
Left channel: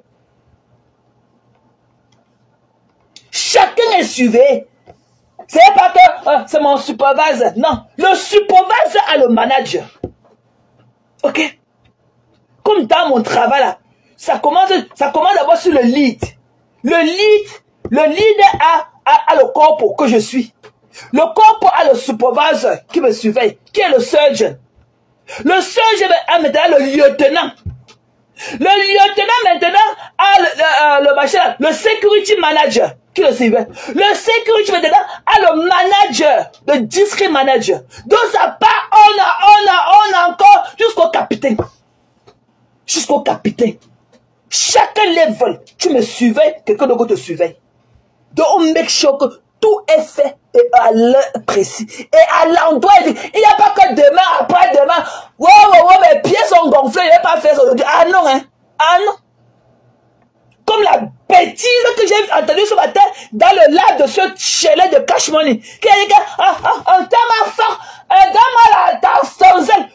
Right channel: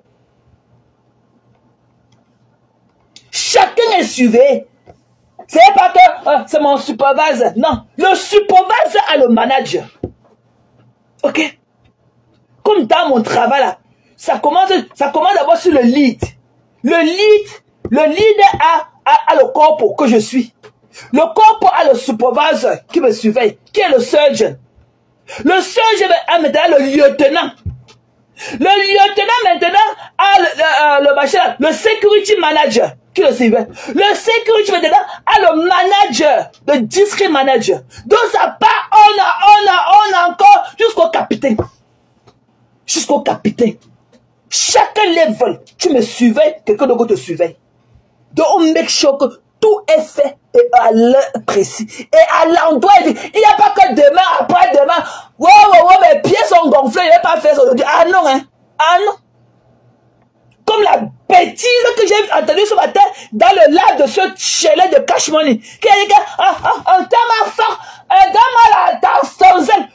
Chacun est suivi. C'est pas que c'est mon supervisor. Non. Le supervisor a le manager. Ok? Comme dans mon travail, là, ça commence d'abord sur le lead. Le lead a le corps que je suis. Le corps a le supervisor qui me surveille, qui est le surgeon. Le surgeon a maintenant le lieutenant. Le lieutenant maintenant a le security manager qui le surveille. Le security maintenant a le manager, le district manager. Donc ça part, on a encore jusqu'au capitaine. Jusqu'au capitaine. Chacun level, tu me surveilles, quelqu'un d'autre te surveille. Donc on make sure que tout est fait à l'heure précis. Et à l'endroit, il n'y a pas que demain, après-demain. Mes pieds sont gonflés, il n'y a pas fait ça aujourd'hui. Ah non, hein. Ah non. Comme la bêtise que j'ai entendue ce matin dans le live de ce chalet de Cash Money. Quelqu'un,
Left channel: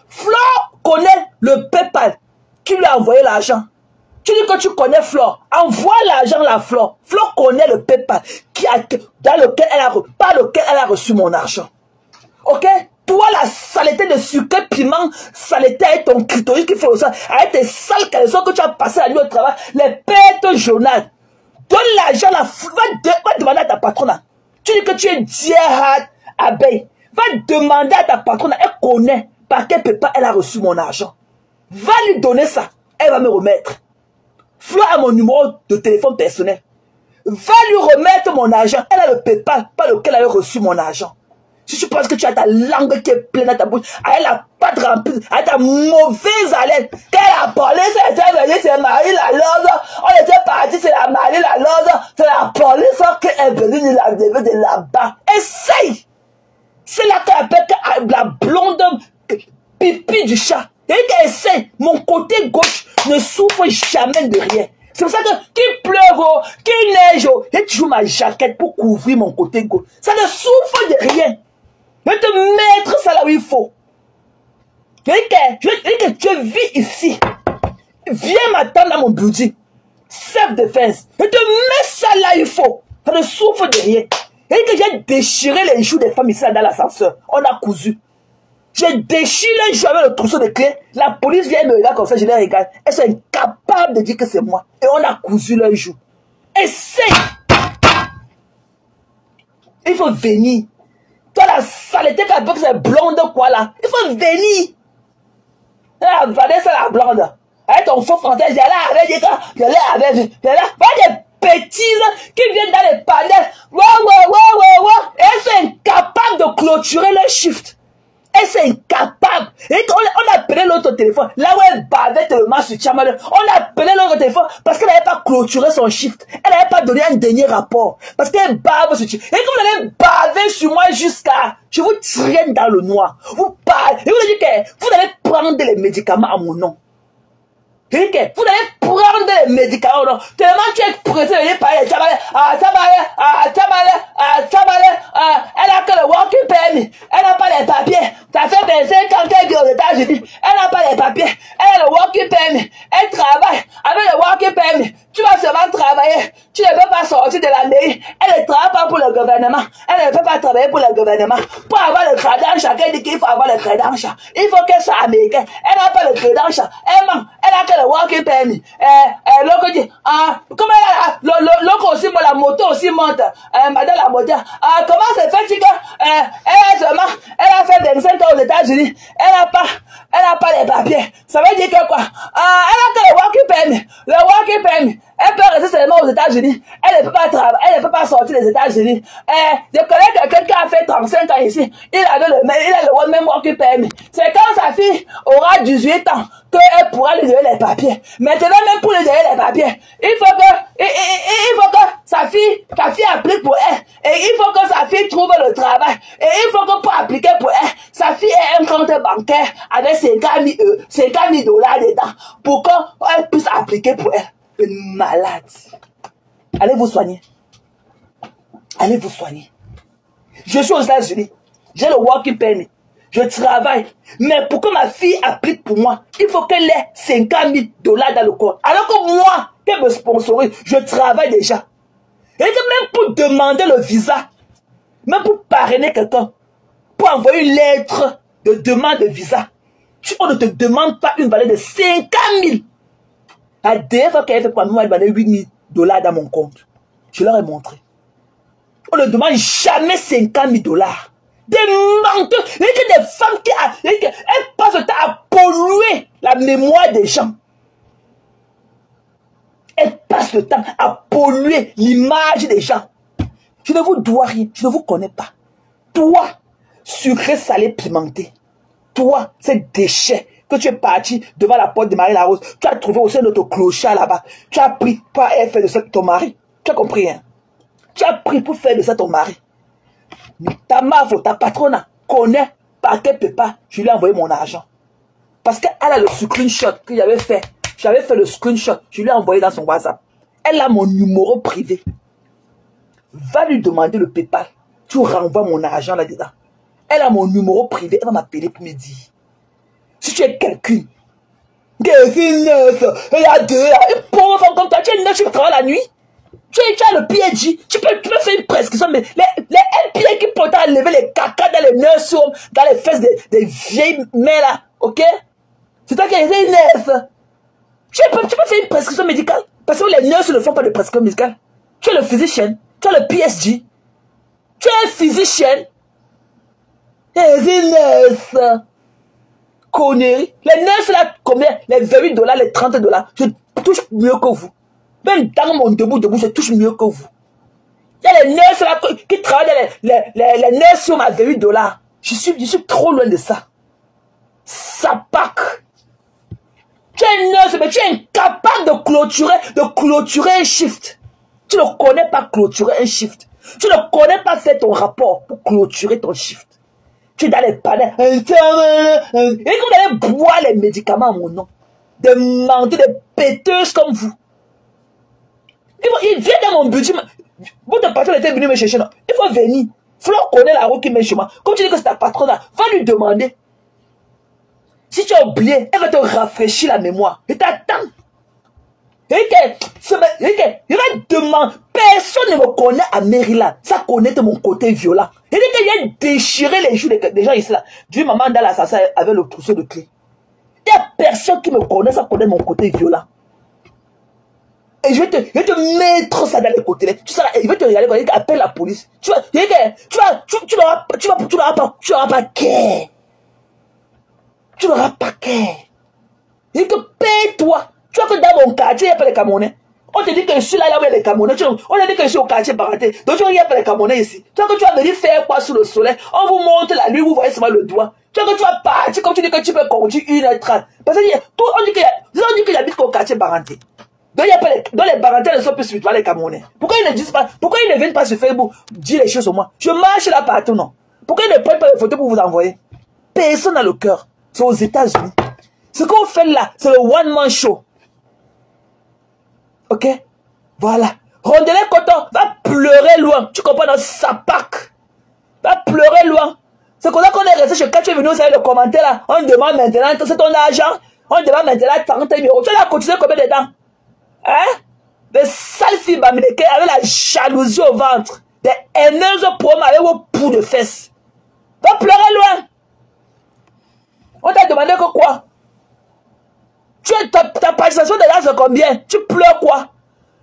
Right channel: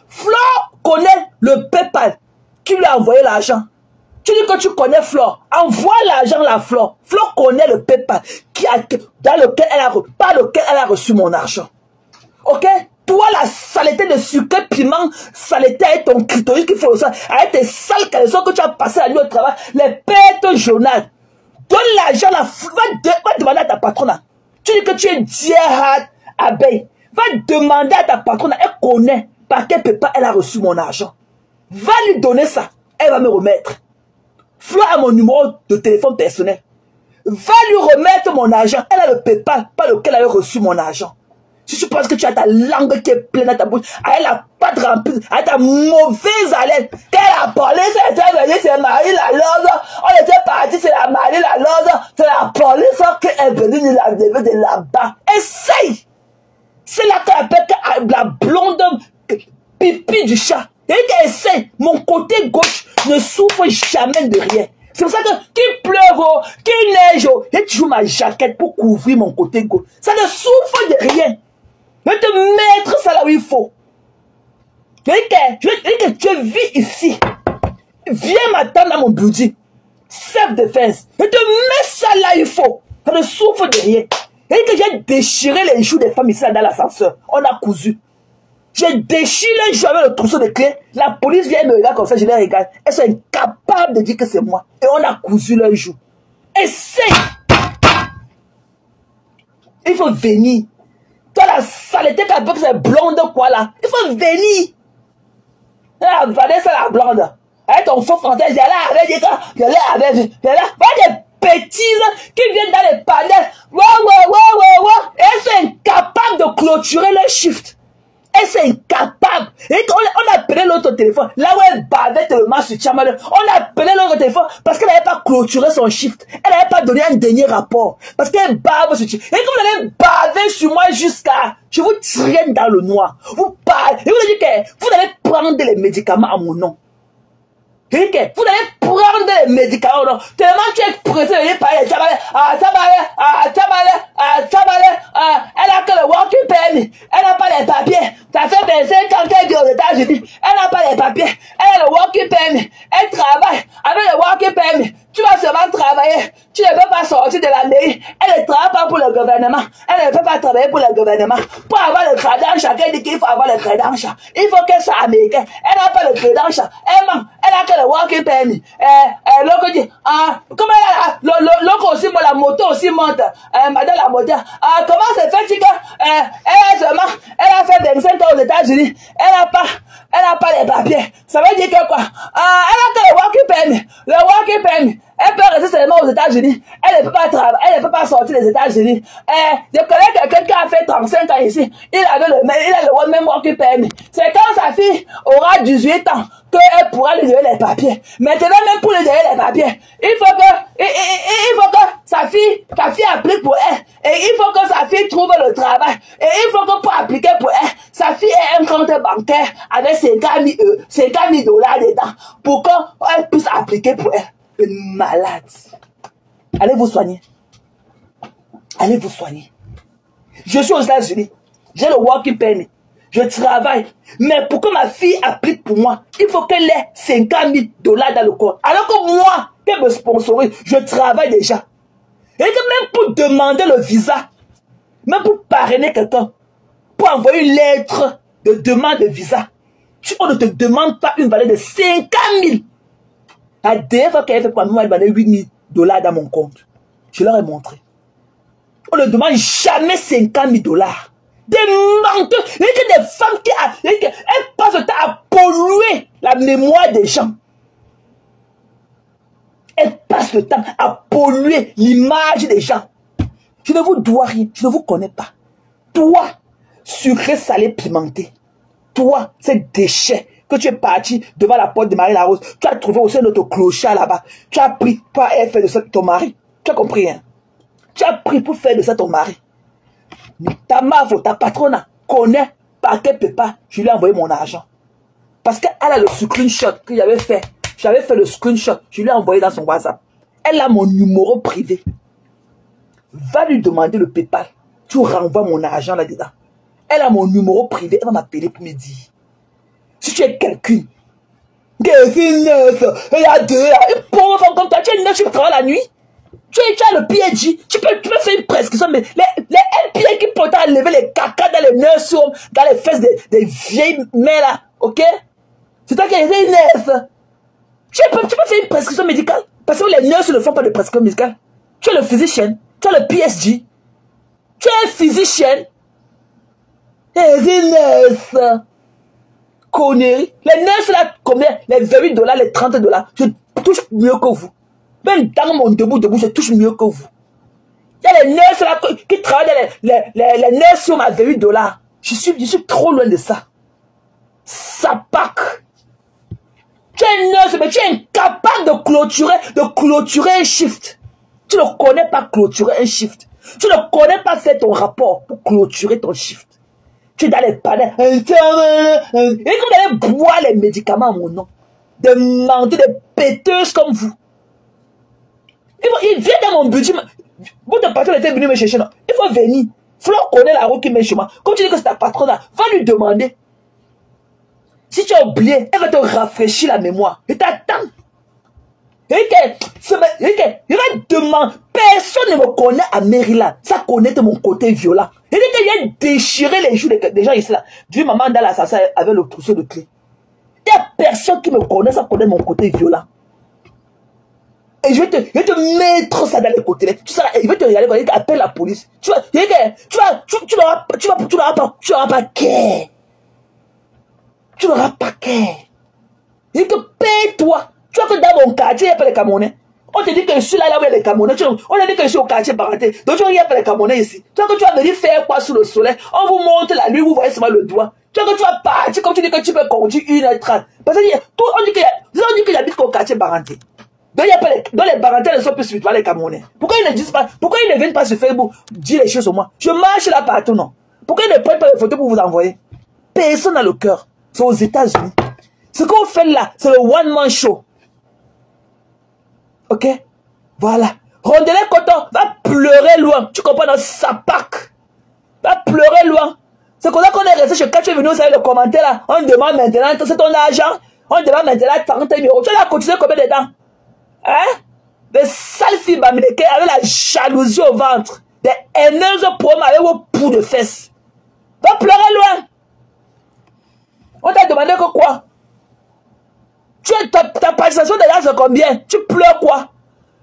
Flo connaît le PayPal. Tu lui as envoyé l'argent. Tu dis que tu connais Flo. Envoie l'argent à Flo. Flo connaît le PayPal par lequel elle a reçu mon argent. Ok? Toi, la saleté de sucre, piment, saleté avec ton clitoris qui fait ça, avec tes sales caleçons que tu as passé la nuit au travail, les pètes journal. Donne l'argent, va demander à ta patronne. Tu dis que tu es Dierhard Abeille. Va demander à ta patronne, elle connaît par quel PayPal elle a reçu mon argent. Va lui donner ça, elle va me remettre. Flo a mon numéro de téléphone personnel. Va lui remettre mon argent. Elle a le PayPal par lequel elle a reçu mon argent. Si tu penses que tu as ta langue qui est pleine dans ta bouche, avec la pâte remplie, avec ta mauvaise haleine, qu'elle a parlé, c'est Marie la Lorde, on était parti, c'est la Marie la Lorde, c'est la police qui est venue de là-bas. Essaye! C'est là qu'elle appelle la blonde pipi du chat. Et qu'elle essaie, mon côté gauche ne souffre jamais de rien. C'est pour ça que qu'il pleuve, qu'il neige, j'ai toujours ma jaquette pour couvrir mon côté gauche. Ça ne souffre de rien. Je vais te mettre ça là où il faut. Je vais que tu vis ici. Viens m'attendre dans mon building. Self-defense. Je te mets ça là où il faut. Ça ne souffre de rien. Et que j'ai déchiré les joues des femmes ici dans l'ascenseur. On a cousu. J'ai déchiré les joues avec le trousseau de clés. La police vient me regarder comme ça, je les regarde. Elles sont incapables de dire que c'est moi. Et on a cousu leurs joues. Essaye. Il faut venir. Toi, la saleté qui a fait blonde quoi là. Il faut venir. Vanessa la blonde. Avec ton faux français, j'ai là avec des gars. J'ai là avec des bêtises qui viennent dans les panels. Et elles sont incapables de clôturer leur shift. Elles sont incapables. Et on a appelé l'autre téléphone. Là où elle bavait tellement sur Chamalin. On a appelé l'autre téléphone parce qu'elle n'avait pas clôturé son shift. Elle n'avait pas donné un dernier rapport. Parce qu'elle bave sur Chamalin. Et quand vous allez baver sur moi jusqu'à... Je vous traîne dans le noir. Vous parlez. Et vous dites que vous allez prendre les médicaments à mon nom. Vous allez prendre les médicaments, non? Tellement tu es pressé de parler, elle a que le walking permit, elle n'a pas les papiers, ça fait 25 ans qu'elle vit aux États-Unis, elle n'a pas les papiers, elle a le walking permit, elle travaille avec le walking permit, tu vas seulement travailler, tu ne peux pas sortir de la mairie, elle ne travaille pas pour le gouvernement, elle ne peut pas travailler pour le gouvernement, pour avoir le crédit, chacun dit qu'il faut avoir le crédit, il faut qu'elle soit américaine, elle n'a pas le crédit, elle a que le walking permit, l'autre dit, comment l'autre aussi, la moto aussi monte, madame la moto, comment c'est fait elle a fait 25 ans aux États-Unis, elle n'a pas les papiers, ça veut dire que quoi, elle a que le walking permit, elle peut rester seulement aux États-Unis, elle ne peut pas travailler, elle ne peut pas sortir des États-Unis. Je connais quelqu'un qui a fait 35 ans ici, il a le même walking permit. C'est quand sa fille aura 18 ans qu'elle pourra lui donner les papiers. Maintenant, même pour lui donner les papiers, il faut que sa fille applique pour elle. Et il faut que sa fille trouve le travail. Et il faut que pour appliquer pour elle, sa fille ait un compte bancaire avec 50 000 $ dedans pour qu'elle puisse appliquer pour elle. Une malade. Allez vous soigner. Allez vous soigner. Je suis aux États-Unis. J'ai le working permit. Je travaille. Mais pour que ma fille applique pour moi, il faut qu'elle ait 50 000 $ dans le compte. Alors que moi, qu'elle me sponsorise, je travaille déjà. Et que même pour demander le visa, même pour parrainer quelqu'un, pour envoyer une lettre de demande de visa, on ne te demande pas une valeur de 50 000. La dernière fois qu'elle fait pour moi, elle m'a donné 8 000 $ dans mon compte. Je leur ai montré. On ne demande jamais 50 000 $. Des menteurs. Il y a des femmes qui elles passent le temps à polluer la mémoire des gens. Elles passent le temps à polluer l'image des gens. Je ne vous dois rien. Je ne vous connais pas. Toi, sucré, salé, pimenté. Toi, ces déchets que tu es parti devant la porte de Marie-Larose. Tu as trouvé aussi notre clochard là-bas. Tu as pris pour faire de ça ton mari. Tu as compris, hein? Tu as pris pour faire de ça ton mari. ta meuf, ta patronne connaît par quel PayPal je lui ai envoyé mon argent. Parce qu'elle a le screenshot que j'avais fait. J'avais fait le screenshot, je lui ai envoyé dans son WhatsApp. Elle a mon numéro privé. Va lui demander le PayPal. Tu renvoies mon argent là-dedans. Elle a mon numéro privé. Elle va m'appeler pour me dire. Si tu es quelqu'un, il y a deux là, une pauvre femme comme toi, tu es neuf, tu travailles la nuit. Tu as le PNJ, tu peux faire une prescription, mais les NPA qui peuvent enlever les caca dans les nurseries, dans les fesses des vieilles mères là, ok? C'est-à-dire qu'il y a des nerfs. Tu peux faire une prescription médicale, parce que les nurses ne font pas de prescription médicale. Tu es le physicien, tu es le PSG, tu es un physicien. Et des nerfs. Conneries. Les nerfs là, combien? Les $28, les $30, je touche mieux que vous. Même dans mon debout, je touche mieux que vous. Il y a les nerfs là qui travaillent les nerfs sur ma $28. Je suis trop loin de ça. Ça pack. Tu es un nurse, mais tu es incapable de clôturer un shift. Tu ne connais pas clôturer un shift. Tu ne connais pas faire ton rapport pour clôturer ton shift. Tu es dans les panels. Et comme vous allez boire les médicaments à mon nom. Des mendiants, des péteuses comme vous. Il vient dans mon budget. Votre patron était venu me chercher. Non. Il faut venir. Il faut connaître la route qui met chez moi. Comme tu dis que c'est ta patronne là, va lui demander. Si tu as oublié, elle va te rafraîchir la mémoire. Et t'attends. Il va demander. Personne ne me connaît à Maryland. Ça connaît de mon côté violent. Il dit qu'il vient déchirer les joues des gens ici là. Du maman dans l'assassin avec le trousseau de clés. Il n'y a personne qui me connaît, ça connaît mon côté violent. Et je vais te mettre ça dans les côtés. Tu sais, il va te regarder quand il appelle la police. Tu n'auras pas care. Tu n'auras pas care. Il te paye-toi. Tu vois que dans mon quartier, il n'y a pas les Camerounais. On te dit que je suis là où il y a les Camerounais. On a dit que je suis au quartier Baraté. Donc il n'y a pas les Camerounais ici. Tu vois que tu vas venir faire quoi sous le soleil? On vous montre la nuit, vous voyez seulement le doigt. Tu vois que tu vas partir comme tu dis que tu peux conduire 1h30. Parce que on dit qu'il y a au quartier Baraté. Donc les Baratés ne sont plus spirituels les Camerounais. Pourquoi ils ne disent pas? Pourquoi ils ne viennent pas sur Facebook dire les choses sur moi? Je marche là partout, non? Pourquoi ils ne prennent pas les photos pour vous envoyer? Personne n'a le cœur. C'est aux États-Unis. Ce qu'on fait là, c'est le one-man show. Ok? Voilà. Rondelet Coton va pleurer loin. Tu comprends dans sa pack. Va pleurer loin. C'est comme ça qu'on est resté chez quand tu es venu, vous savez le commentaire là. On demande maintenant, c'est ton argent. On demande maintenant 40 €. Tu l'as cotisé combien dedans? Hein? Des sales filles américaines avec la jalousie au ventre. Des haineuses pour avec vos poux de fesses. Va pleurer loin. On t'a demandé que quoi? Ta participation de là, c'est combien? Tu pleures quoi?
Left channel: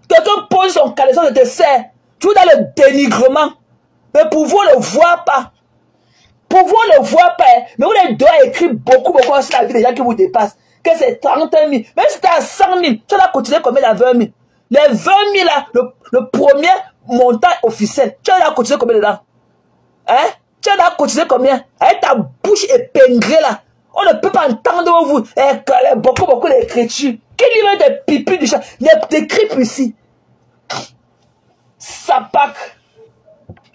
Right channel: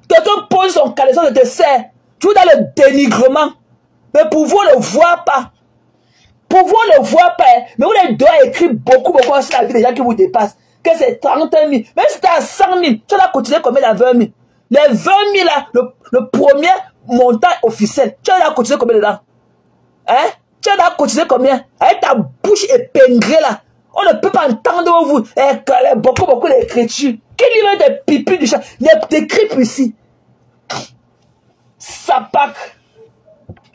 Quelqu'un pose son caleçon de te serre. Tu es dans le dénigrement. Mais pour vous, ne le voit pas. Pour vous, ne le voit pas. Mais vous doit écrire beaucoup sur la vie des gens qui vous dépassent. Que c'est 30 000. Même si tu as 100 000, tu vas cotiser combien dans 20 000? Les 20 000 là, le premier montant officiel, tu vas cotiser combien dedans? Hein? Tu vas cotiser combien? Avec ta bouche épinglée là. On ne peut pas entendre vous. Beaucoup d'écriture. Qui lit des pipis du chat? Des cripes ici. Ça pack.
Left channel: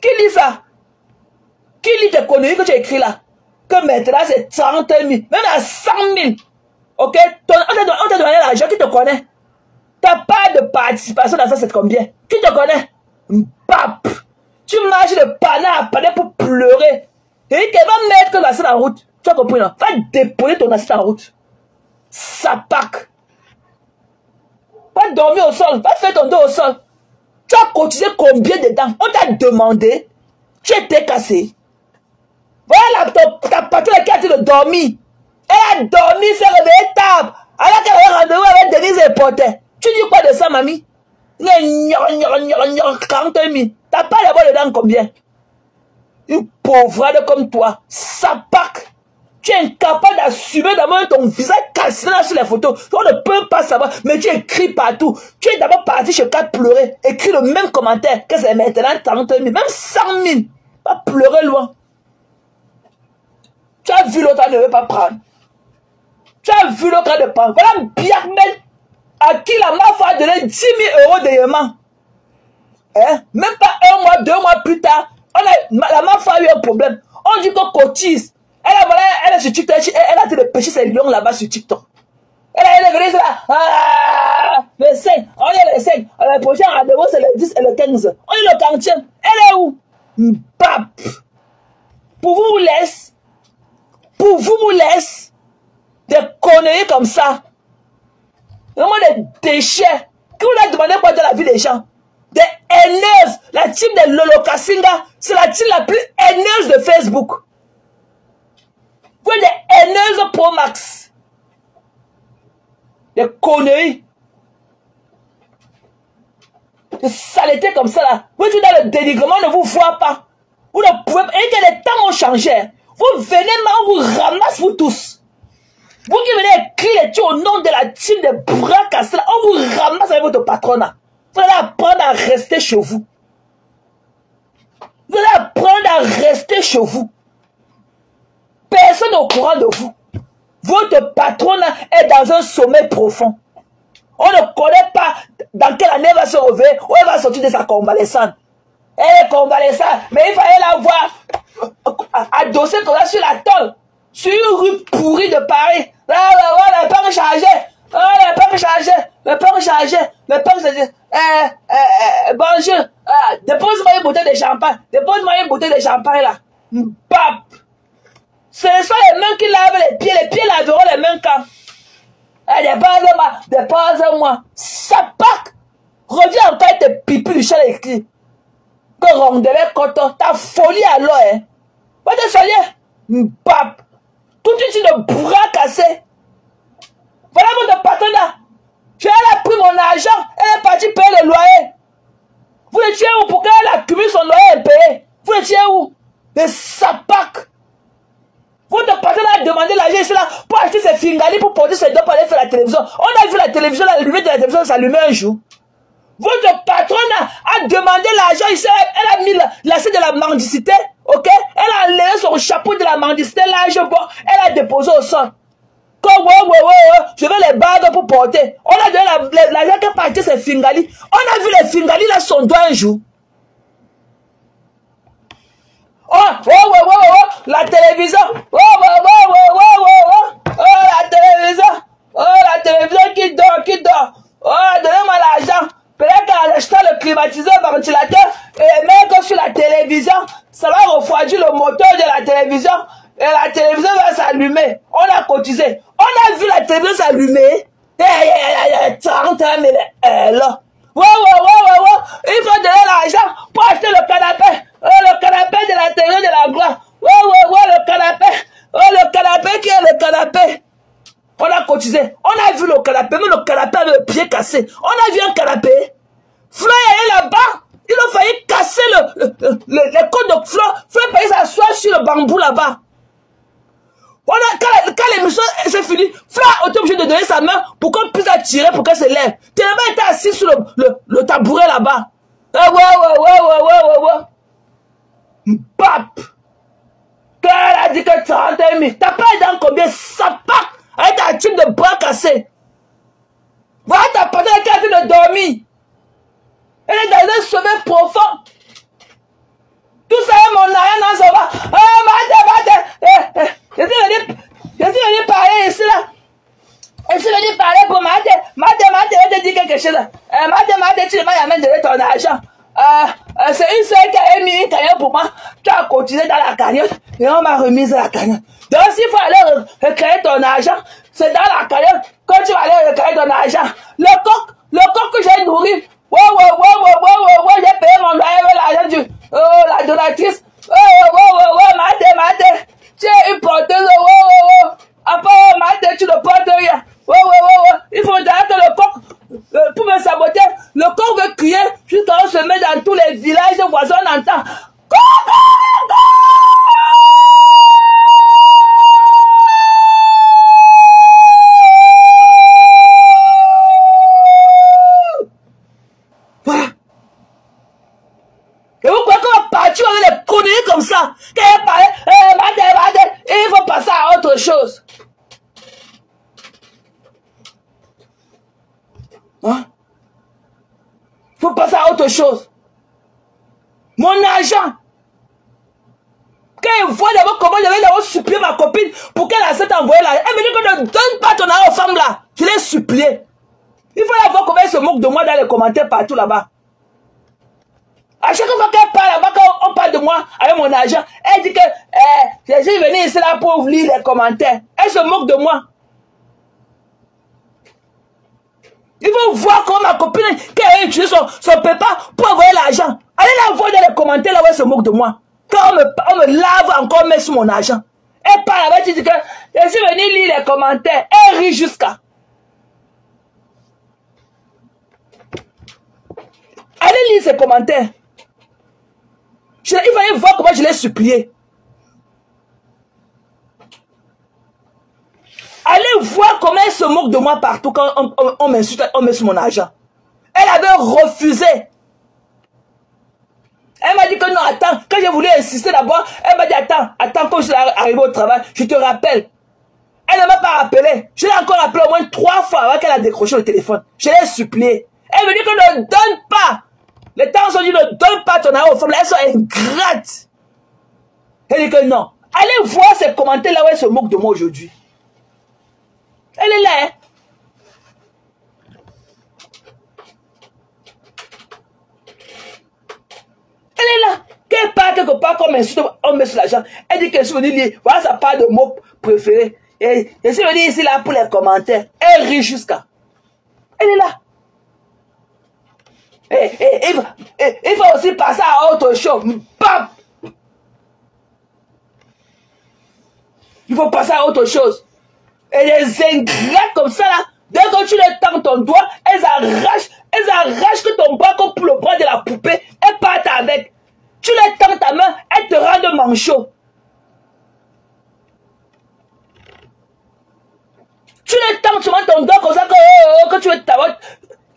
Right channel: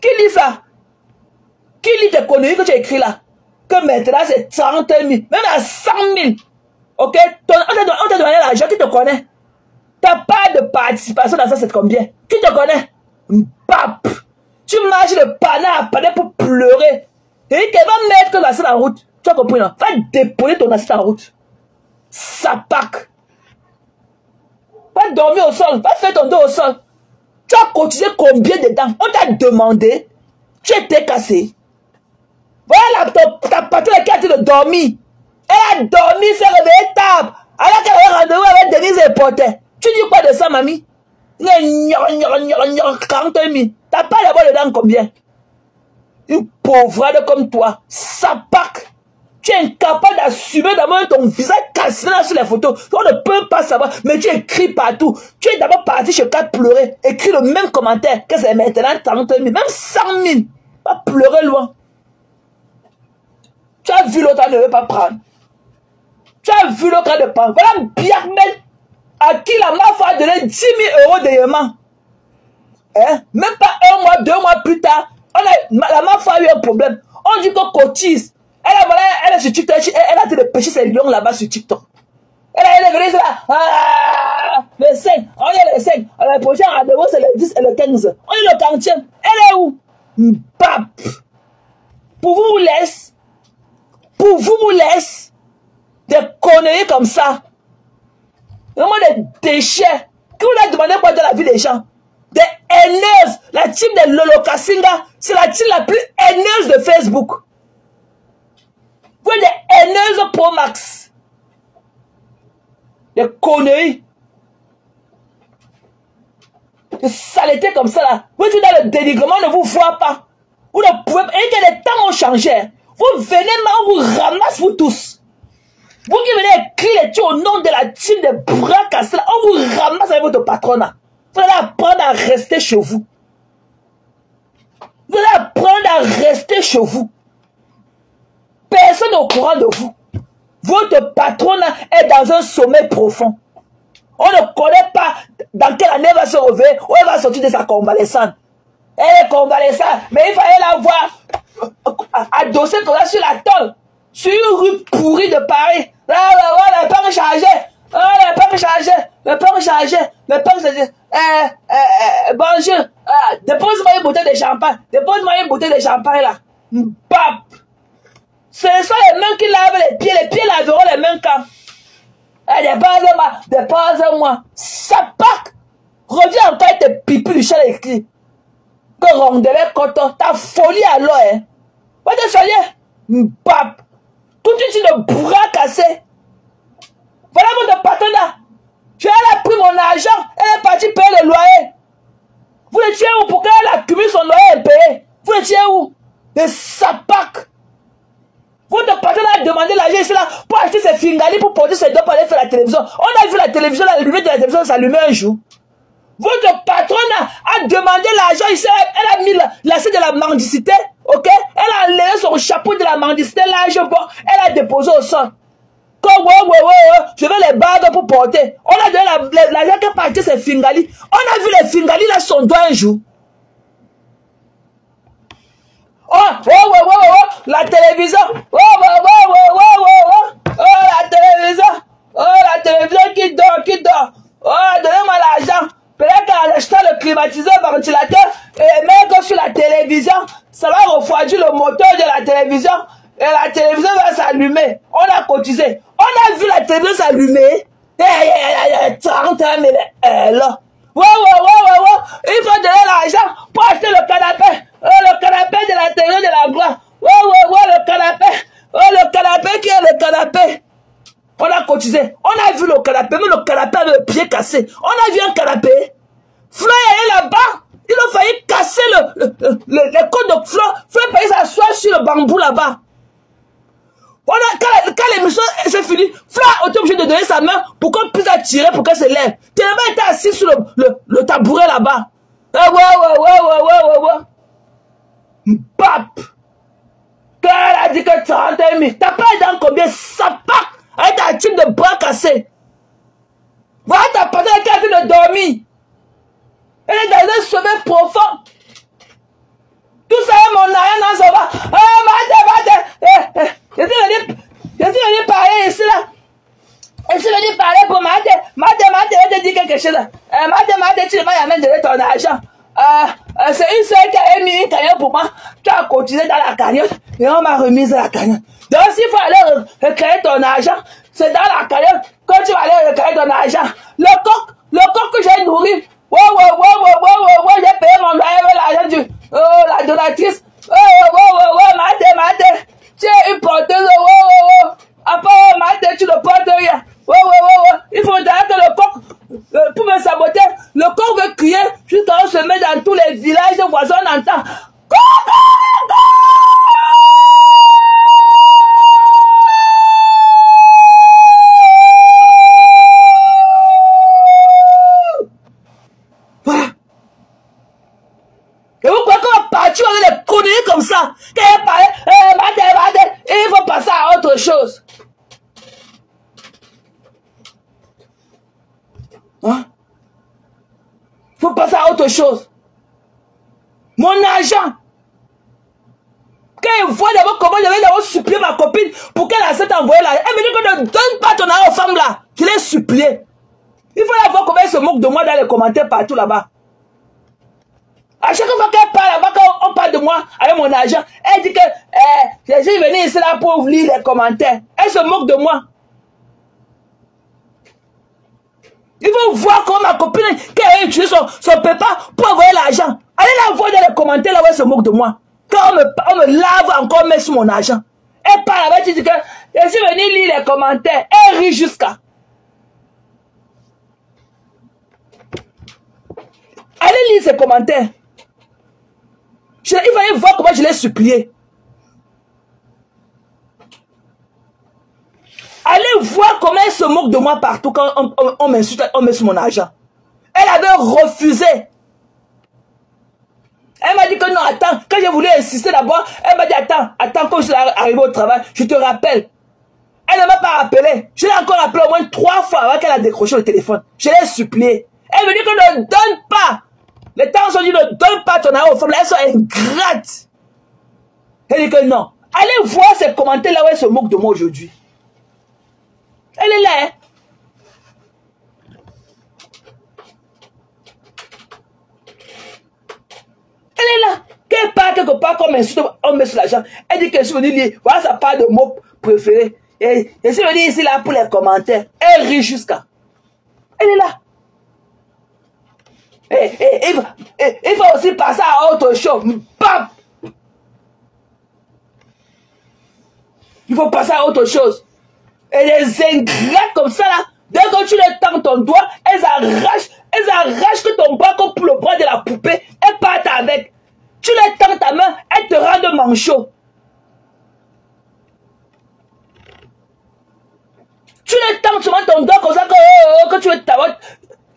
Qui lit ça? Qui lit tes conneries que tu as écrit là? Que maintenant c'est 30 000. Même à 100 000. Ok? On t'a donné l'argent, qui te connaît? T'as pas de participation dans ça, c'est combien? Qui te connaît? Bap! Tu marches de panneau à panneau pour pleurer. Et tu vas mettre ton assiette en route. Tu as compris, non? Va déposer ton assiette en route. Ça pack. Va dormir au sol. Va faire ton dos au sol. Tu as cotisé combien dedans? On t'a demandé. Tu étais cassé. Voilà ta patronne qui a dit de dormir. Elle a dormi, s'est réveillée tard. Alors qu'elle avait rendez-vous avec Denise et Porter. Tu dis quoi de ça, mamie? Les 40 000. T'as pas les voix dedans combien? Une pauvrade comme toi. Ça pack. Tu es incapable d'assumer d'abord ton visage cassé là sur les photos. On ne peut pas savoir, mais tu écris partout. Tu es d'abord parti chez toi pleurer. Écris le même commentaire que c'est maintenant 40 000, même 100 000. Va pleurer loin. Tu as vu l'autre, ne veut pas prendre. Tu as vu l'autre de prendre. Voilà Biarmel à qui la MAF a donné 10 000 € de Yéman. Hein? Même pas 1 mois, 2 mois plus tard, la MAF a a eu un problème. On dit qu'on cotise. Elle est sur TikTok, elle a dit de pêcher ses lions là-bas sur TikTok. Elle est là. Ah, les 5. On est les 5. Le prochain rendez-vous, c'est le 10 et le 15. On est le 40e. Elle est où? Bap. Pour vous laisse des conneries comme ça. Vraiment des déchets. Quand on a demandé quoi de la vie des gens, des haineuses. La team de Lolo Kassinga, c'est la team la plus haineuse de Facebook. Vous êtes des haineuses Pro Max. Des conneries. Des saletés comme ça là. Vous êtes dans le dénigrement, on ne vous voit pas. Vous ne pouvez pas. Et que les temps ont changé. Vous venez là, on vous ramasse vous tous. Vous qui venez écrire les tues au nom de la team de bras cassés là, on vous ramasse avec votre patronat. Vous allez apprendre à rester chez vous. Vous allez apprendre à rester chez vous. Personne au courant de vous. Votre patronat est dans un sommeil profond. On ne connaît pas dans quelle année elle va se réveiller ou elle va sortir de sa convalescence. Elle est convalescente, mais il fallait la voir adossée comme ça sur la tôle, sur une rue pourrie de Paris. Là, le père est chargé. Le père est chargé. Le père est chargé. Le père est chargé. Bonjour. Dépose-moi une bouteille de champagne. Dépose-moi une bouteille de champagne là. Bap. Ce sont les mains qui lavent les pieds. Les pieds laveront les mains quand. Dépose-moi. Ça pack. Reviens encore avec tes pipis du chien écrit. Que rondelet coton. Ta folie alors, hein. Va te saluer. Bap. Tout de suite le bras cassé. Voilà votre partenaire. Elle a pris mon argent. Elle est partie payer le loyer. Vous étiez où pour qu'elle accumule son loyer impayé? Vous étiez où? Le sapac. Votre partenaire a demandé l'argent ici là pour acheter ses fingali pour porter ses doigts pour aller faire la télévision. On a vu la télévision, la lumière de la télévision s'allumer un jour. Votre patronne a demandé l'argent ici. Elle a mis l'assiette de la mendicité. Ok? Elle a enlevé son chapeau de la mendicité. L'argent, bon, elle a déposé au sol. Je veux les bagues pour porter. On a donné l'argent qui a parti ses fingali. On a vu les fingali là son doigt un jour. La télévision. La télévision qui dort. Donnez-moi l'argent. Peut-être qu'elle a acheté le climatiseur, le ventilateur, et mettre sur la télévision, ça va refroidir le moteur de la télévision, et la télévision va s'allumer. On a cotisé. On a vu la télévision s'allumer. 30 ans, là. Il faut donner l'argent pour acheter le canapé. Le canapé de la télé de la gloire. Le canapé. Le canapé qui est le canapé. On a cotisé. On a vu le canapé, mais le canapé avec le pied cassé. On a vu un canapé. Fleur est là-bas. Il a failli casser le côtes de Fleur. Fleur failli s'asseoir sur le bambou là-bas. Quand l'émission s'est finie, Fleur a été obligé de donner sa main pour qu'on puisse la tirer pour qu'elle se lève. Tellement était assis sur le tabouret là-bas. Bap. Elle a dit que 30 000. T'as pas dans combien? Ça part. Avec un type de bras cassé. Voilà ta personne qui est en train de dormir. Elle est dans un sommeil profond. Tout ça est mon arrière, non, ça va. Je suis venu parler ici là. Je suis venu parler pour Mate, je te dis quelque chose. Mate, tu ne vas jamais donner ton argent. C'est une seule qui a mis une cagnotte pour moi. Tu as cotisé dans la cagnotte. Et on m'a remise la cagnotte. Donc, s'il faut aller récupérer ton argent, c'est dans la cagnotte que tu vas aller récupérer ton argent. Le coq que j'ai nourri, j'ai payé mon loyer avec l'argent la donatrice. Mate, tu es une porteuse, après, Mate, tu ne portes rien. Il faut dire que le coq, pour me saboter, le coq veut crier jusqu'à ce qu'on se met dans tous les villages voisins, on entend. Comme ça, quand elle parlait, il faut passer à autre chose. Hein? Il faut passer à autre chose. Mon argent. Quand il voit d'abord comment je vais d'abord supplier ma copine pour qu'elle accepte d'envoyer l'argent. Elle me dit que ne donne pas ton argent aux femmes là. Je l'ai supplié. Il faut la voir comment elle se moque de moi dans les commentaires partout là-bas. À chaque fois qu'elle parle là-bas, quand on parle de moi avec mon argent, elle dit que j'ai venu ici là pour lire les commentaires. Elle se moque de moi. Il faut voir comment ma copine, quand elle a utilisé son PayPal pour envoyer l'argent. Allez la voir dans les commentaires là où elle se moque de moi. Quand on me lave encore, on met sur mon argent. Elle parle avec, elle dit que je suis venu lire les commentaires. Elle rit jusqu'à. Allez lire ses commentaires. Il fallait voir comment je l'ai supplié. Allez voir comment elle se moque de moi partout quand on m'insulte, on met sur mon argent. Elle avait refusé. Elle m'a dit que non, attends, quand je voulais insister d'abord, elle m'a dit attends, quand je suis arrivé au travail, je te rappelle. Elle ne m'a pas rappelé. Je l'ai encore appelé au moins 3 fois avant qu'elle a décroché le téléphone. Je l'ai supplié. Elle me dit que ne donne pas. Les temps sont dit ne donne pas ton argent aux femmes, elles sont ingrates. Elle dit que non. Allez voir ces commentaires là où elle se moque de moi aujourd'hui. Elle est là, hein. Elle est là. Quand elle parle quelque part comme on met sur l'argent, elle dit que je suis venue lire. Voilà sa part de mots préférés. Et je suis venue ici là pour les commentaires. Elle rit jusqu'à. Elle est là. Il faut aussi passer à autre chose. Bam! Il faut passer à autre chose. Et les ingrats comme ça là, dès que tu les tends ton doigt, elles arrachent que ton bras comme pour le bras de la poupée, elles partent avec. Tu les tends ta main, elles te rendent manchot. Tu les tends souvent ton doigt comme ça que tu veux t'avoir.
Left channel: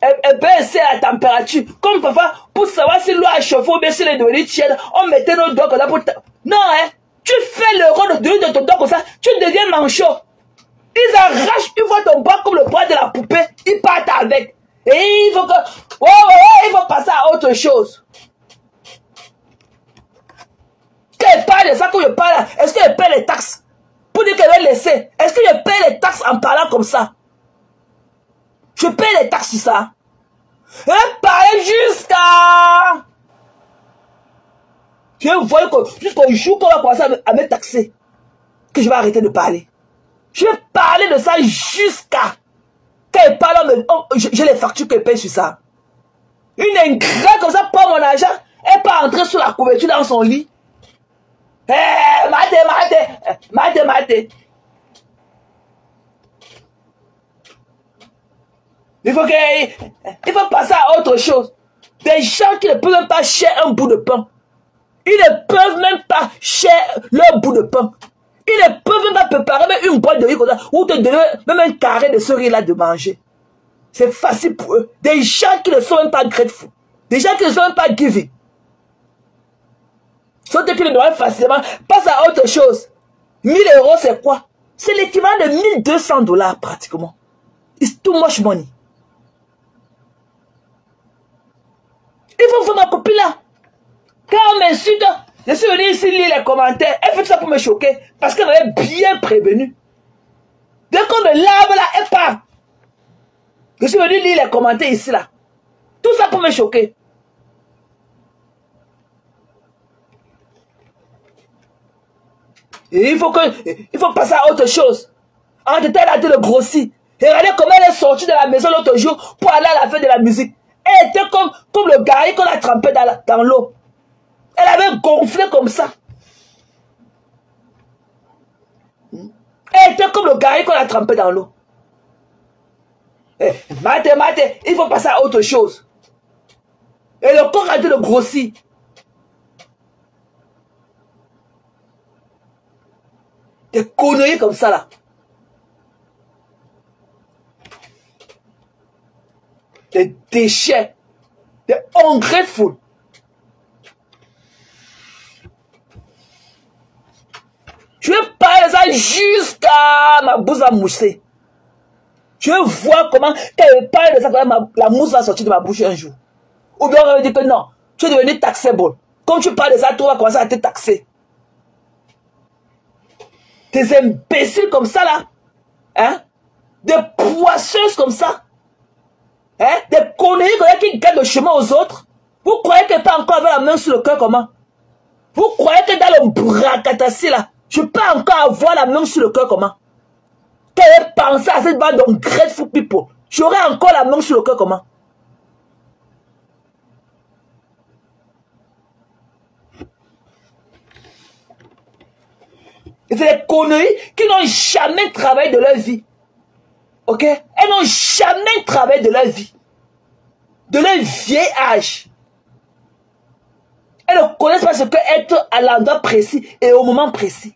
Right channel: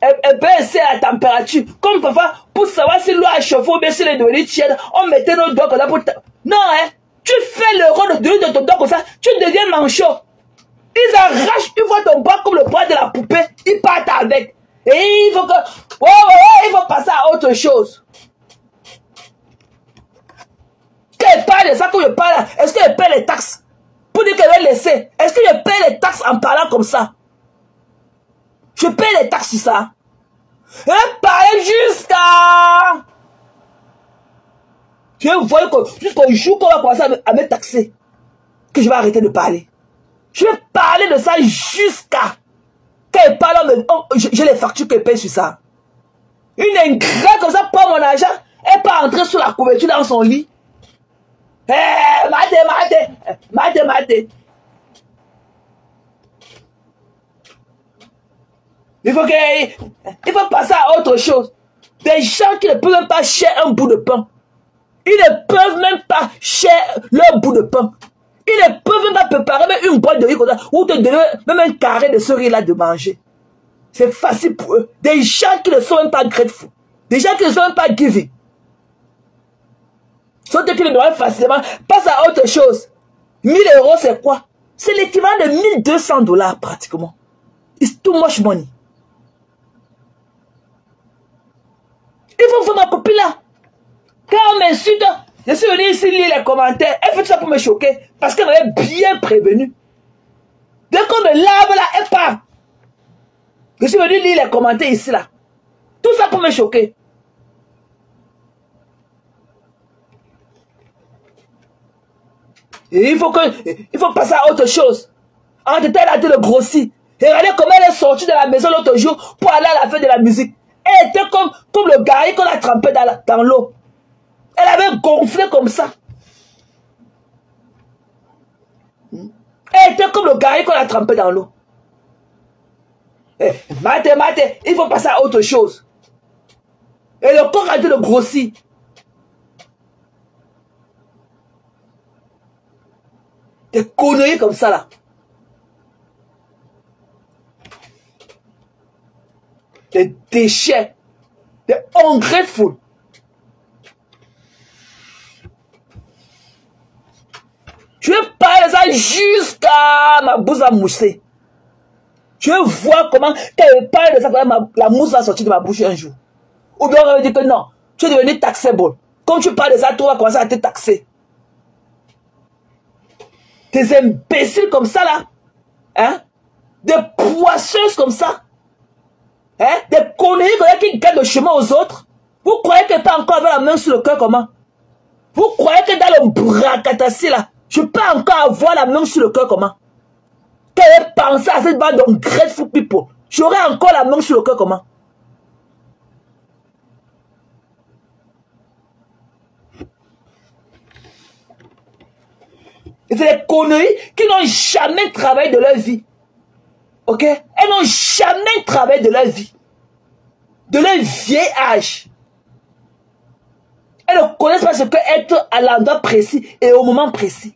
Elle baisse la température. Comme parfois, pour savoir si l'eau a chauffé ou bien si elle est devenue tiède, on mettait nos doigts comme ça pour... Non, hein. Tu fais le rôle de ton doigt comme ça, tu deviens manchot. Ils arrachent, ils voient ton bras comme le bras de la poupée, ils partent avec. Et il faut que... il faut passer à autre chose. Quand elle parle de ça, quand je parle, est-ce qu'elle paie les taxes? Pour dire qu'elle va laisser. Est-ce que je paie les taxes en parlant comme ça? Je paie les taxes sur ça. Elle parle jusqu'à... Je vois jusqu'au jour qu'on va commencer à me taxer, que je vais arrêter de parler. Je vais parler de ça jusqu'à... Quand elle parle, je les factures qu'elle paye sur ça. Une ingrate comme ça prend mon argent, elle peut entrer sous la couverture dans son lit. Mate. Il faut passer à autre chose. Des gens qui ne peuvent même pas cher un bout de pain. Ils ne peuvent même pas cher leur bout de pain. Ils ne peuvent même pas préparer même une boîte de riz comme ça, ou te donner même un carré de ce riz-là de manger. C'est facile pour eux. Des gens qui ne sont même pas grateful. Des gens qui ne sont même pas giving. Sauf que le doivent facilement. Passe à autre chose. 1000 euros, c'est quoi? C'est l'équivalent de 1200 $ pratiquement. It's too much money. Il faut voir ma copine là. Quand on m'insulte, je suis venu ici lire les commentaires. Elle fait ça pour me choquer. Parce qu'elle m'avait bien prévenu. Dès qu'on me lave là, elle part. Je suis venu lire les commentaires ici là. Tout ça pour me choquer. Et il faut passer à autre chose. En détail, elle a été le grossi. Et regardez comment elle est sortie de la maison l'autre jour pour aller à la fête de la musique. Elle était comme le gari qu'on a trempé dans l'eau. Elle avait gonflé comme ça. Elle était comme le gari qu'on a trempé dans l'eau. Mate, il faut passer à autre chose. Et le corps a été le grossi. Des conneries comme ça là. Des déchets. Des ungrateful. Je vais parler de ça jusqu'à ma bouche à mousser. Je vais voir comment, quand elle parle de ça, la mousse va sortir de ma bouche un jour. Ou bien on va me dire que non, tu es devenu taxable. Quand tu parles de ça, tu vas commencer à te taxer. Des imbéciles comme ça, là. Hein? Des poisseuses comme ça. Hein? Des conneries qui gagnent le chemin aux autres. Vous croyez qu'elle peut encore avoir la main sur le cœur comment? Vous croyez que dans le bracatassi, là, je peux encore avoir la main sur le cœur comment? Quelle est pensée à cette bande de grateful people? J'aurai encore la main sur le cœur comment? C'est des conneries qui n'ont jamais travaillé de leur vie. Ok? Elles n'ont jamais travaillé de leur vie. De leur vieil âge. Elles ne connaissent pas ce que être à l'endroit précis et au moment précis.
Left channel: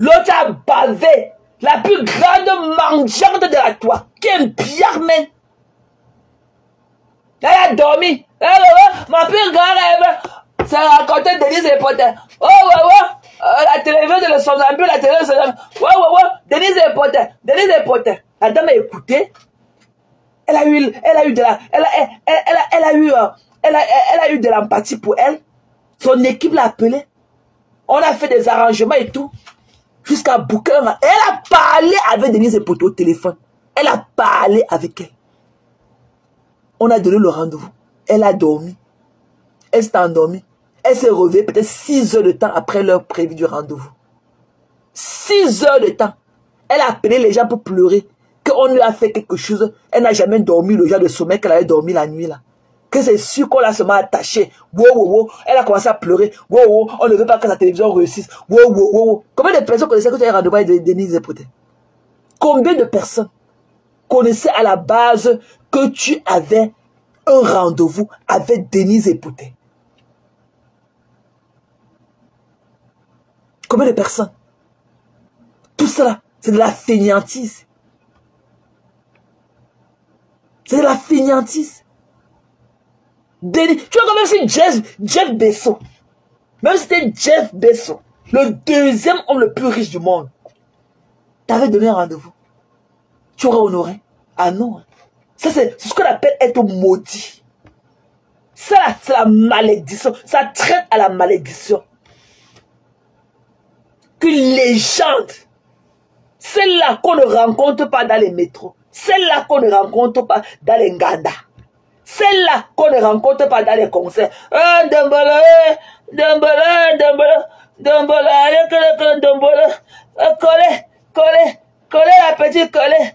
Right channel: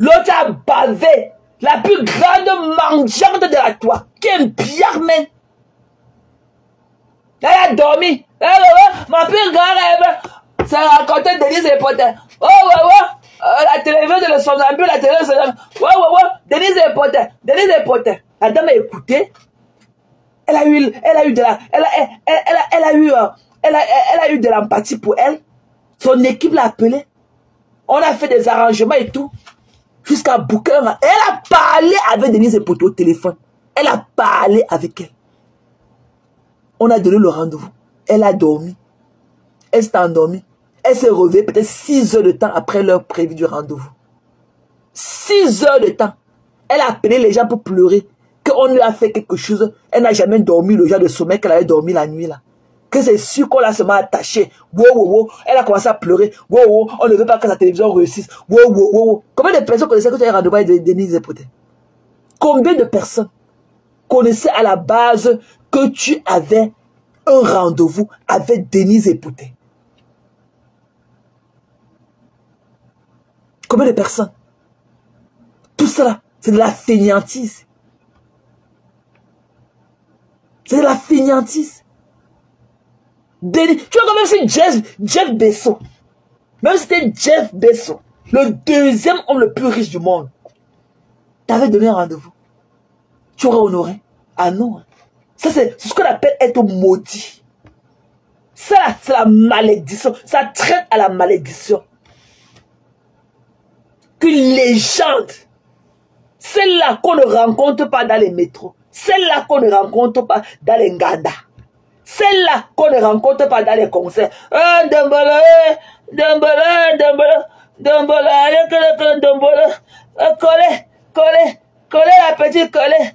L'autre a bavé la plus grande mangeante de la toi, qui est une pierre main. Elle a dormi. Ma plus grande rêve, c'est raconter Denise et Potter. Oh, la télévision de le somnambule, la télévision de le... Denise et Potter, Denise et Potter. La dame a écouté. Elle a eu de l'empathie pour elle. Son équipe l'a appelée. On a fait des arrangements et tout. Jusqu'à bouquin. Elle a parlé avec Denise et Potter au téléphone. Elle a parlé avec elle. On a donné le rendez-vous. Elle a dormi. Elle s'est endormie. Elle s'est réveillée peut-être 6 heures de temps après l'heure prévue du rendez-vous. 6 heures de temps. Elle a appelé les gens pour pleurer. Qu'on lui a fait quelque chose. Elle n'a jamais dormi le genre de sommeil qu'elle avait dormi la nuit là. Que c'est sûr qu'on l'a seulement attachée. Elle a commencé à pleurer. On ne veut pas que la télévision réussisse. Combien de personnes connaissaient que tu avais rendez-vous avec Denise et Potter? Combien de personnes connaissaient à la base que tu avais un rendez-vous avec Denise et Potter? Combien de personnes? Tout ça, c'est de la fainéantise. C'est de la fainéantise. Tu vois quand même c'est Jeff Bezos. Même si c'était Jeff Bezos, le deuxième homme le plus riche du monde, t'avais donné un rendez-vous. Tu aurais honoré. Ah non. Ça c'est ce qu'on appelle être maudit. Ça c'est la malédiction. Ça traite à la malédiction. Qu'une légende, celle-là qu'on ne rencontre pas dans les métros, celle-là qu'on ne rencontre pas dans les Nganda, celle-là qu'on ne rencontre pas dans les concerts. Dombola, collez la petite, collez.